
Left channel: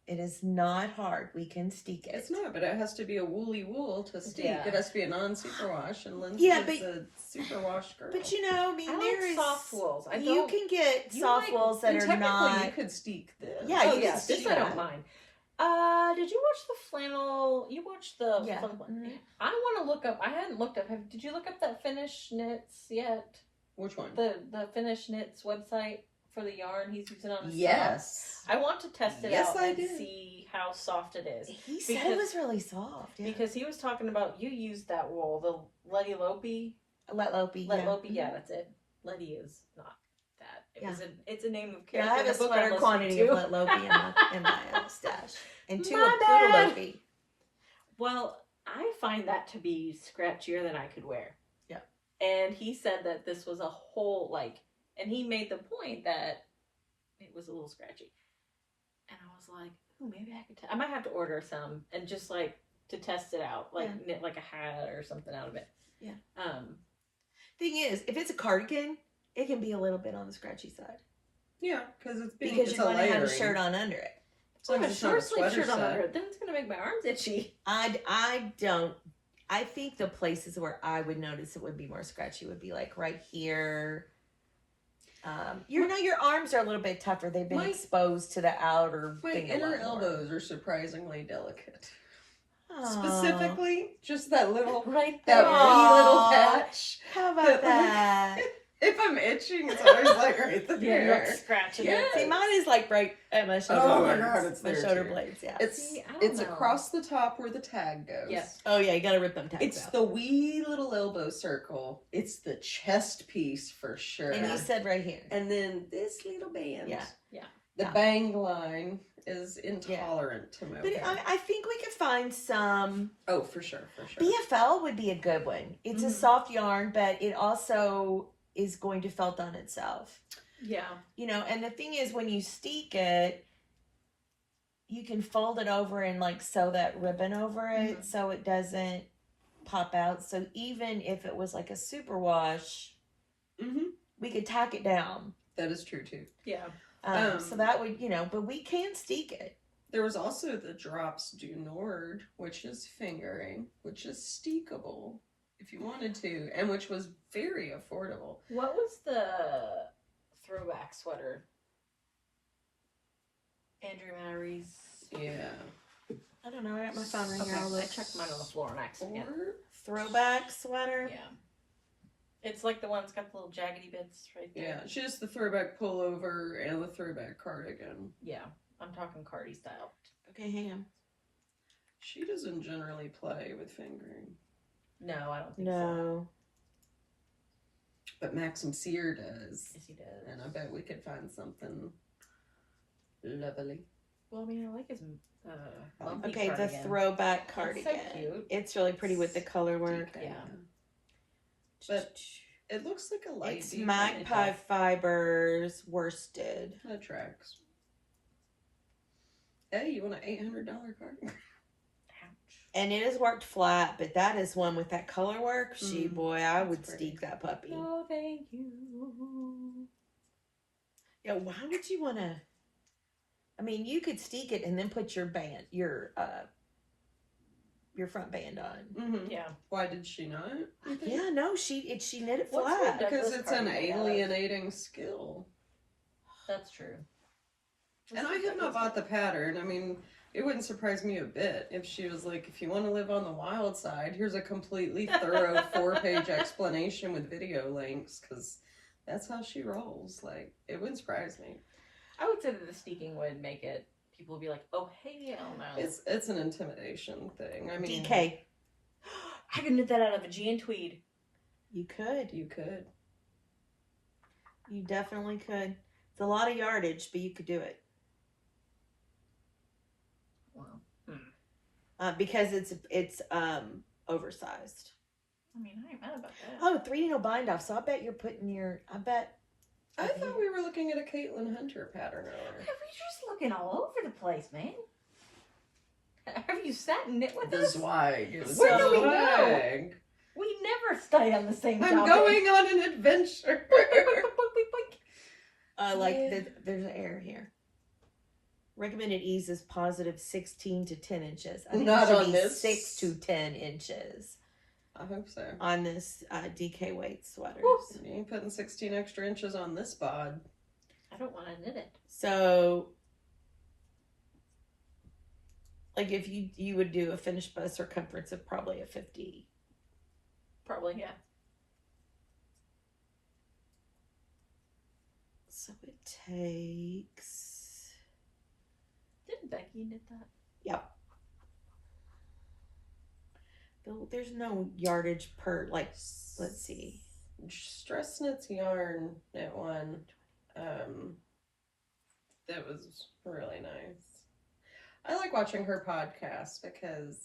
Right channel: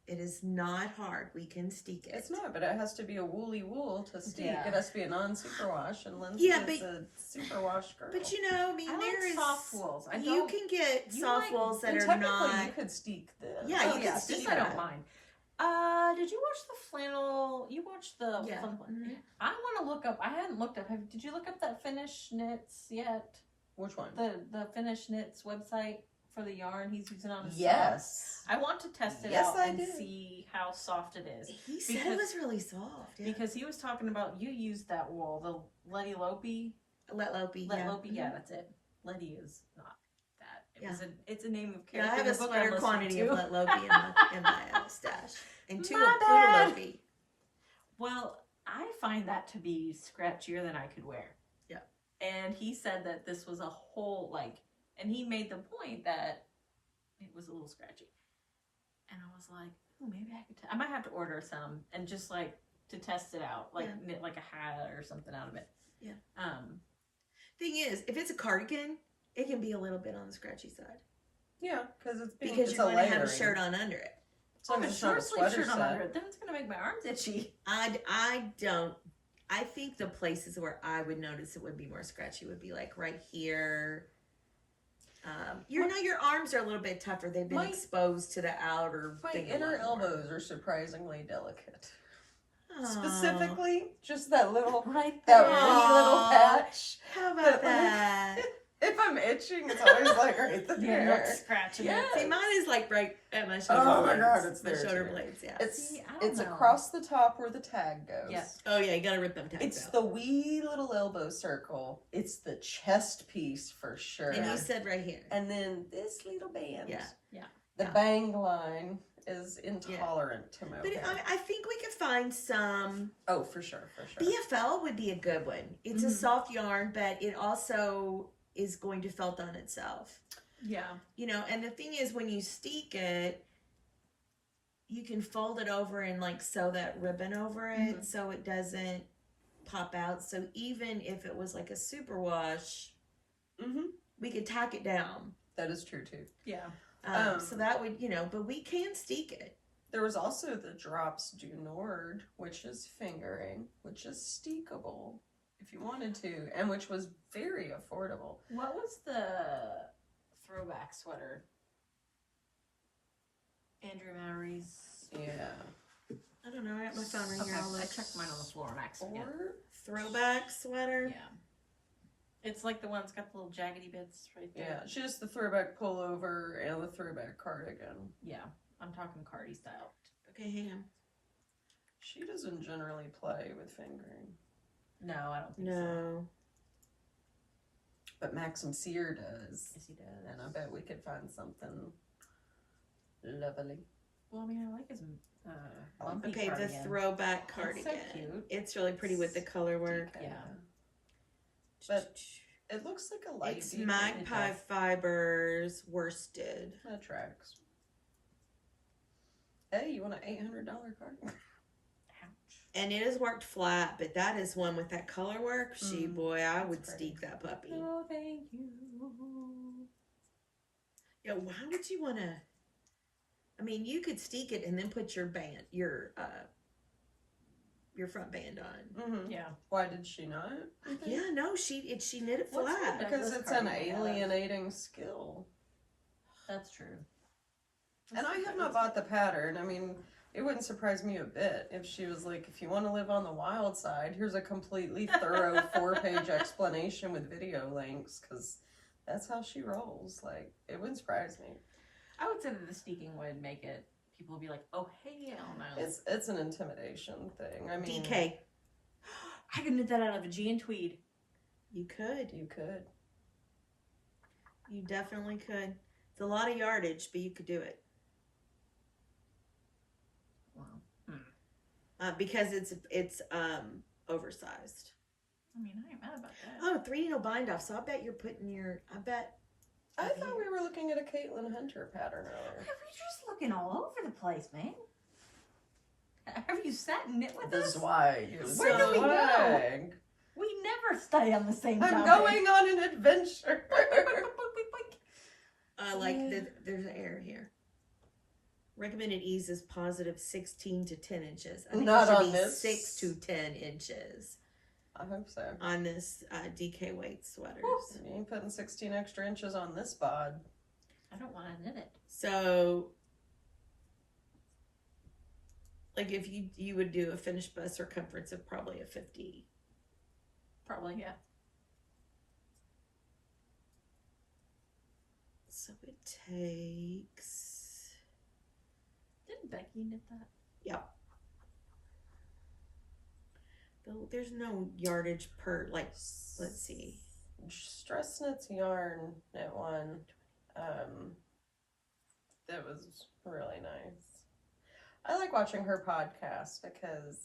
It is not hard. We can steek it. It's not, but it has to be a woolly wool to steek. Yeah. It has to be a non-superwash, and Lindsay Yeah, is a superwash girl. But I mean, I there like is soft wools. You can get you soft like- wools that And are technically, not. you could steek this. Yeah, Oh you yeah, can this steek I don't that. mind. Did you watch the flannel? You watched the Yeah. flannel. Mhm. I want to look up. I hadn't looked up. Did you look up that Finnish Knits yet? Which one? The Finnish Knits website for the yarn he's using on his socks? Yes. I want to test it Yes, out I and did. see how soft it is. He said it Because- was really soft. Yeah. Because he was talking about you used that wool, the Letty Lopey. Let Lopey. Let yeah. Lopey, yeah, that's it. Letty is not that. It's a name of Yeah, character I have in a the book sweater I'm listening quantity to. of Let Lopey in my stash. And two My of bad. Poodle Lopey. Well, I find that to be scratchier than I could wear. Yeah. And he said that this was a whole, like, and he made the point that it was a little scratchy. And I was like, oh, maybe I could, I might have to order some and just like to test it out, like knit like a hat or something out of it. Yeah. Thing is, if it's a cardigan, it can be a little bit on the scratchy side. Yeah, because because you're going to have a shirt on under it. So if a short sleeve shirt on under it, then it's going to make my arms itchy. I don't. I think the places where I would notice it would be more scratchy would be like right here. You know, your arms are a little bit tougher. They've been exposed to the outer. My thing inner elbows are surprisingly delicate. Specifically, just that little right that there. wee little patch. How about that? If I'm itching, it's always like right there. Yeah, you're like scratching it. See, mine is like right at my shoulder. Oh my blades. God, it's my there shoulder too. blades. Yeah. It's across the top where the tag goes. Yes. Oh yeah, you gotta rip them tags It's out. the wee little elbow circle. It's the chest piece for sure. And you said right here. And then this little band. Yeah. Yeah. The bang line is intolerant to mohair. But I think we could find some. Oh, for sure, for sure. BFL would be a good one. It's a soft yarn, but it also is going to felt on itself. Yeah. You know, and the thing is, when you steek it, you can fold it over and like sew that ribbon over it so it doesn't pop out. So even if it was like a superwash, we could tack it down. That is true too. Yeah. So that would, you know, but we can steek it. There was also the Drops du Nord, which is fingering, which is steekable if you wanted to, and which was very affordable. What was the throwback sweater? Andrew Mary's. Yeah. I don't know. I got my phone right Okay, here. I checked mine on the floor on accident. Or Throwback sweater. Yeah. It's like the one that's got the little jaggedy bits right there. yeah, she has the throwback pullover and the throwback cardigan. Yeah. I'm talking Cardi style. Okay, hang on. She doesn't generally play with fingering, No, I don't think so. No. but Maxim Sear does. Yes, he does. And I bet we could find something lovely. Well, I mean, I like his bumpy Okay, cardigan. the throwback That's cardigan. so cute. It's really pretty with the color work. Yeah. But it looks like a light. It's deep Magpie does. Fibers worsted. That tracks. Hey, you want an $800 card? Ouch. And it is worked flat, but that is one with that color work. Boy, I would pretty. steek that puppy. No, thank you. Yeah, why would you want to? I mean, you could steek it and then put your band, your front band on. Mm-hmm. Yeah. Why did she not? Yeah, no, she knit it What's flat. her Because Douglas it's an cardigan out of? alienating skill. That's true. And I have not bought the pattern. I mean, it wouldn't surprise me a bit if she was like, if you want to live on the wild side, here's a completely thorough 4-page explanation with video links, because that's how she rolls. Like, it wouldn't surprise me. I would say that the steeking would make it, people would be like, oh, hell no. It's an intimidation thing. I mean, DK. I could knit that out of a jean tweed. You could. you could. You definitely could. It's a lot of yardage, but you could do it. Wow. Because it's oversized. I mean, I ain't mad about that. Oh, 3 needle bind off. So I bet you're putting your. I thought we were looking at a Caitlin Hunter pattern earlier. Have you just looking all over the place, man? Have you sat and knit with The us? Zwag. It was Where the do we go? Zwag. We never stay on the same I'm topic. going on an adventure. There's an error here. Recommended ease is positive 16 to 10 inches. I think Not it should on be this. 6 to 10 inches I hope so. on this DK weight sweaters. You ain't putting 16 extra inches on this bod. I don't want to knit it. So, like if you would do a finished bust circumference of probably a 50. Probably, yeah. So it takes. Didn't Becky knit that? Yep. There's no yardage per, like, let's see. Stress Knits Yarn knit one. That was really nice. I like watching her podcast because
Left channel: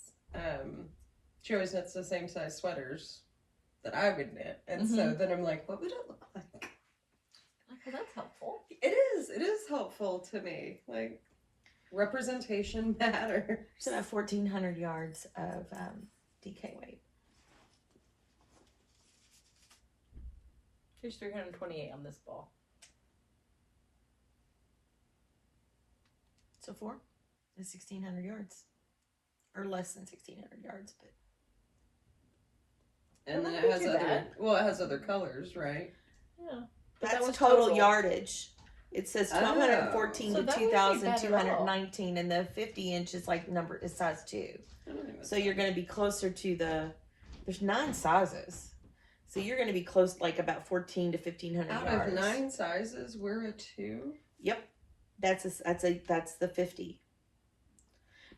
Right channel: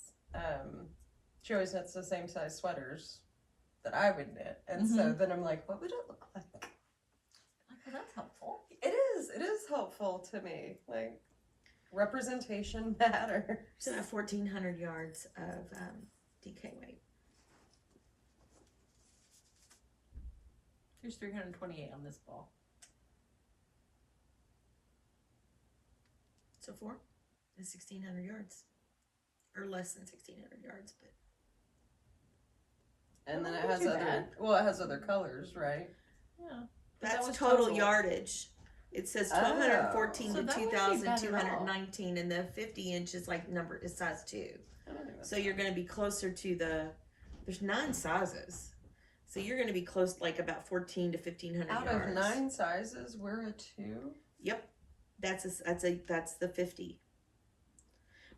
she always knits the same size sweaters that I would knit. And so then I'm like, what would it look like? Like, well, that's helpful. It is helpful to me. Like, representation matters. So that 1,400 yards of DK weight. Here's 328 on this ball. So 4 is 1,600 yards. Or less than 1,600 yards, but And Well, then that it has ain't too other, bad. well, it has other colors, right? Yeah. But that's that was total yardage. It says Oh. 1,214 So to that wouldn't be bad at 2,219, and the 50 inches like number is size 2. I don't think So that's you're bad. going to be closer to there's 9 sizes. So you're going to be close, like about 14 to 1,500 Out yards. of 9 sizes, we're a 2. That's the 50.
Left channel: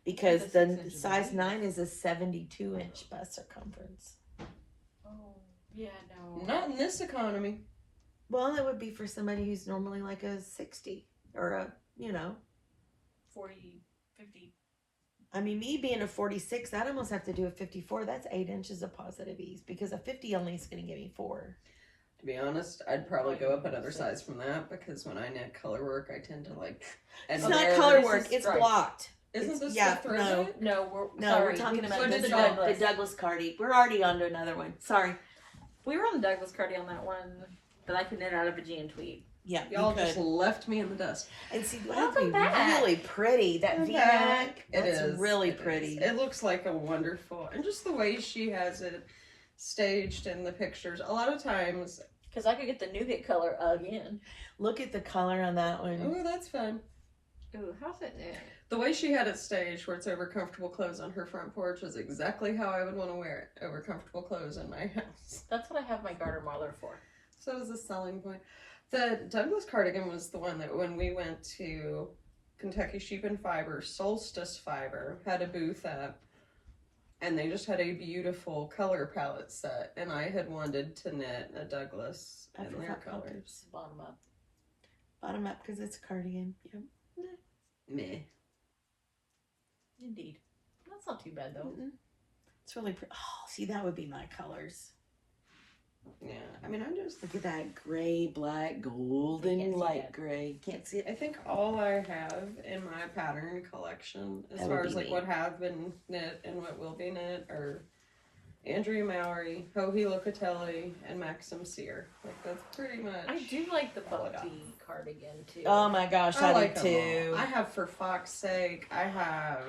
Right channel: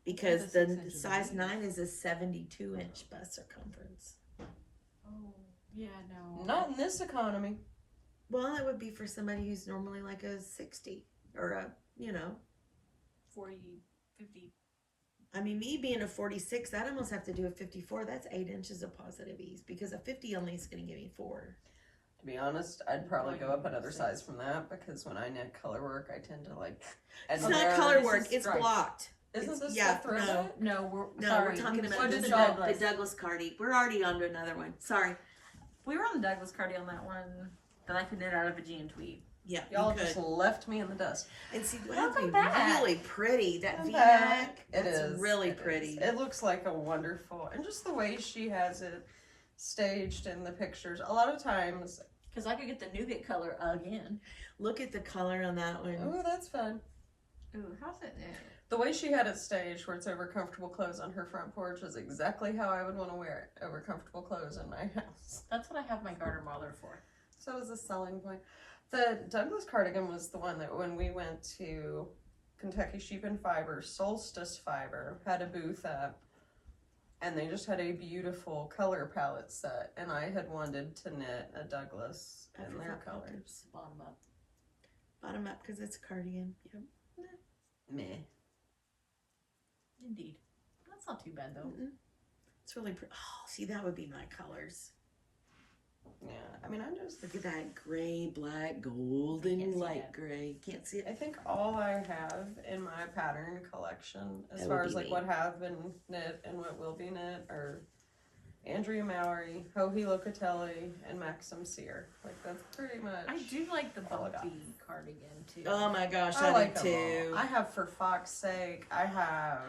Because The 6 the inches size of 9 is a 72-inch bust circumference. Oh, yeah, no. Not in this economy. Well, it would be for somebody who's normally like a 60 or a, 40, 50. I mean, me being a 46, I'd almost have to do a 54. That's 8 inches of positive ease because a 50 only is going to give me 4. To be honest, I'd probably go up another 6. size from that because when I knit color work, I tend to like. It's and not there- color this work, is it's stripes. blocked. Isn't It's- this yeah, the thread? no. No, we're No, sorry. we're talking about So did the Douglas Cardi. We're already on to another one. Sorry. We were on the Douglas Cardi on that one that I could knit out of a jean tweed. Yeah, Y'all you could. just left me in the dust. And see, that'd Welcome be back. really pretty. That Welcome V-neck, back. that's It is really it pretty. is. It looks like a wonderful, and just the way she has it staged in the pictures. A lot of times, Because I could get the nougat color again. Look at the color on that one. oh, that's fun. Ooh, how's it knit? The way she had it staged, where it's over comfortable clothes on her front porch, is exactly how I would want to wear it over comfortable clothes in my house. That's what I have my garter mauler for. So it was a selling point. The Douglas cardigan was the one that when we went to Kentucky Sheep and Fiber, Solstice Fiber had a booth up, and they just had a beautiful color palette set, and I had wanted to knit a Douglas in their colors. Bottom up. Bottom up because it's a cardigan. Yep. Meh. Indeed. That's not too bad though. It's really pretty. Oh, see, that would be my colors. Yeah, I mean, I'm just. Look at that gray, black, They golden, can't see light that. gray. Can't see it. I think all I have in my pattern collection, as That far would as be like me. what have been knit and what will be knit, are Andrea Mowry, Joji Locatelli, and Maxim Sear. Like that's pretty much. I do like the all I got. bumpy cardigan too. Oh my gosh, I I, like do them too. all. I have For Fox's Sake. I have.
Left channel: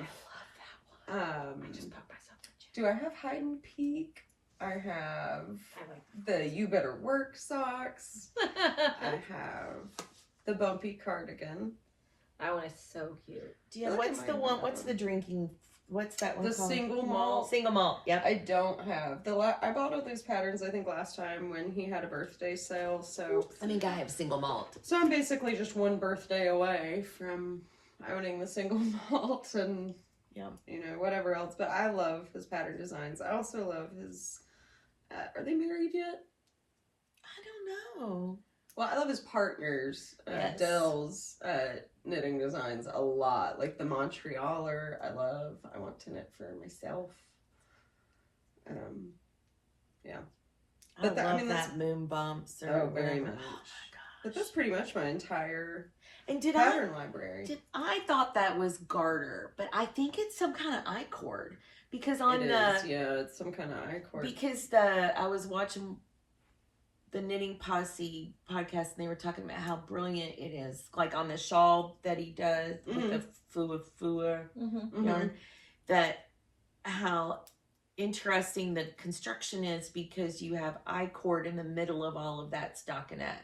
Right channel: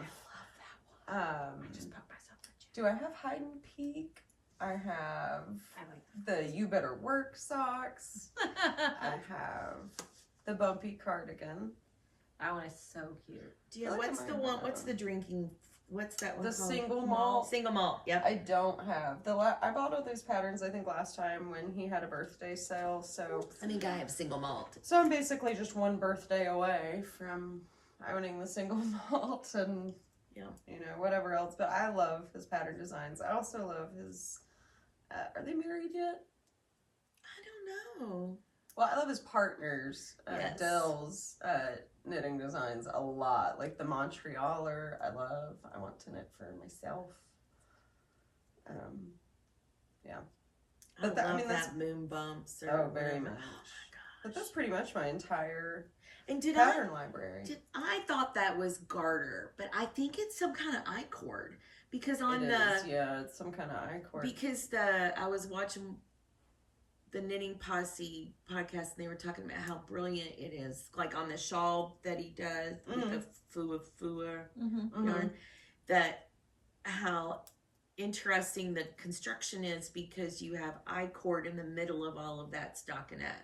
I love that one. I just poked myself with Do I have Hide and Peek? I have I like the You Better Work socks. I that. have the bumpy cardigan. That one is so cute. Yeah, Look at what's the mine one? now. What's the drinking? What's that one The called? single malt. Single malt. Yep. I don't have I bought all these patterns I think last time when he had a birthday sale. So I think I have single malt. I'm basically just one birthday away from owning the single malt and whatever else. But I love his pattern designs. I also love his. Are they married yet? I don't know. Well, I love his partners, Yes. Dell's knitting designs a lot. Like the Montrealer, I love. I want to knit for myself. But I love that's that moon bumps. Or oh, very whatever. much. Oh my But gosh. that's pretty much my entire And did pattern library. I thought that was garter, but I think it's some kind of I-cord because on It the is, yeah, it's some kind of I-cord. because I was watching the Knitting Posse podcast and they were talking about how brilliant it is, like on the shawl that he does with the fua Mm-hmm. yarn, that how interesting the construction is because you have I-cord in the middle of all of that stockinette.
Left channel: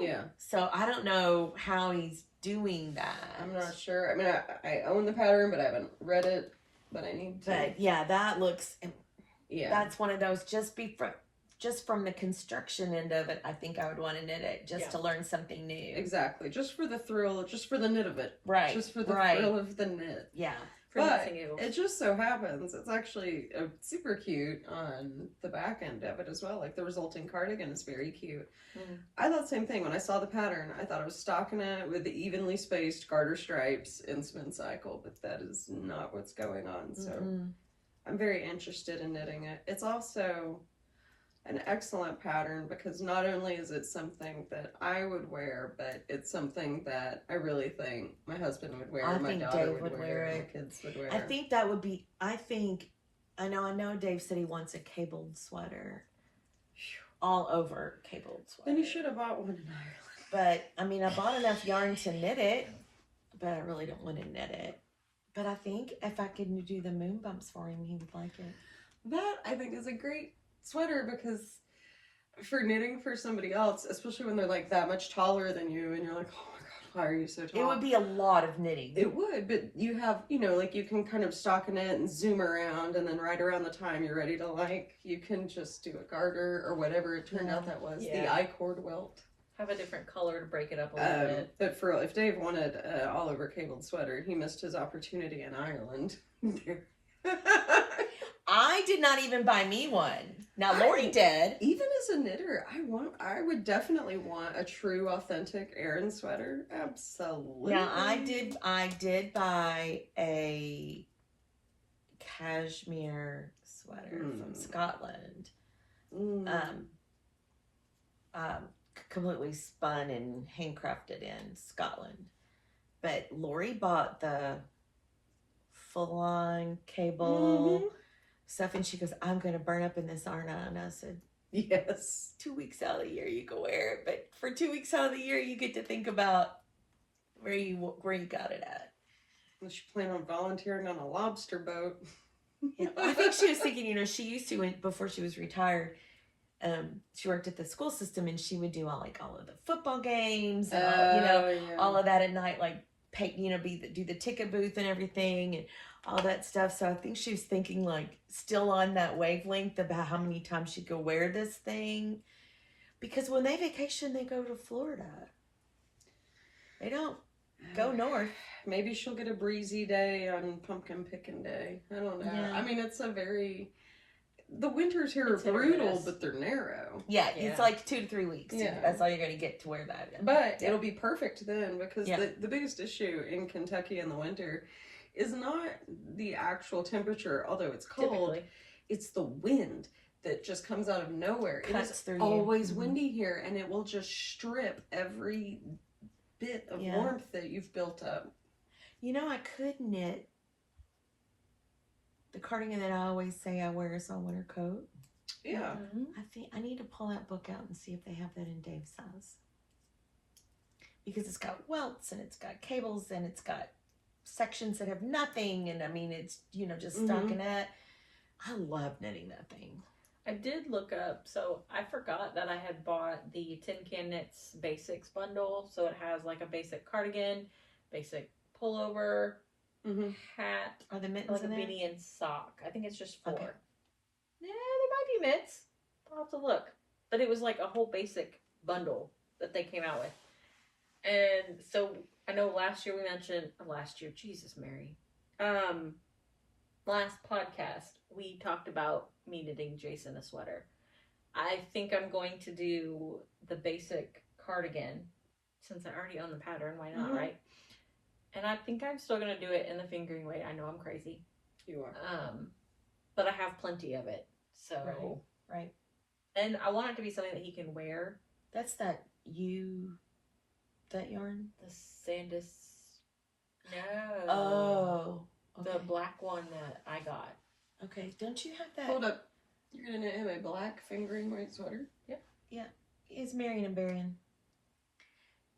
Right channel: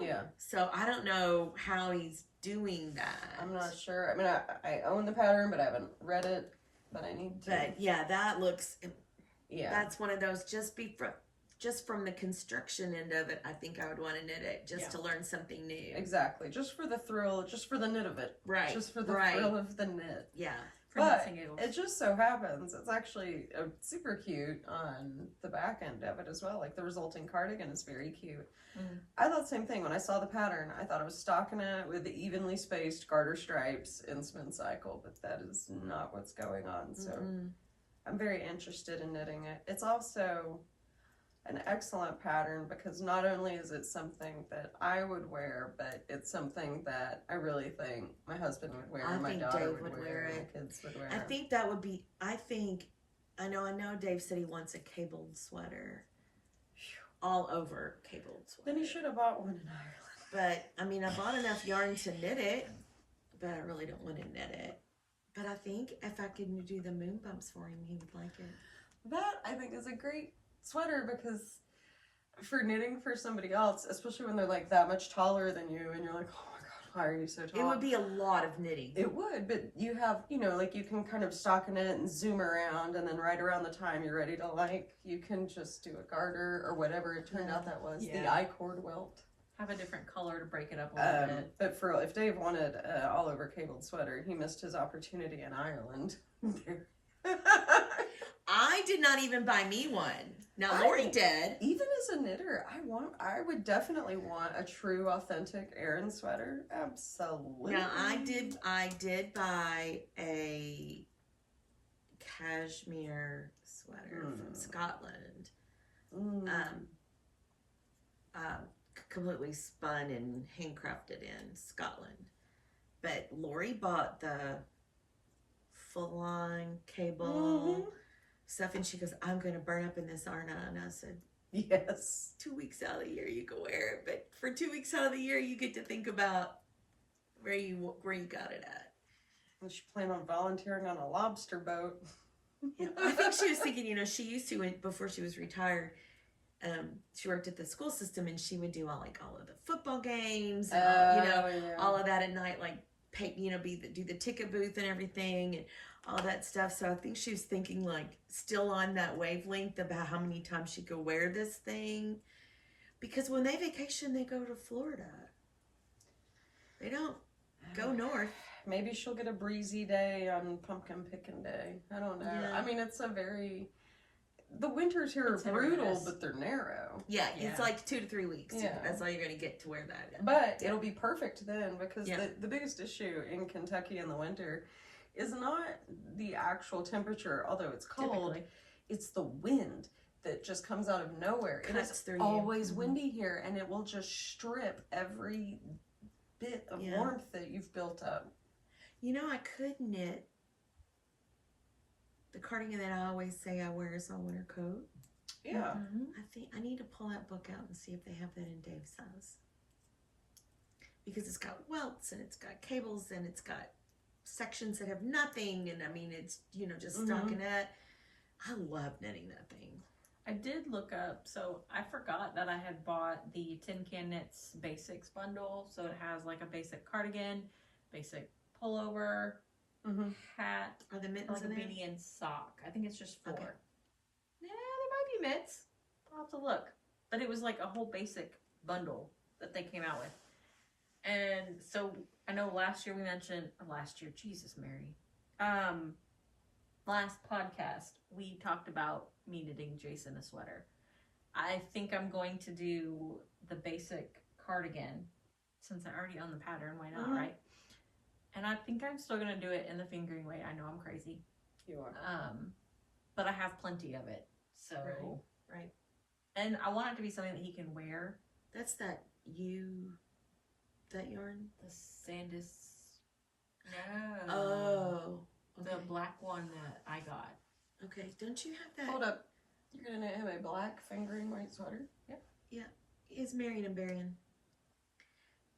Yeah, So I don't know how he's doing that. I'm not sure. I mean, I own the pattern, but I haven't read it. But I need to. But yeah, that looks. Yeah, That's one of those. Just from the construction end of it, I think I would want to knit it just to learn something new. exactly. Just for the thrill, just for the knit of it. Right. Just for the thrill of the knit. Yeah. For But knits and giggles. it just so happens it's actually super cute on the back end of it as well. Like the resulting cardigan is very cute. Mhm. I thought the same thing when I saw the pattern. I thought it was stockinette with the evenly spaced garter stripes in spin cycle, but that is not what's going on. So Mhm. I'm very interested in knitting it. It's also an excellent pattern because not only is it something that I would wear, but it's something that I really think my husband would wear, I my think daughter Dave would would wear, wear my it. kids would wear. I think that would be. I know. Dave said he wants a cabled sweater, all over cabled sweater. Then you should have bought one in Ireland. But I mean, I bought enough yarn to knit it, but I really don't want to knit it. But I think if I could do the moon bumps for him, he would like it. That I think is a great sweater because for knitting for somebody else, especially when they're like that much taller than you and you're like, oh my god, why are you so tall? It would be a lot of knitting. It would, but you have, like you can kind of stockinette and zoom around and then right around the time you're ready to you can just do a garter or whatever it turned out that was, the I-cord welt. Have a different color to break it up a little bit. But if Dave wanted an all over cabled sweater, he missed his opportunity in Ireland. I did not even buy me one. Now Lori did. Even as a knitter, I would definitely want a true authentic Aran sweater. Absolutely. Now I did buy a cashmere sweater from Scotland. Completely spun and handcrafted in Scotland. But Lori bought the full-on cable stuff, and she goes, I'm going to burn up in this, aren't I? And I said, yes. 2 weeks out of the year you can wear it, but for 2 weeks out of the year you get to think about where you got it at. And she planned on volunteering on a lobster boat. Yeah, I think she was thinking, she used to, before she was retired, she worked at the school system, and she would do all of the football games and all of that at night, like do the ticket booth and everything and all that stuff. So I think she was thinking still on that wavelength about how many times she could wear this thing, because when they vacation they go to Florida. They don't go north. Maybe she'll get a breezy day on pumpkin picking day. I don't know. Yeah. I mean, the winters here are brutal, but they're narrow. Yeah, it's like 2 to 3 weeks. Yeah. That's all you're going to get to wear that in. But it'll be perfect then, because Yeah. the biggest issue in Kentucky in the winter is not the actual temperature, although it's cold. Typically. It's the wind that just comes out of nowhere. Cuts It is through you. always windy here, and it will just strip every bit of warmth that you've built up. I could knit the cardigan that I always say I wear as a winter coat. Yeah. I think I need to pull that book out and see if they have that in Dave's size. Because it's got welts and it's got cables and it's got sections that have nothing, and I mean it's just stockinette. I love knitting that thing. I did look up, so I forgot that I had bought the Tin Can Knits Basics bundle. So it has like a basic cardigan, basic pullover, hat, Are the mittens like a in there? beanie and sock. I think it's just 4. Okay. Yeah, there might be mitts. I'll have to look. But it was like a whole basic bundle that they came out with. And so I know Jesus Mary. Last podcast we talked about me knitting Jason a sweater. I think I'm going to do the basic cardigan since I already own the pattern. Why not, right? And I think I'm still going to do it in the fingering weight. I know I'm crazy. You are. But I have plenty of it. So. Right. And I want it to be something that he can wear. That's that yarn? The Sandus. No. Oh. Okay. The black one that I got. Okay. Don't you have that? Hold up. You're going to have a black fingering weight sweater? Yep. Yeah. It's Marion and Barian.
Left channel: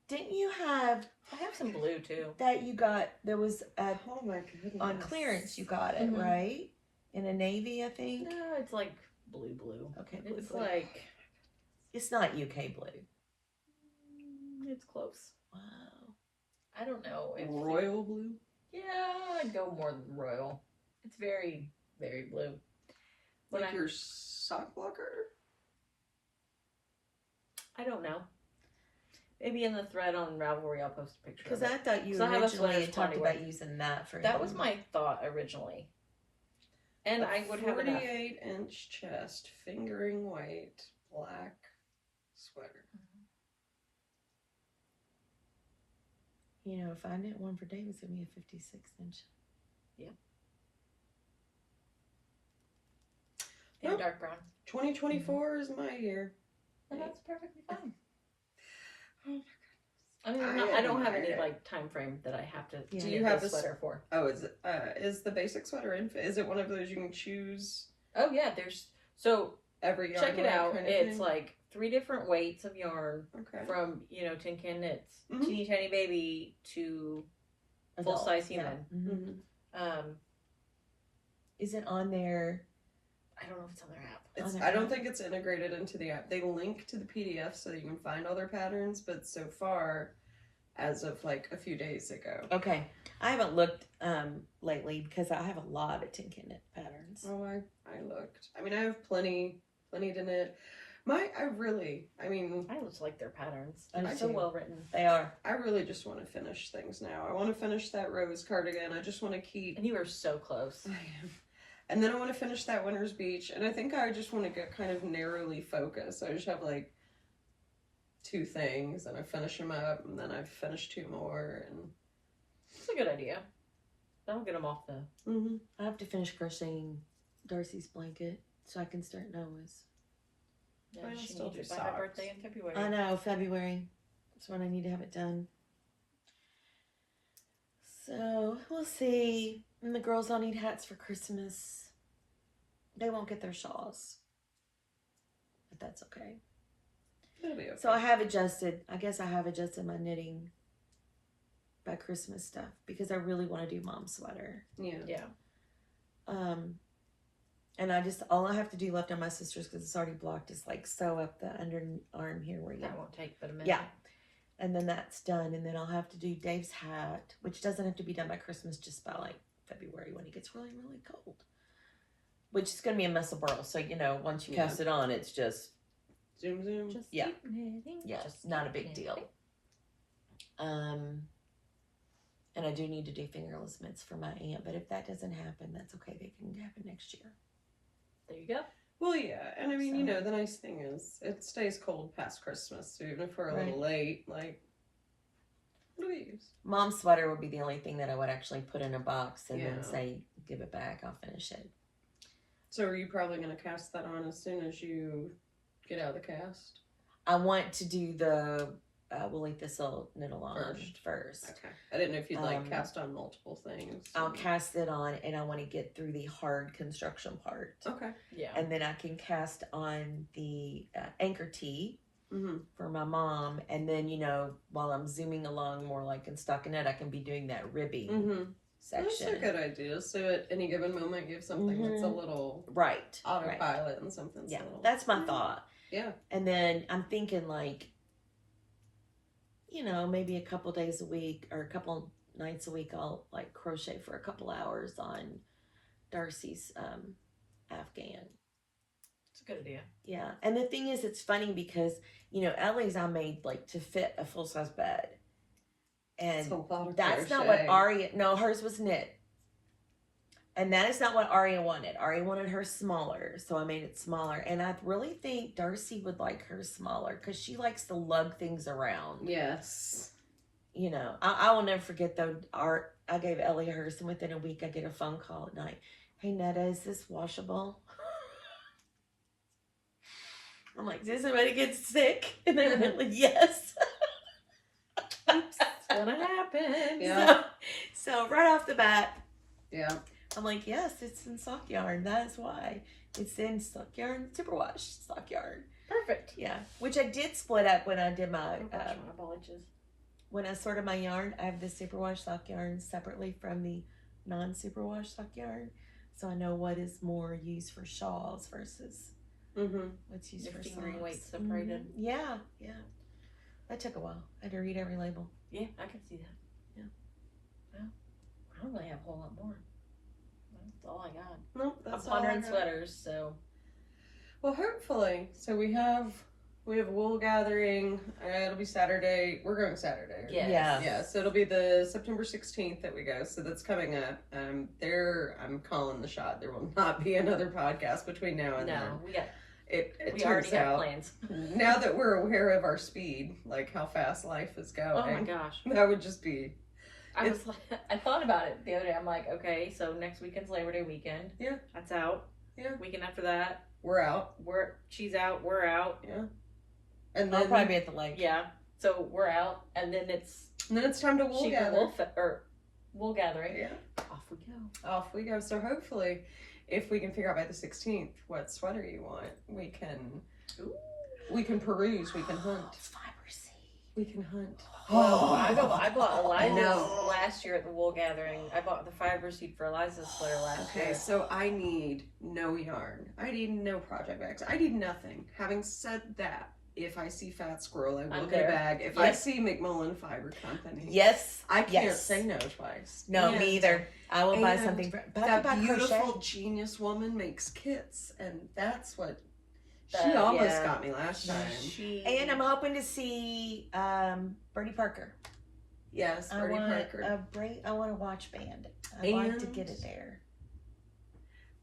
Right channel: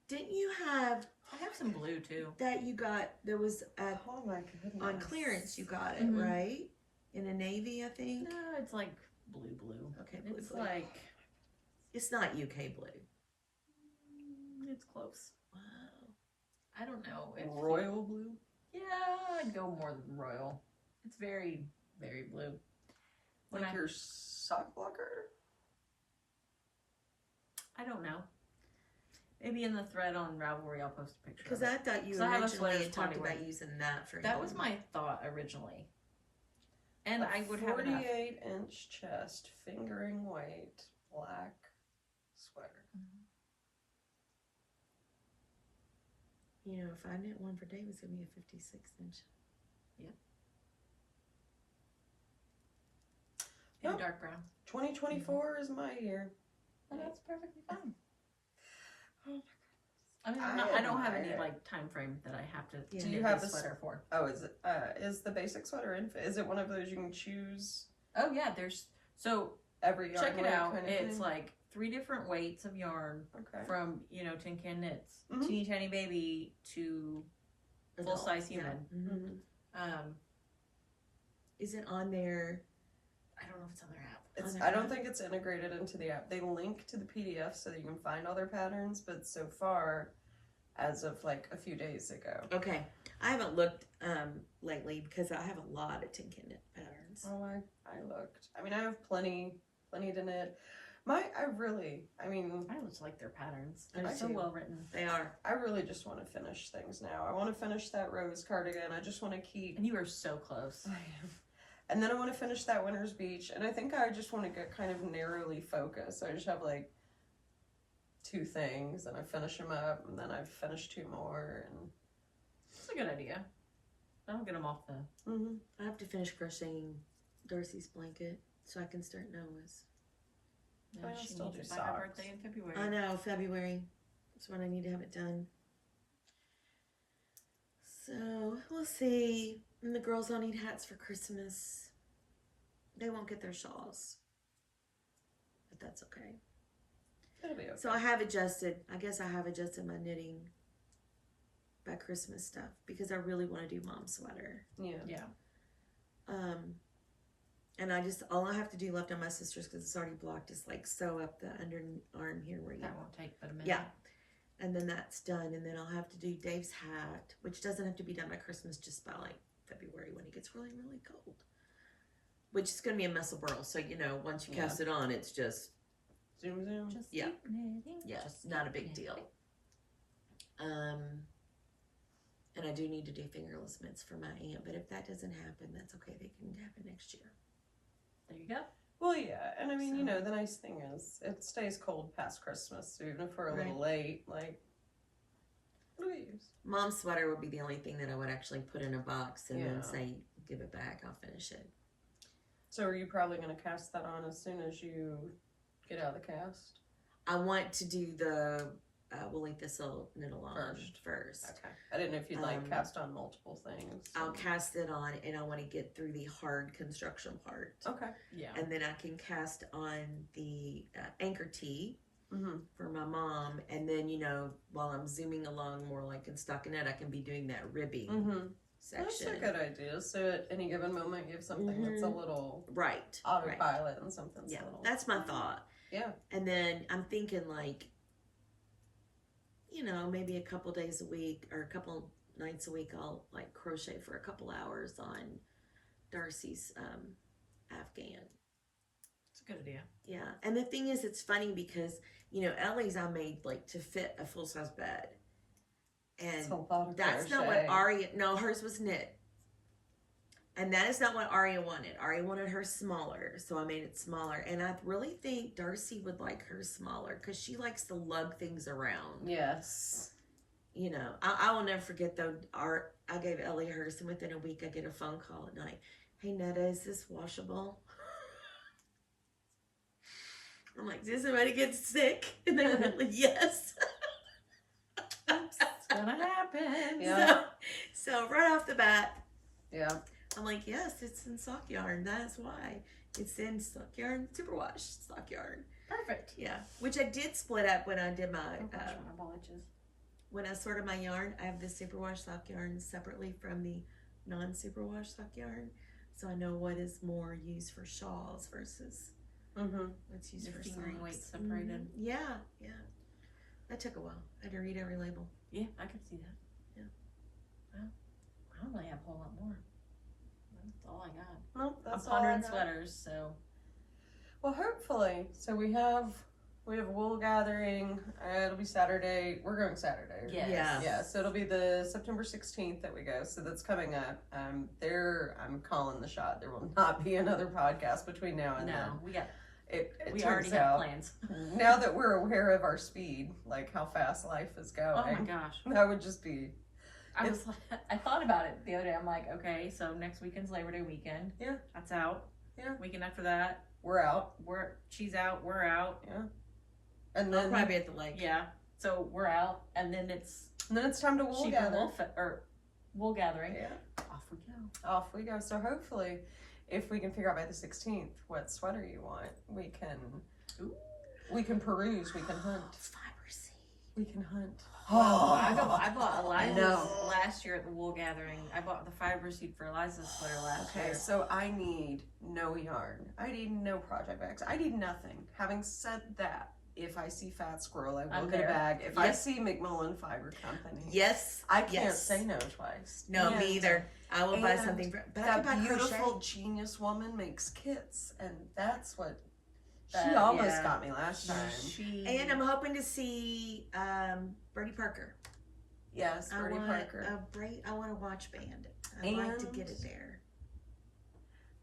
Didn't you have I have some blue too. that you got? There was Oh my goodness. on clearance. You got it right in a navy, I think. No, it's like blue. Okay, It's blue. like It's not UK blue. it's close. Wow. I don't know if Royal blue? Yeah, I'd go more than royal. It's very, very blue. When Like your sock blocker? I don't know. Maybe in the thread on Ravelry, I'll post a picture. Because of it. I thought you 'Cause I have a originally sweater's had talked body about wear. using that for. That was my thought originally. And I would have enough. 48-inch chest, fingering weight, black sweater. If I knit one for Dave, it's gonna be a 56-inch. Yep. dark brown. 2024 is my year. And that's perfectly fine. Oh my I mean, I don't have any like time frame that I have to Yeah. Do you knit have this this- sweater for. Oh, is the basic sweater is it one of those you can choose Oh yeah, there's so every yarn check it weight out. kind of It's thing? like 3 different weights of yarn Okay. from Tin Can Knits, Mhm. teeny tiny baby to full Adult, size yeah. human. Mhm. Is it on there? I don't know if it's on their app. It's, On I their don't app? think it's integrated into the app. They link to the PDF so that you can find all their patterns, but so far, as of like a few days ago. Okay. I haven't looked lately because I have a lot of Tin Can Knit patterns. Oh, I looked. I mean, I have plenty to knit. I just like their patterns. I They're do so too. well written. They are. I really just want to finish things now. I want to finish that rose cardigan. I just want to keep. And you are so close. I am. And then I want to finish that Winter's Beach, and I think I just want to get kind of narrowly focused. So I just have like 2 things, and I finish them up, and then I finish 2 more, and It's a good idea. That'll get them off the. mm-hmm. I have to finish crocheting Darcy's blanket so I can start Noah's. Yeah, Well, she still needs do it by her socks. birthday in February. I know, February. That's when I need to have it done. So, we'll see. And the girls all need hats for Christmas. They won't get their shawls. But that's okay. It'll be okay. So I have adjusted my knitting by Christmas stuff because I really want to do mom's sweater. Yeah. Yeah. And all I have to do left on my sister's because it's already blocked is like sew up the underarm here where you That won't take but a minute. Yeah. And then that's done. And then I'll have to do Dave's hat, which doesn't have to be done by Christmas, just by like February when it gets really, really cold. Which is going to be a mess of burl. So, once you Yeah. cast it on, it's just, Zoom. Just Yeah. keep knitting. yeah, Just not a keep big knitting. deal. And I do need to do fingerless mitts for my aunt. But if that doesn't happen, that's okay. They can happen next year. There you go. Well, yeah, and I mean, So- the nice thing is it stays cold past Christmas, so even if we're a Right. little late, like, what do we use? Mom's sweater would be the only thing that I would actually put in a box and Yeah. then say, give it back. I'll finish it. So are you probably going to cast that on as soon as you get out of the cast? I want to do the woolly thistle knit along first. Okay. I didn't know if you'd like Um, cast on multiple things. I'll cast it on and I want to get through the hard construction part. Okay. Yeah. And then I can cast on the anchor tee Mm-hmm. for my mom. And then, while I'm zooming along more like in stockinette, I can be doing that ribby Mm-hmm. That's section. a good idea. So at any given moment, you have something that's a little Right. autopilot and something's Yeah, a little... that's my thought. Yeah. And then I'm thinking like, maybe a couple days a week or a couple nights a week, I'll like crochet for a couple hours on Darcy's Afghan. It's a good idea. Yeah. And the thing is, it's funny because, Ellie's I made like to fit a full-size bed. And It's a lot of that's not crochet. what Aria, no, hers was knit. And that is not what Aria wanted. Aria wanted her smaller, so I made it smaller. And I really think Darcy would like her smaller because she likes to lug things around. Yes. I will never forget though, I gave Ellie hers, and within a week I get a phone call at night. Hey Netta, is this washable? I'm like, did somebody get sick? And they're like, yes. It's gonna happen. Yeah. So right off the bat, Yeah. I'm like, yes, it's in sock yarn. That is why. It's in sock yarn, superwash sock yarn. Perfect. Yeah. Which I did split up when I did my, Apologies. when I sorted my yarn. I have the superwash sock yarn separately from the non-superwash sock yarn. So I know what is more used for shawls versus Mm-hmm. what's used Your for fingering socks. weight separated. Mhm. Yeah, yeah. That took a while. I had to read every label. Yeah, I can see that. Yeah. Well, I don't really have a whole lot more. That's all I got. Nope, that's I'm all I pondering got. sweaters, so Well, hopefully. So we have wool gathering. It'll be Saturday. We're going Saturday. right? Yes. Yeah. Yeah. So it'll be the September 16th that we go. So that's coming up. I'm calling the shot. There will not be another podcast between now and then. no, we got It we turns already have out, plans. now that we're aware of our speed, like how fast life is going, Oh my gosh. that would just be I was like, I thought about it the other day. I'm like, okay, so next weekend's Labor Day weekend. Yeah. That's out. Yeah. Weekend after that, We're out. she's out. We're out. And I'll then probably be at the lake. Yeah. So we're out, and then it's time to wool sheep gather. or wool gathering. Yeah. Off we go. Off we go. So hopefully, if we can figure out by the 16th what sweater you want, we can peruse. We can hunt. Fiber seed. We can hunt. Oh, I bought Eliza's know. last year at the wool gathering. I bought the fiber seed for Eliza's sweater last Okay, year. so I need no yarn. I need no project bags. I need nothing. Having said that, if I see Fat Squirrel, I will I'm get there. a bag. If I see McMullen Fiber Company, Yes. I can't Yes. say no twice. No, Yeah. me either. I will buy And something for but I That could buy beautiful crochet. genius woman makes kits, and that's what she That- almost yeah. got me last time. And I'm hoping to see Bertie Parker. Yes, I Bertie want Parker. I want a watch band. I'd like to get it there.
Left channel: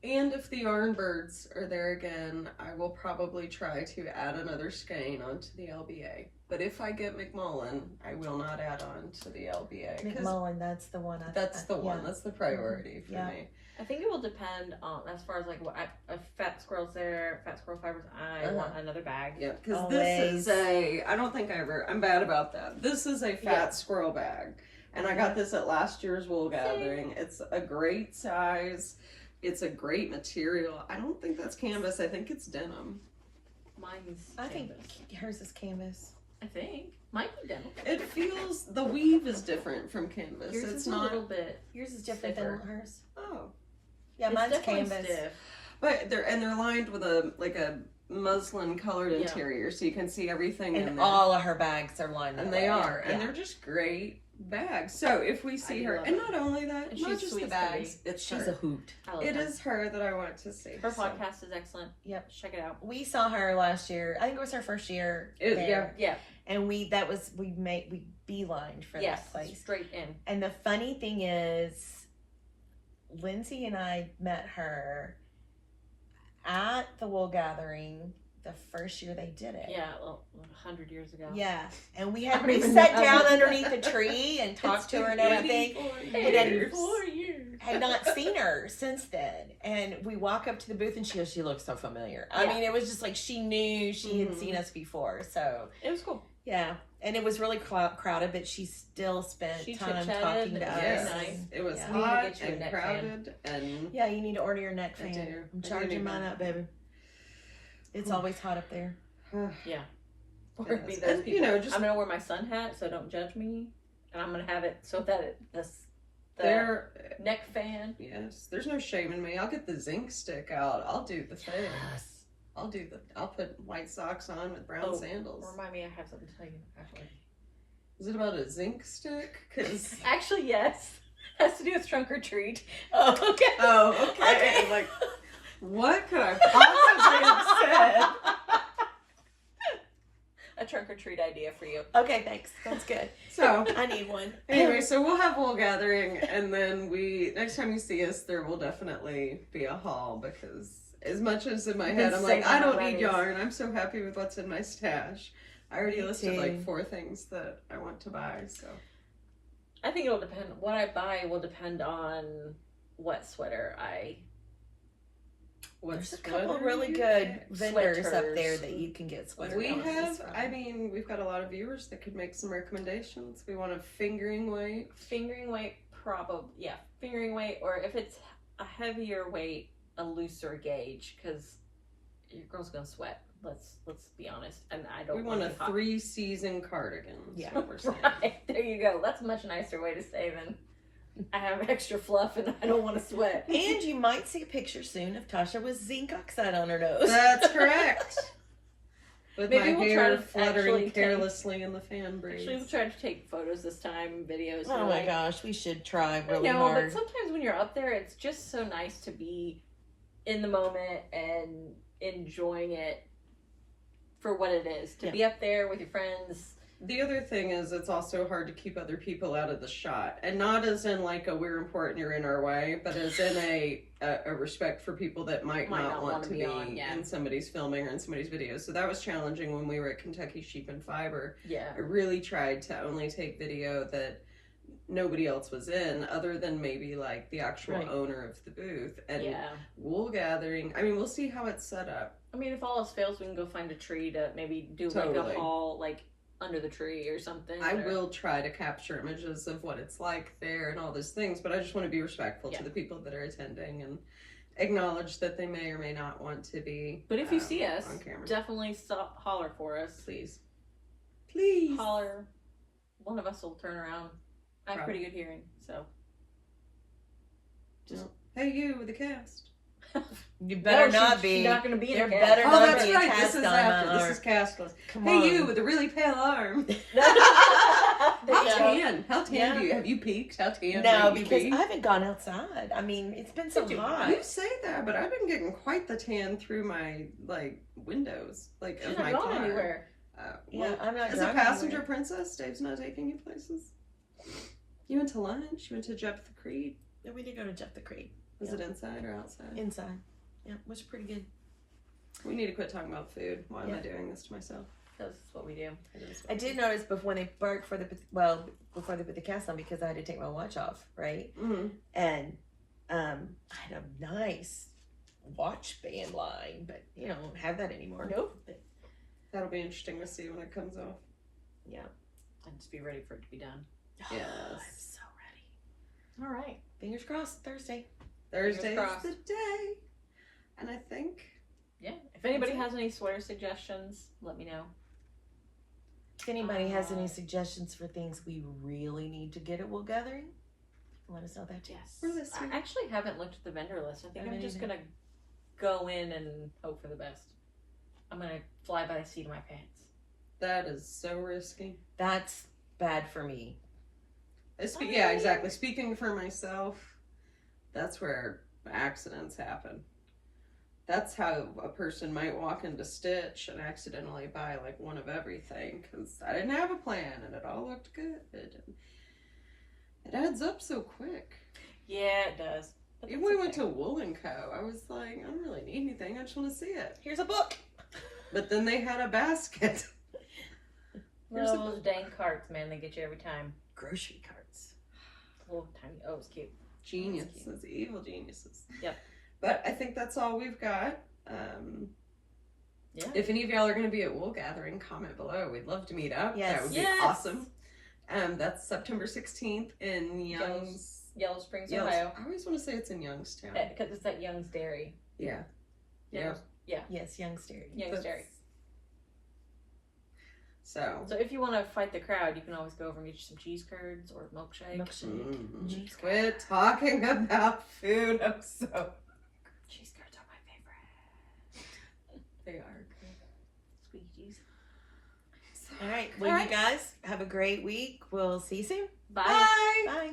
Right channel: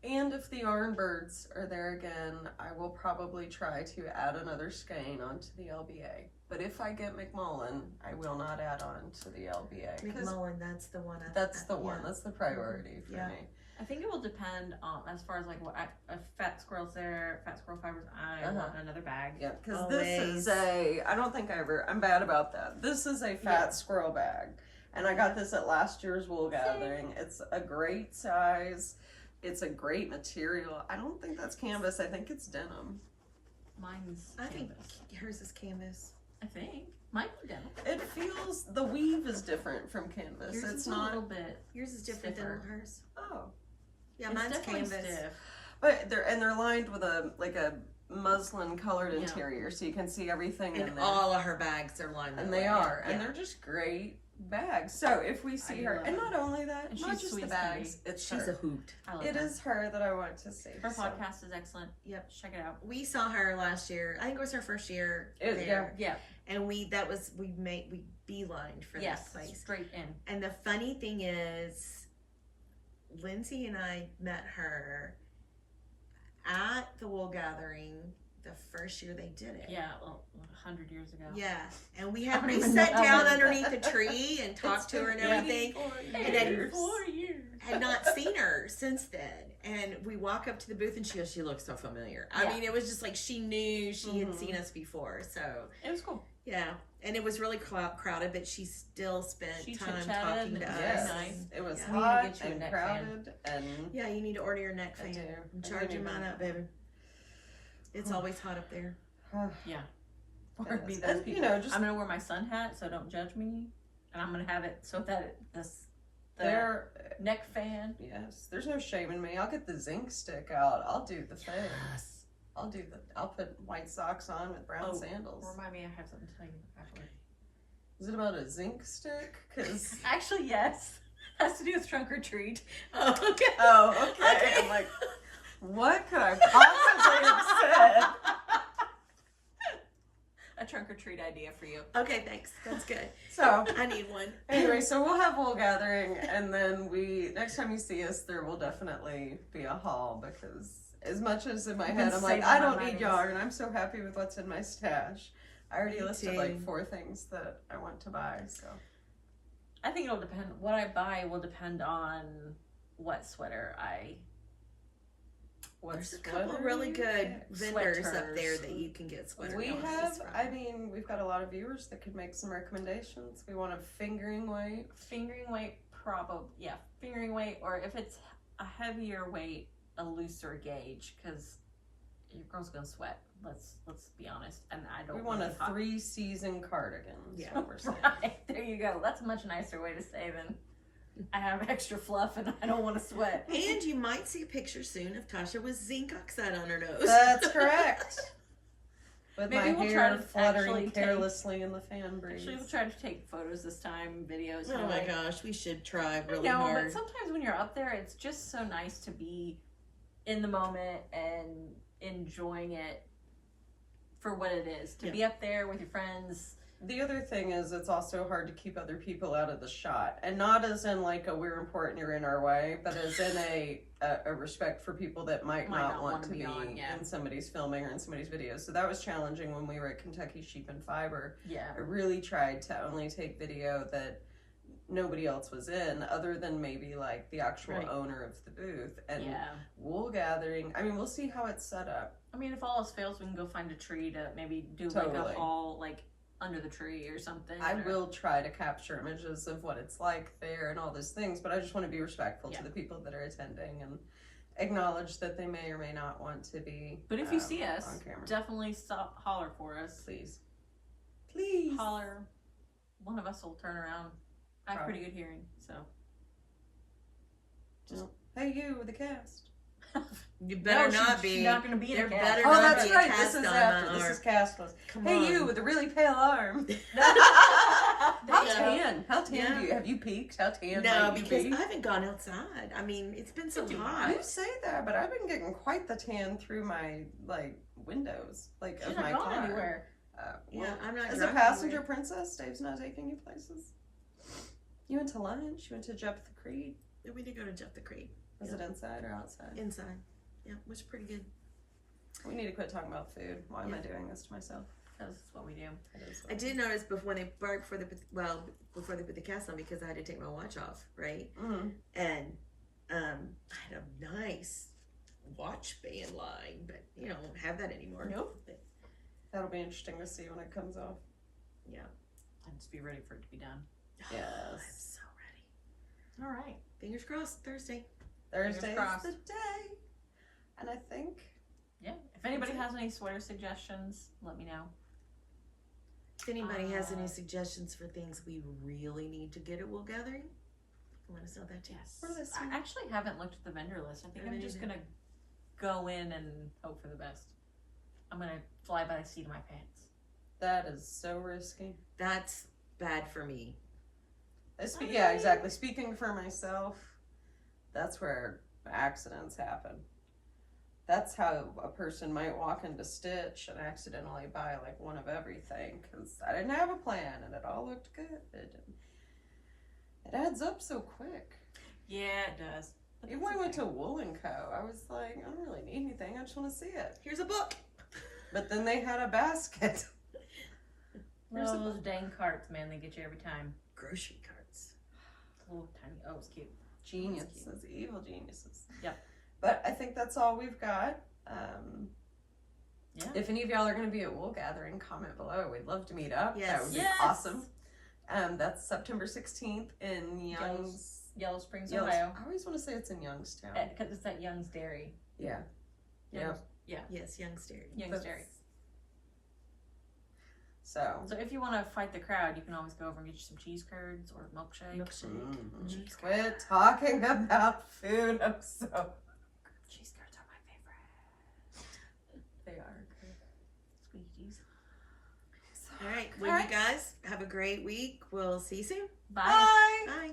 And if the yarn birds are there again, I will probably try to add another skein onto the LBA. But if I get McMullen, I will not add on to the LBA. 'Cause McMullen, that's the one. that's the one. Yeah. That's the priority for Yeah. me. I think it will depend on as far as like what if Fat Squirrel's there, Fat Squirrel Fibers. I want another bag. Yeah, because this is I don't think I'm bad about that. This is a Fat Squirrel bag. And I got this at last year's wool gathering. It's a great size. It's a great material. I don't think that's canvas. I think it's denim. Mine's I think canvas. hers is canvas. I think might be denim. It feels the weave is different from canvas. Yours it's is not a little bit. Yours is different stiffer. than hers. Oh, Yeah, It's mine's definitely canvas. stiff. but they're lined with a muslin colored Yeah. interior, so you can see everything in And there. all of her bags are lined. And that they way. are, Yeah. and they're just great bags. So if we see do her, love and them. not only that, And not she's just sweet the as can bags, it's She's her. a hoot. I love It her. is her that I want to see. Her so. podcast is excellent. Yep. Check it out. We saw her last year. I think it was her first year. there. Yeah. And we beelined for Yes. that place. Straight in. And the funny thing is, Lindsay and I met her at the wool gathering the first year they did it. Yeah. Well, 100 years ago. Yeah. And we I don't we even sat know. down underneath the tree and talked to her and everything. 84 And then- years. 4 years. Had not seen her since then. And we walk up to the booth and she goes, "She looks so familiar." I Yeah. mean, it was just like she knew she had Mhm. seen us before. So, It was cool. yeah. And it was really crowded, but she still spent She time chit-chatted, talking it to was us. very Yes, nice. it was Yeah. We need to hot get you a and neck fan. crowded, and Yeah, you need to order your neck I fan. do. I'm I charging do mine need up, baby. It's always hot up there. Or Yes. be those And, people. you know, just I'm gonna wear my sun hat, so don't judge me. And I'm gonna have it so that the there. neck fan. Yes, there's no shame in me. I'll get the zinc stick out. I'll do the thing. I'll put white socks on with brown sandals. Remind me, I have something to tell you. Actually, Is it about a zinc stick? Cause actually, yes. Has to do with trunk or treat. Oh, okay. oh, okay. I'm like, what could I possibly have said? A trunk or treat idea for you. Okay, thanks. That's good. So I need one. anyway, so we'll have wool gathering, and then next time you see us, there will definitely be a haul, because as much as in my You've head been I'm like, saving I my don't money. need yarn. I'm so happy with what's in my stash. I already Me listed too. like 4 things that I want to buy. So I think it'll depend. What I buy will depend on what sweater I. what's There's a couple sweater really you good get? vendors up Sweaters. there that you can get sweater We balances have, from. I mean, we've got a lot of viewers that could make some recommendations. We want a fingering weight. Fingering weight, probably. Yeah, fingering weight, or if it's a heavier weight, a looser gauge, because your girl's gonna sweat. Let's be honest, and I don't. We want a be hot. 3-season cardigan. Is Yeah. what we're saying. Right, there you go. That's a much nicer way to say than I have extra fluff and I don't want to sweat. And you might see a picture soon of Tasha with zinc oxide on her nose. That's correct. With Maybe my we'll hair try to fluttering actually take- carelessly in the fan breeze. Actually, we'll try to take photos this time, videos. Oh my gosh, we should try I really know, hard. but sometimes when you're up there, it's just so nice to be in the moment and enjoying it for what it is. To Yeah. be up there with your friends. The other thing is, it's also hard to keep other people out of the shot, and not as in like a we're important, you're in our way, but as in a respect for people that might not want to be on, yeah. in somebody's filming or in somebody's videos. So that was challenging when we were at Kentucky Sheep and Fiber. Yeah. I really tried to only take video that nobody else was in other than maybe like the actual Right. owner of the booth. And Yeah. wool gathering, I mean, we'll see how it's set up. I mean, if all else fails, we can go find a tree to maybe do like Totally. a haul, like under the tree or something. I or- will try to capture images of what it's like there and all those things, but I just want to be respectful Yeah. to the people that are attending and acknowledge that they may or may not want to be. But if you see us, on camera, definitely stop, holler for us. please, please. Holler. One of us will turn around. I have pretty good hearing, so. Hey, you with the cast. You better No, not she's be. not going to be in There a better cast. Oh, not that's be a right. cast This is on after. our- This is castless. Come Hey, on. you with the really pale arm. There How you go. tan? How tan Yeah. do you have you peaked? How tan? No, might you because be? I haven't gone outside. I mean, it's been so hot. You say that, but I've been getting quite the tan through my like windows, like She's of not my going car. anywhere. Yeah, Well, I'm not as a driving passenger anywhere. princess, Dave's not taking you places. You went to lunch. You went to Jeff the Creed. Yeah, we did go to Jeff the Creed. Was it inside or outside? Inside. Yeah, it was pretty good. We need to quit talking about food. Why am I Yeah. doing this to myself? That's what we do. It is I what did it notice before they before they put the cast on, because I had to take my watch off, right? is. Mhm. And I had a nice watch band line, but you don't have that anymore. Nope. That'll be interesting to see when it comes off. And just be ready for it to be done. I'm Yes. so ready. All right. Fingers crossed. Thursday. Thursday's crossed. the day, and I think Yeah. If anybody has any sweater suggestions, let me know. If anybody has any suggestions for things we really need to get at Wool Gathering, let us know that too. Yes. We're listening. I actually haven't looked at the vendor list. I think I'm Haven't just either. gonna go in and hope for the best. I'm gonna fly by the seat of my pants. that is so risky. That's bad for me. Yeah, exactly. Speaking for myself, that's where accidents happen. That's how a person might walk into Stitch and accidentally buy like one of everything because I didn't have a plan and it all looked good. It adds up so quick. Yeah, it does. But Even that's when we went okay. to Wool & Co., I was like, I don't really need anything. I just want to see it. Here's a book. But then they had a basket. Here's a Those dang carts, man, they get you every time. Grocery carts. Little tiny. Oh, it's cute. Geniuses, evil geniuses. Yep. But I think that's all we've got. Yeah. If any of y'all are going to be at Wool Gathering, comment below. We'd love to meet up. Yes. That would be Yes. awesome. That's September 16th in Young's. Yellow Springs, Young's- Ohio. I always want to say it's in Youngstown. Because it's at Young's Dairy. Yeah. Yeah. Yes, Young's Dairy. Young's Dairy. So. So if you want to fight the crowd, you can always go over and get you some cheese curds or a milkshake. Mm. Quit talking about food. I'm so. Cheese curds are my favorite. They are. Squeegees. All right. Well, All right. you guys have a great week. We'll see you soon. Bye. Bye. Bye.